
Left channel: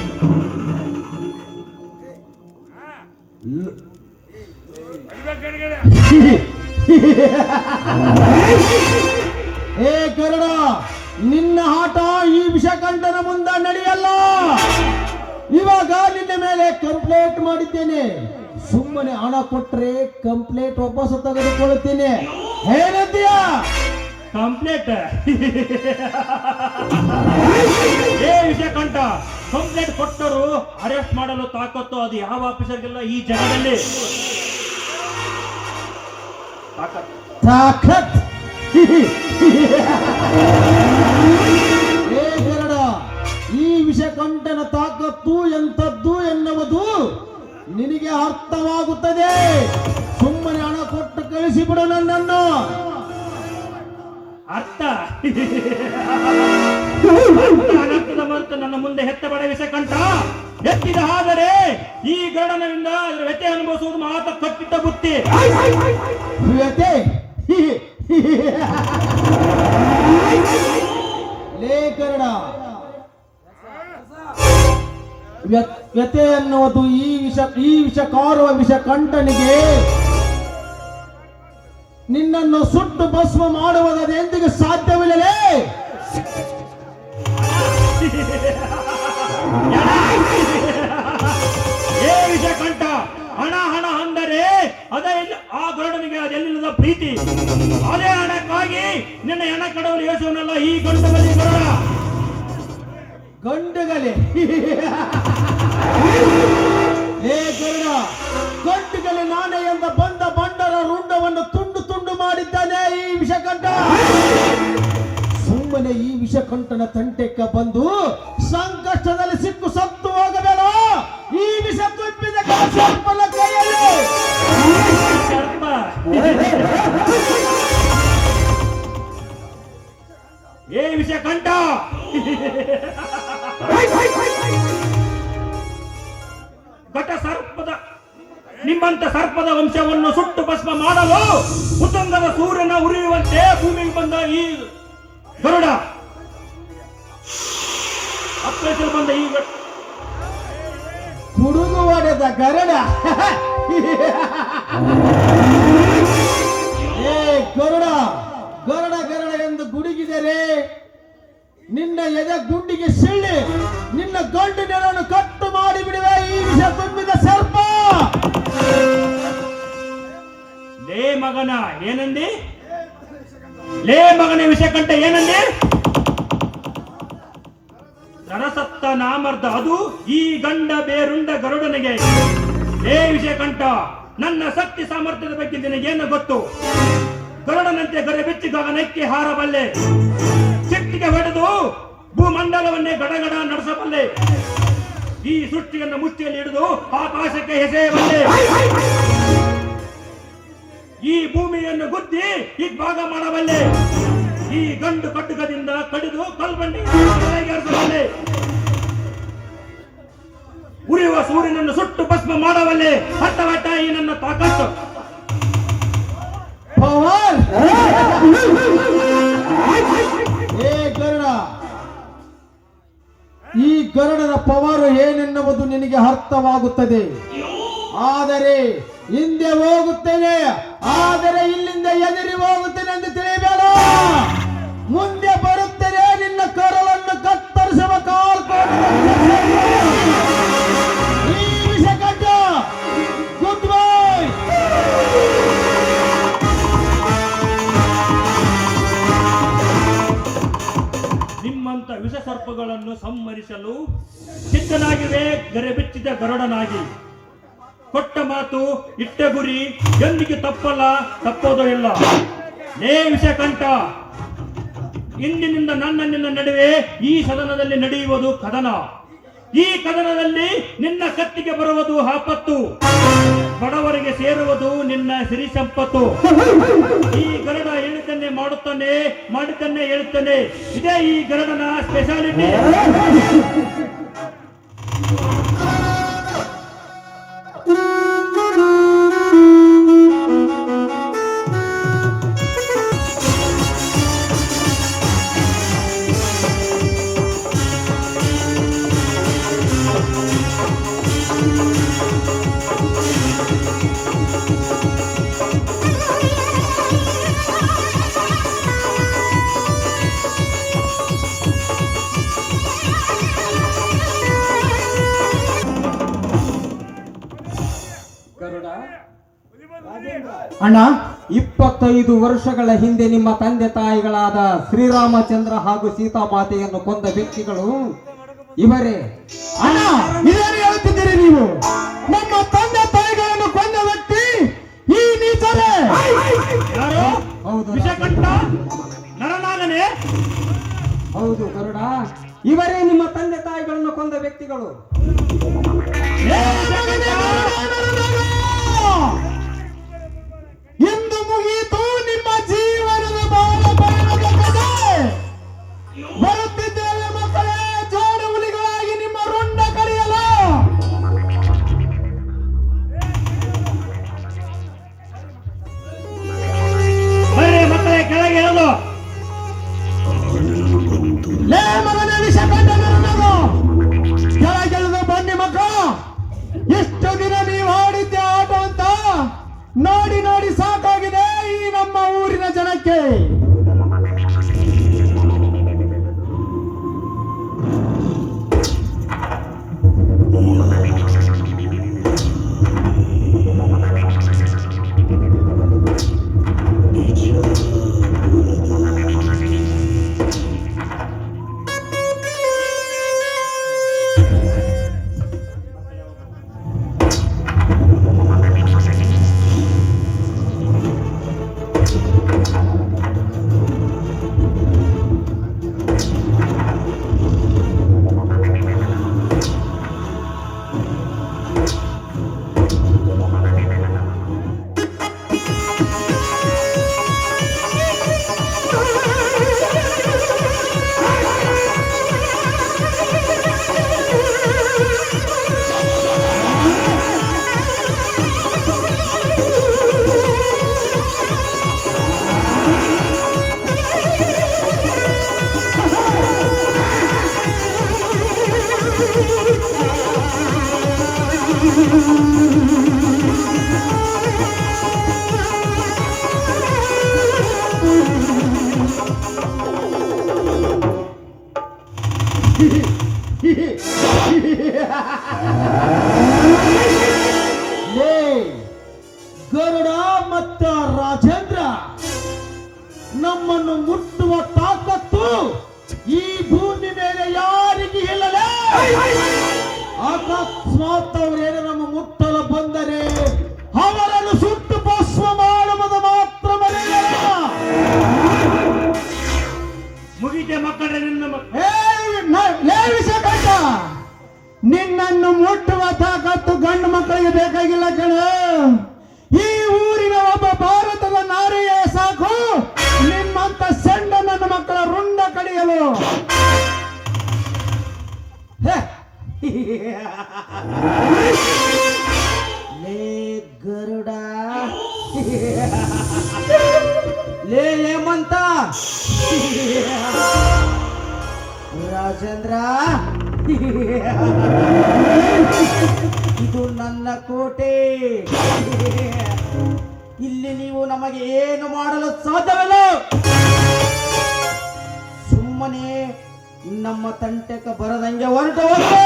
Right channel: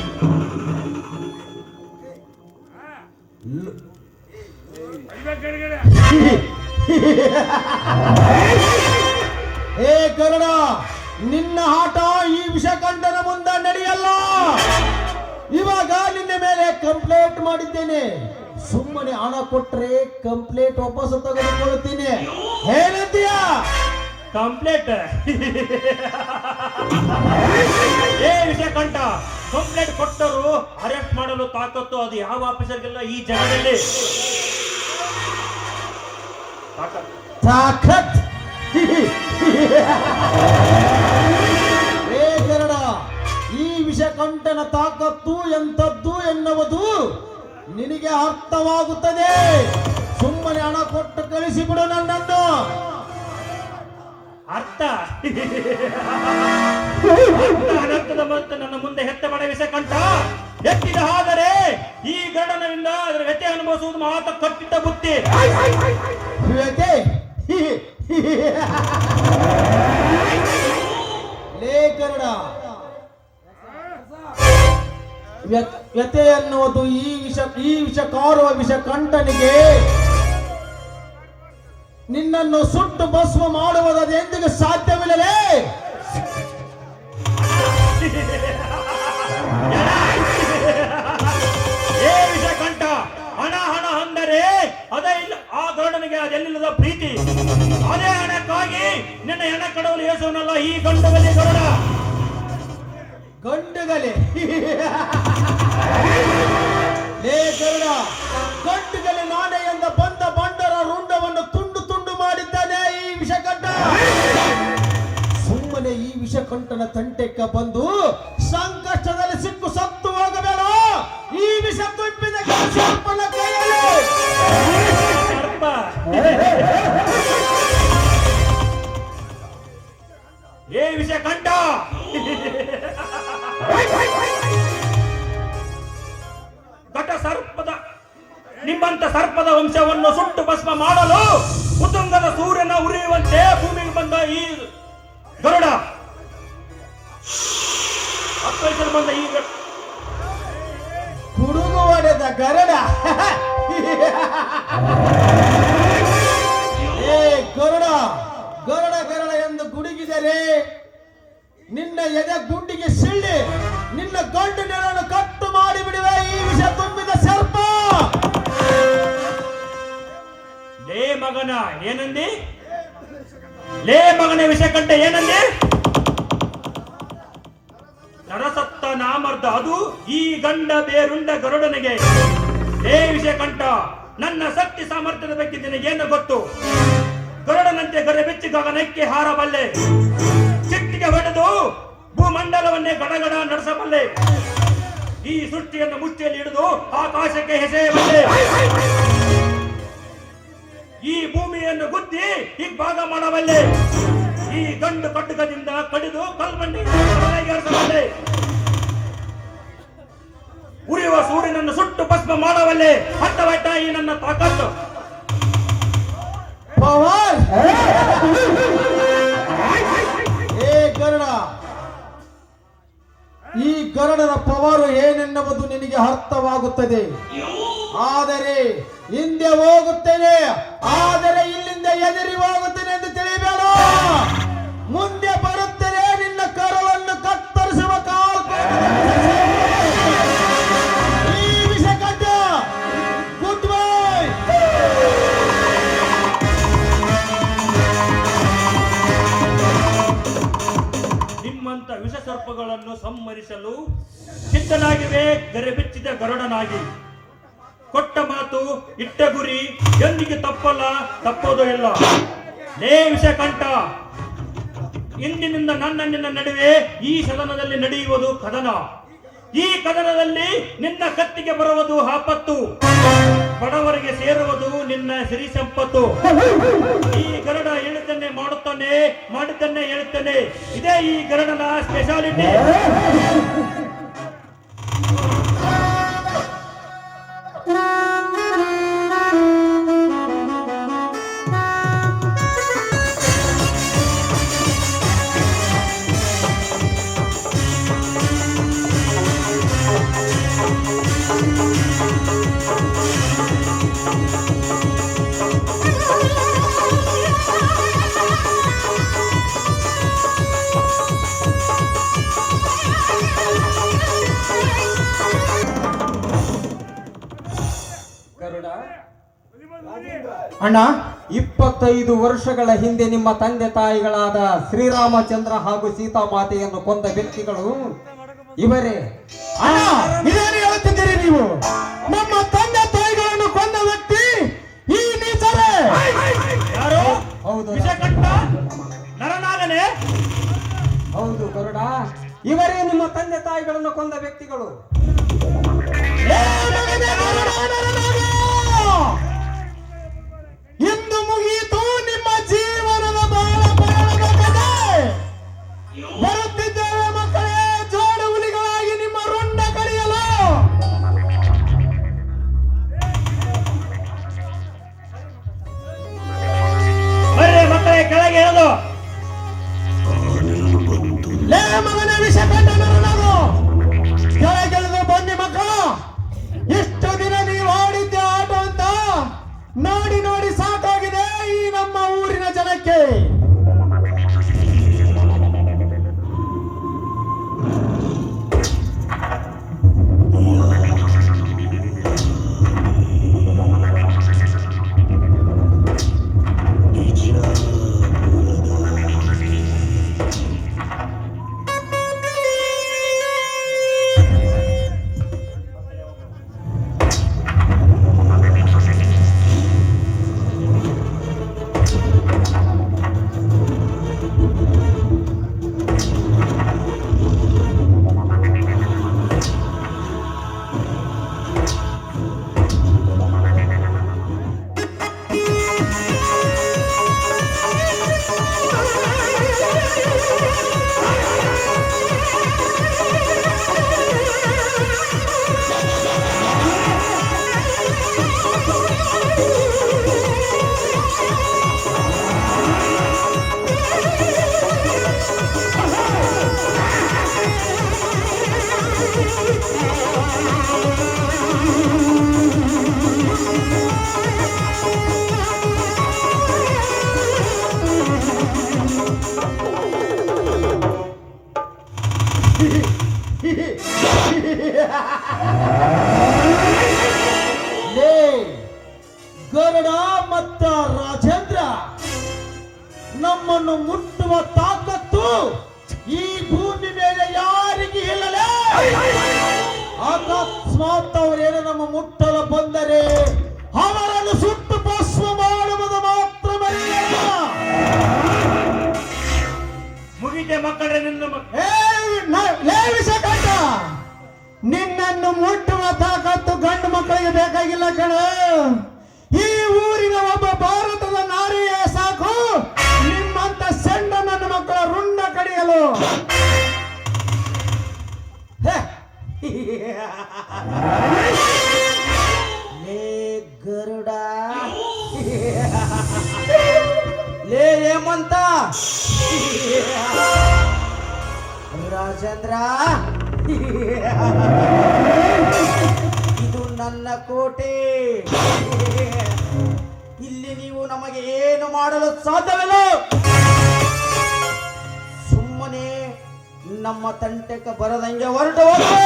ಏ ಗರುಡ, ನಿನ್ನ ಆಟ ಈ ವಿಷಕಂಠನ ಮುಂದೆ ನಡೆಯಲ್ಲ. ಇವಾಗ ನಿನ್ನ ಮೇಲೆ ಕಂಪ್ಲೇಂಟ್ ಮಾಡಿದ್ದೇನೆ. ಸುಮ್ಮನೆ ಹಣ ಕೊಟ್ರೆ ಕಂಪ್ಲೇಂಟ್ ವಾಪಸ್ ತೆಗೆದುಕೊಳ್ಳುತ್ತೇನೆ. ಏನಂತೀಯ? ಕಂಪ್ಲೇಂಟ್? ಏ ವಿಷಕಂಠ, ಕಂಪ್ಲೇಂಟ್ ಕೊಟ್ಟರು ಅರೆಸ್ಟ್ ಮಾಡಲು ತಾಕತ್ತು ಅದು ಯಾವ ಆಫೀಸರ್ಗಿಲ್ಲ ಈ ಜಗದಲ್ಲಿ. ತಾಕತ್? ಏ ಗರುಡ, ಈ ವಿಷಕಂಠನ ತಾಕತ್ತು ಎಂಥದ್ದು ಎನ್ನುವುದು ನಿನಗೆ ಅರ್ಥವಾಗುತ್ತದೆ. ಸುಮ್ಮನೆ ಹಣ ಕೊಟ್ಟು ಕಳಿಸಿಬಿಡು ನನ್ನನ್ನು. ಅರ್ಥ? ಅನರ್ಥದ ಮಾತು ನನ್ನ ಮುಂದೆ ಹೆತ್ತಬೇಡ ವಿಷಕಂಠ. ಎತ್ತಿದ ಆದರೆ ಈ ಗರುಡನಿಂದ ಅದರ ವ್ಯಥೆ ಅನುಭವಿಸುವುದು ಮಾತ್ರ ಕಟ್ಟಿಟ್ಟ ಬುತ್ತಿ. ವ್ಯಥೆ? ಲೇ ಗರುಡ, ವ್ಯಥೆ ಅನ್ನುವುದು ಈ ವಿಷಕಾರುವ ವಿಷಕಂಠನಿಗೆ ನಿನ್ನನ್ನು ಸುಟ್ಟು ಭಸ್ಮ ಮಾಡುವುದರ ಎಂದಿಗೂ ಸಾಧ್ಯವಿಲ್ಲಲೇ. ಏ ವಿಷಕಂಠ, ಹಣ ಹಣ ಅಂದರೆ ಅದೇ ಆ ಗರುಡನಿಗೆ ಅದೆಲ್ಲಿಲ್ಲದ ಪ್ರೀತಿ. ಅದೇ ಹಣಕ್ಕಾಗಿ ನಿನ್ನ ಹೆಣ ಕಡವಲು ಯೇಸುವನಲ್ಲ ಈ ಗಂಡದಲ್ಲಿ ಗರುಡ. ಗಂಡುಗಲೆ ಲೇ ಗರುಡ, ಗಂಡುಗಲೆ ನಾನೇ ಎಂದ ಬಂದ ಬಂಡರ ರುಂಡವನ್ನು ತುಂಡು ತುಂಡು ಮಾಡಿದ್ದಾನೆ ಈ ವಿಷಕಂಠ. ಸುಮ್ಮನೆ ಈ ವಿಷಕಂಠನ ತಂಟೆಕ್ಕ ಬಂದು ಸಂಕಷ್ಟದಲ್ಲಿ ಸಿಕ್ಕು ಸತ್ತು ಹೋಗಬೇಡ. ಈ ವಿಷ ತುಂಬಿದ ಸರ್ಪನ ಕೈಯಲ್ಲಿ ಸರ್ಪ. ಏ ವಿಷ ಕಂಠ, ಘಟ ಸರ್ಪದ ನಿಮ್ಮಂತ ಸರ್ಪದ ವಂಶವನ್ನು ಸುಟ್ಟು ಭಸ್ಮ ಮಾಡಲು ಉತ್ತುಂಗದ ಸೂರ್ಯನ ಉರಿಯುವಂತೆ ಭೂಮಿಗೆ ಬಂದ ಈ ಗರುಡ, ಅಪ್ಪೇಸಲು ಬಂದ ಈ ಹುಡುಗು ಹೊಡೆದ ಗರುಡ. ಏ ಗರುಡ, ಗರುಡ ಗರುಡ ಎಂದು ಗುಡುಗಿದರೆ ನಿನ್ನ ಎದೆ ಗುಂಡಿಗೆ ಸಿಳ್ಳಿ ನಿನ್ನ ಗಂಡು ನೆರವನ್ನು ಕಟ್ಟು ಮಾಡಿ ಬಿಡುವೆ ಈ ವಿಷ ತುಂಬಿದ ಸರ್ಪ. ಲೇ ಮಗನ ಏನಂದಿ? ಲೇ ಮಗನ ವಿಷಕಂಠ ಏನಂದಿ? ನರಸತ್ತ ನಾಮರ್ದ ಅದು ಈ ಗಂಡ ಬೇರುಂಡ ಗರುಡನಿಗೆ. ಲೇ ವಿಷಕಂಠ, ನನ್ನ ಶಕ್ತಿ ಸಾಮರ್ಥ್ಯದ ಬಗ್ಗೆ ನಿನಗೇನು ಗೊತ್ತು? ಗರುಡನಂತೆ ಗರೆ ಬೆಚ್ಚಿ ಗಗನಕ್ಕೆ ಹಾರಬಲ್ಲೆ, ಚಿಟ್ಟಿಗೆ ಹೊಡೆದು ಭೂಮಂಡಲವನ್ನೇ ಗಡಗಡ ನಡೆಸಬಲ್ಲೆ, ಈ ಸೃಷ್ಟಿಯನ್ನು ಮುಚ್ಚಿಯಲ್ಲಿ ಹಿಡಿದು ಆಕಾಶಕ್ಕೆ ಎಸೆಯಬಲ್ಲೆ, ಈ ಭೂಮಿಯನ್ನು ಗುದ್ದಿ ಇಬ್ಬಾಗ ಮಾಡಬಲ್ಲೆ, ಈ ಗಂಡು ಕಟ್ಟುಕದಿಂದ ಕಡಿದು ಕಲ್ಬಂಡಿ ಬಲ್ಲೆ, ಉರಿಯುವ ಸೂರ್ಯನನ್ನು ಸುಟ್ಟು ಭಸ್ಮ ಮಾಡಬಲ್ಲೆ. ಹಟ್ಟವಟ್ಟ ಈ ನನ್ನ ತಾಕತ್ತು. ಪವರ್. ಏ ಗರುಡ, ಈ ಗರುಡನ ಪವರ್ ಏನೆನ್ನುವುದು ನಿನಗೆ ಅರ್ಥವಾಗುತ್ತದೆ. ಆದರೆ ಹಿಂದೆ ಹೋಗುತ್ತೇನೆ, ಆದರೆ ಇಲ್ಲಿಂದ ಎದುರಿ ಹೋಗುತ್ತೇನೆ ಎಂದು ತಿಳಿಯಬೇಡ. ಮುಂದೆ ಬರುತ್ತೇನೆ, ನಿನ್ನ ಕರಳನ್ನು ಕತ್ತರಿಸುವ ಈ ವಿಷಕಂಠ. Good bye. ನಿಮ್ಮಂತ ವಿಷ ಸರ್ಪಗಳನ್ನು ಸಂಹರಿಸಲು ಸಿದ್ಧನಾಗಿವೆ ಗರೆ ಬಿಚ್ಚಿದ ಗರುಡನಾಗಿ. ಕೊಟ್ಟ ಮಾತು ಇಟ್ಟ ಗುರಿ ಎಂದಿಗೆ ತಪ್ಪಲ್ಲ, ತಪ್ಪೋದು ಇಲ್ಲ. ಲೇ ವಿಷಕಂಠ, ಇಂದಿನಿಂದ ನನ್ನ ನಿನ್ನ ನಡುವೆ ಈ ಸದನದಲ್ಲಿ ನಡೆಯುವುದು ಕದನ. ಈ ಕದನದಲ್ಲಿ ನಿನ್ನ ಕತ್ತಿಗೆ ಬರುವುದು ಆಪತ್ತು, ಬಡವರಿಗೆ ಸೇರುವುದು ನಿನ್ನ ಸಿರಿ ಸಂಪತ್ತು. ಈ ಗರುಡ ಹೇಳುತ್ತನ್ನೇ ಮಾಡುತ್ತಾನೆ, ಮಾಡುತ್ತನ್ನೇ ಹೇಳುತ್ತಾನೆ. ಇದೇ ಈ ಗರುಡನ ಸ್ಪೆಷಾಲಿಟಿ. ಅಣ್ಣ, 25 ವರ್ಷಗಳ ಹಿಂದೆ ನಿಮ್ಮ ತಂದೆ ತಾಯಿಗಳಾದ ಶ್ರೀರಾಮಚಂದ್ರ ಹಾಗೂ ಸೀತಾಮಾತೆಯನ್ನು ಕೊಂದ ವ್ಯಕ್ತಿಗಳು ಇವರೇ. ಅಣ್ಣ, ಇದೇನು ಹೇಳುತ್ತಿದ್ದೀರಿ ನೀವು? ನಮ್ಮ ತಂದೆ ತಾಯಿಗಳನ್ನು ಕೊಂದ ವ್ಯಕ್ತಿ ಈ ನೀಚರೇ. ಯಾರು? ಹೌದು ವಿಷಕಂಠ ನರನಾಗನೆ. ಹೌದು ಗರುಡ, ಇವರೇ ನಿಮ್ಮ ತಂದೆ ತಾಯಿಗಳನ್ನು ಕೊಂದ ವ್ಯಕ್ತಿಗಳು. ಇಂದು ಮುಗಿಯಿತು ನಿಮ್ಮ ಜೀವನದ ಬಾಳ ಬಾಳದ ಕಥೆ. ಬರುತ್ತಿದ್ದೇವೆ ಮಕ್ಕಳೇ, ಜೋಡು ಹುಲಿಗಳಾಗಿ ನಿಮ್ಮ ರುಂಡ ಕಡಿಯಲು. ಬರ್ರಿ ಮಕ್ಕಳೇ, ಕೆಳಗೆ ಹೇಳೋದು. ಲೇ ಮಗನ ವಿಷಕಂಠನದು ಕೆಳಗೆಳೆದು ಬನ್ನಿ ಮಕ್ಕಳು. ಇಷ್ಟು ದಿನ ನೀವು ಆಡಿದ್ದ ಲೇ ಗರುಡ ಮತ್ತು ರಾಜೇಂದ್ರ, ನಮ್ಮನ್ನು ಮುಟ್ಟುವ ತಾಕತ್ತು ಈ ಭೂಮಿ ಮೇಲೆ ಯಾರಿಗೆ ಇಲ್ಲಲೇ. ಅಕಸ್ಮಾತ್ ಅವರೇನು ನಮ್ಮ ಮುಟ್ಟಲು ಬಂದರೆ ಅವರನ್ನು ಸುಟ್ಟು ಭಸ್ಮ ಮಾಡುವುದು ಮಾತ್ರ ಮರೆಯಲ್ಲ. ಮುಗಿತೆ ಮಕ್ಕಳೇ ನಿನ್ನ ವಿಷಕಂಠ, ನಿನ್ನನ್ನು ಮುಟ್ಟುವ ತಾಕತ್ತು ಗಂಡು ಮಕ್ಕಳಿಗೆ ಬೇಕಾಗಿಲ್ಲ ಕಣ. ಈ ಊರಿನ ಒಬ್ಬ ಭಾರತದ ನಾರಿಯೇ ಸಾಕು ನಿನ್ನಂತ ಸಣ್ಣ ನನ್ನ ಮಕ್ಕಳ ರುಂಡ ಕಡಿಯಲು. ಲೇ ಗರುಡ, ಲೇ ಹೇಮಂತ, ರಾಜೇಂದ್ರ, ಇದು ನನ್ನ ಕೋಟೆ. ಇಲ್ಲಿ ನೀವು ನಮಗೆ ಏನು ಮಾಡಲು ಸಾಧ್ಯವಿಲ್ಲ. ಸುಮ್ಮನೆ ನಮ್ಮ ತಂಟೆಗೆ ಬರದಂಗೆ ಹೊರಟು ಹೋಗಿ.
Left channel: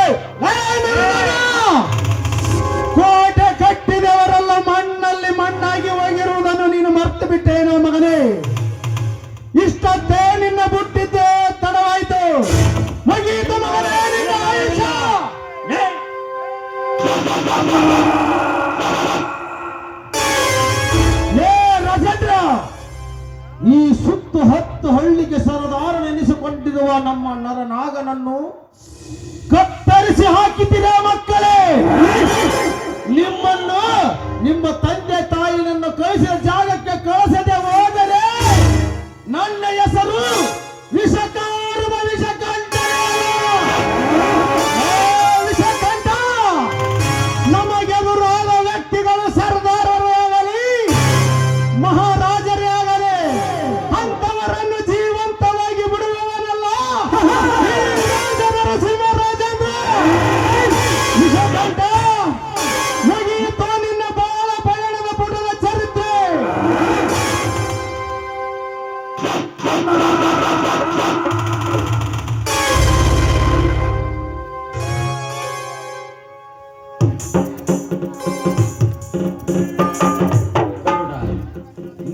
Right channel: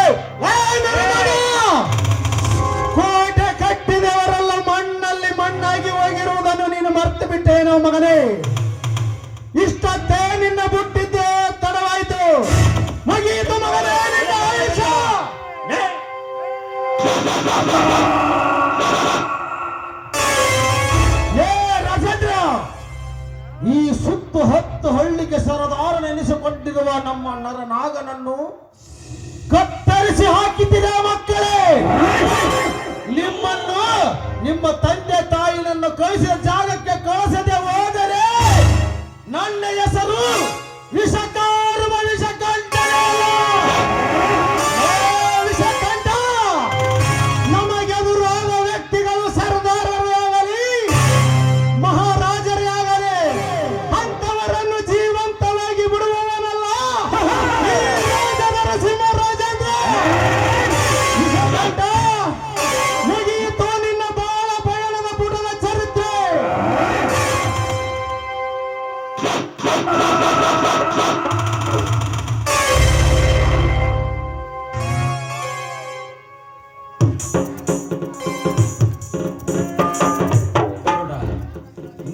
ಕೋಟೆ ಕಟ್ಟಿದವರೆಲ್ಲ ಮಣ್ಣಲ್ಲಿ ಮಣ್ಣಾಗಿ ಹೋಗಿರುವುದನ್ನು ನೀನು ಮರ್ತು ಬಿಟ್ಟೇನೋ ಮಗನೇ. ಇಷ್ಟೊತ್ತೇ ನಿನ್ನ ಬುಟ್ಟಿದ್ದೆ ತಡವಾಯಿತು. ಮುಗಿಯಿತು ಮಗನೇ ನಿನ್ನ ಆಯುಷ್ಯ. ಏ ರಾಜೇಂದ್ರ, ಈ ಸುತ್ತು ಹತ್ತು ಹಳ್ಳಿಗೆ ಸರದಾರನೆನಿಸಿಕೊಂಡಿರುವ ನಮ್ಮ ನರನಾಗನನ್ನು ಕತ್ತರಿಸಿ ಹಾಕಿದ್ದೀರ ಮಕ್ಕಳೇ. ನಿಮ್ಮನ್ನು ನಿಮ್ಮ ತಂದೆ ತಾಯಿನನ್ನು ಕಳಿಸಿದ ಜಾಗಕ್ಕೆ ಕಳಿಸದೆ ಹೋದರೆ ನನ್ನ ಹೆಸರು ವಿಷಕಾರುವ ವಿಷಕಂಠ. ವಿಷಕಂಠ, ನಮಗೆದುರಾದ ವ್ಯಕ್ತಿಗಳು ಸರ್ದಾರರೇ ಆಗಲಿ ಮಹಾರಾಜರೇ ಆಗಲಿ ಅಂತವರನ್ನು ಜೀವಂತವಾಗಿ ಬಿಡುವವನಲ್ಲ ಈ ರಾಜರ ಸಿಂಹರಾಜೇಂದ್ರ. ವಿಷಕಂಠ, ಮುಗಿಯಿತು ನಿನ್ನ ಬಾಳ ಪಯಣದ ಪುಟದ ಚರಿತ್ರೆ.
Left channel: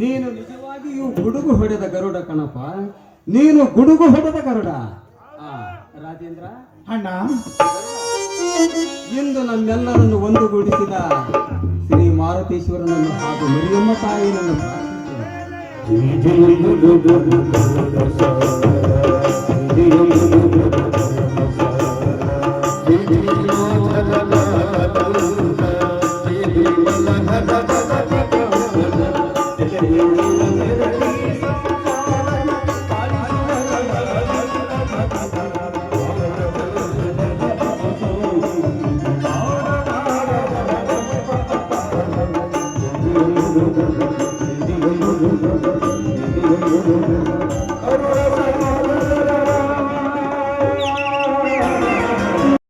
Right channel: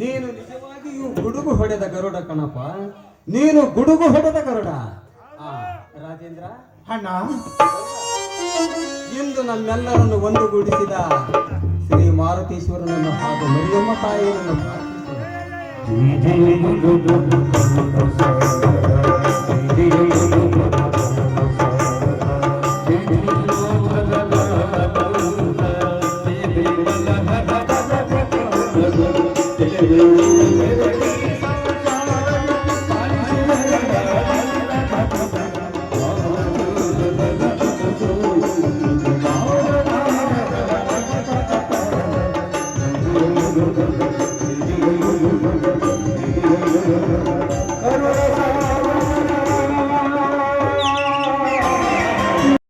ನೀನು ನಿಜವಾಗಿಯೂ ಗುಡುಗು ಹೊಡೆದ ಗರುಡ ಕಣಪ್ಪ. ನೀನು ಗುಡುಗು ಹೊಡೆದ ಗರುಡ. ರಾಜೇಂದ್ರ ಅಣ್ಣ, ಇಂದು ನಮ್ಮೆಲ್ಲರನ್ನು ಒಂದುಗೂಡಿಸಿದ ಶ್ರೀ ಮಾರುತೇಶ್ವರನನ್ನು ಹಾಗೂ ಮರಿಯಮ್ಮ ತಾಯಿಯನ್ನು ಪ್ರಾರ್ಥಿಸುವ.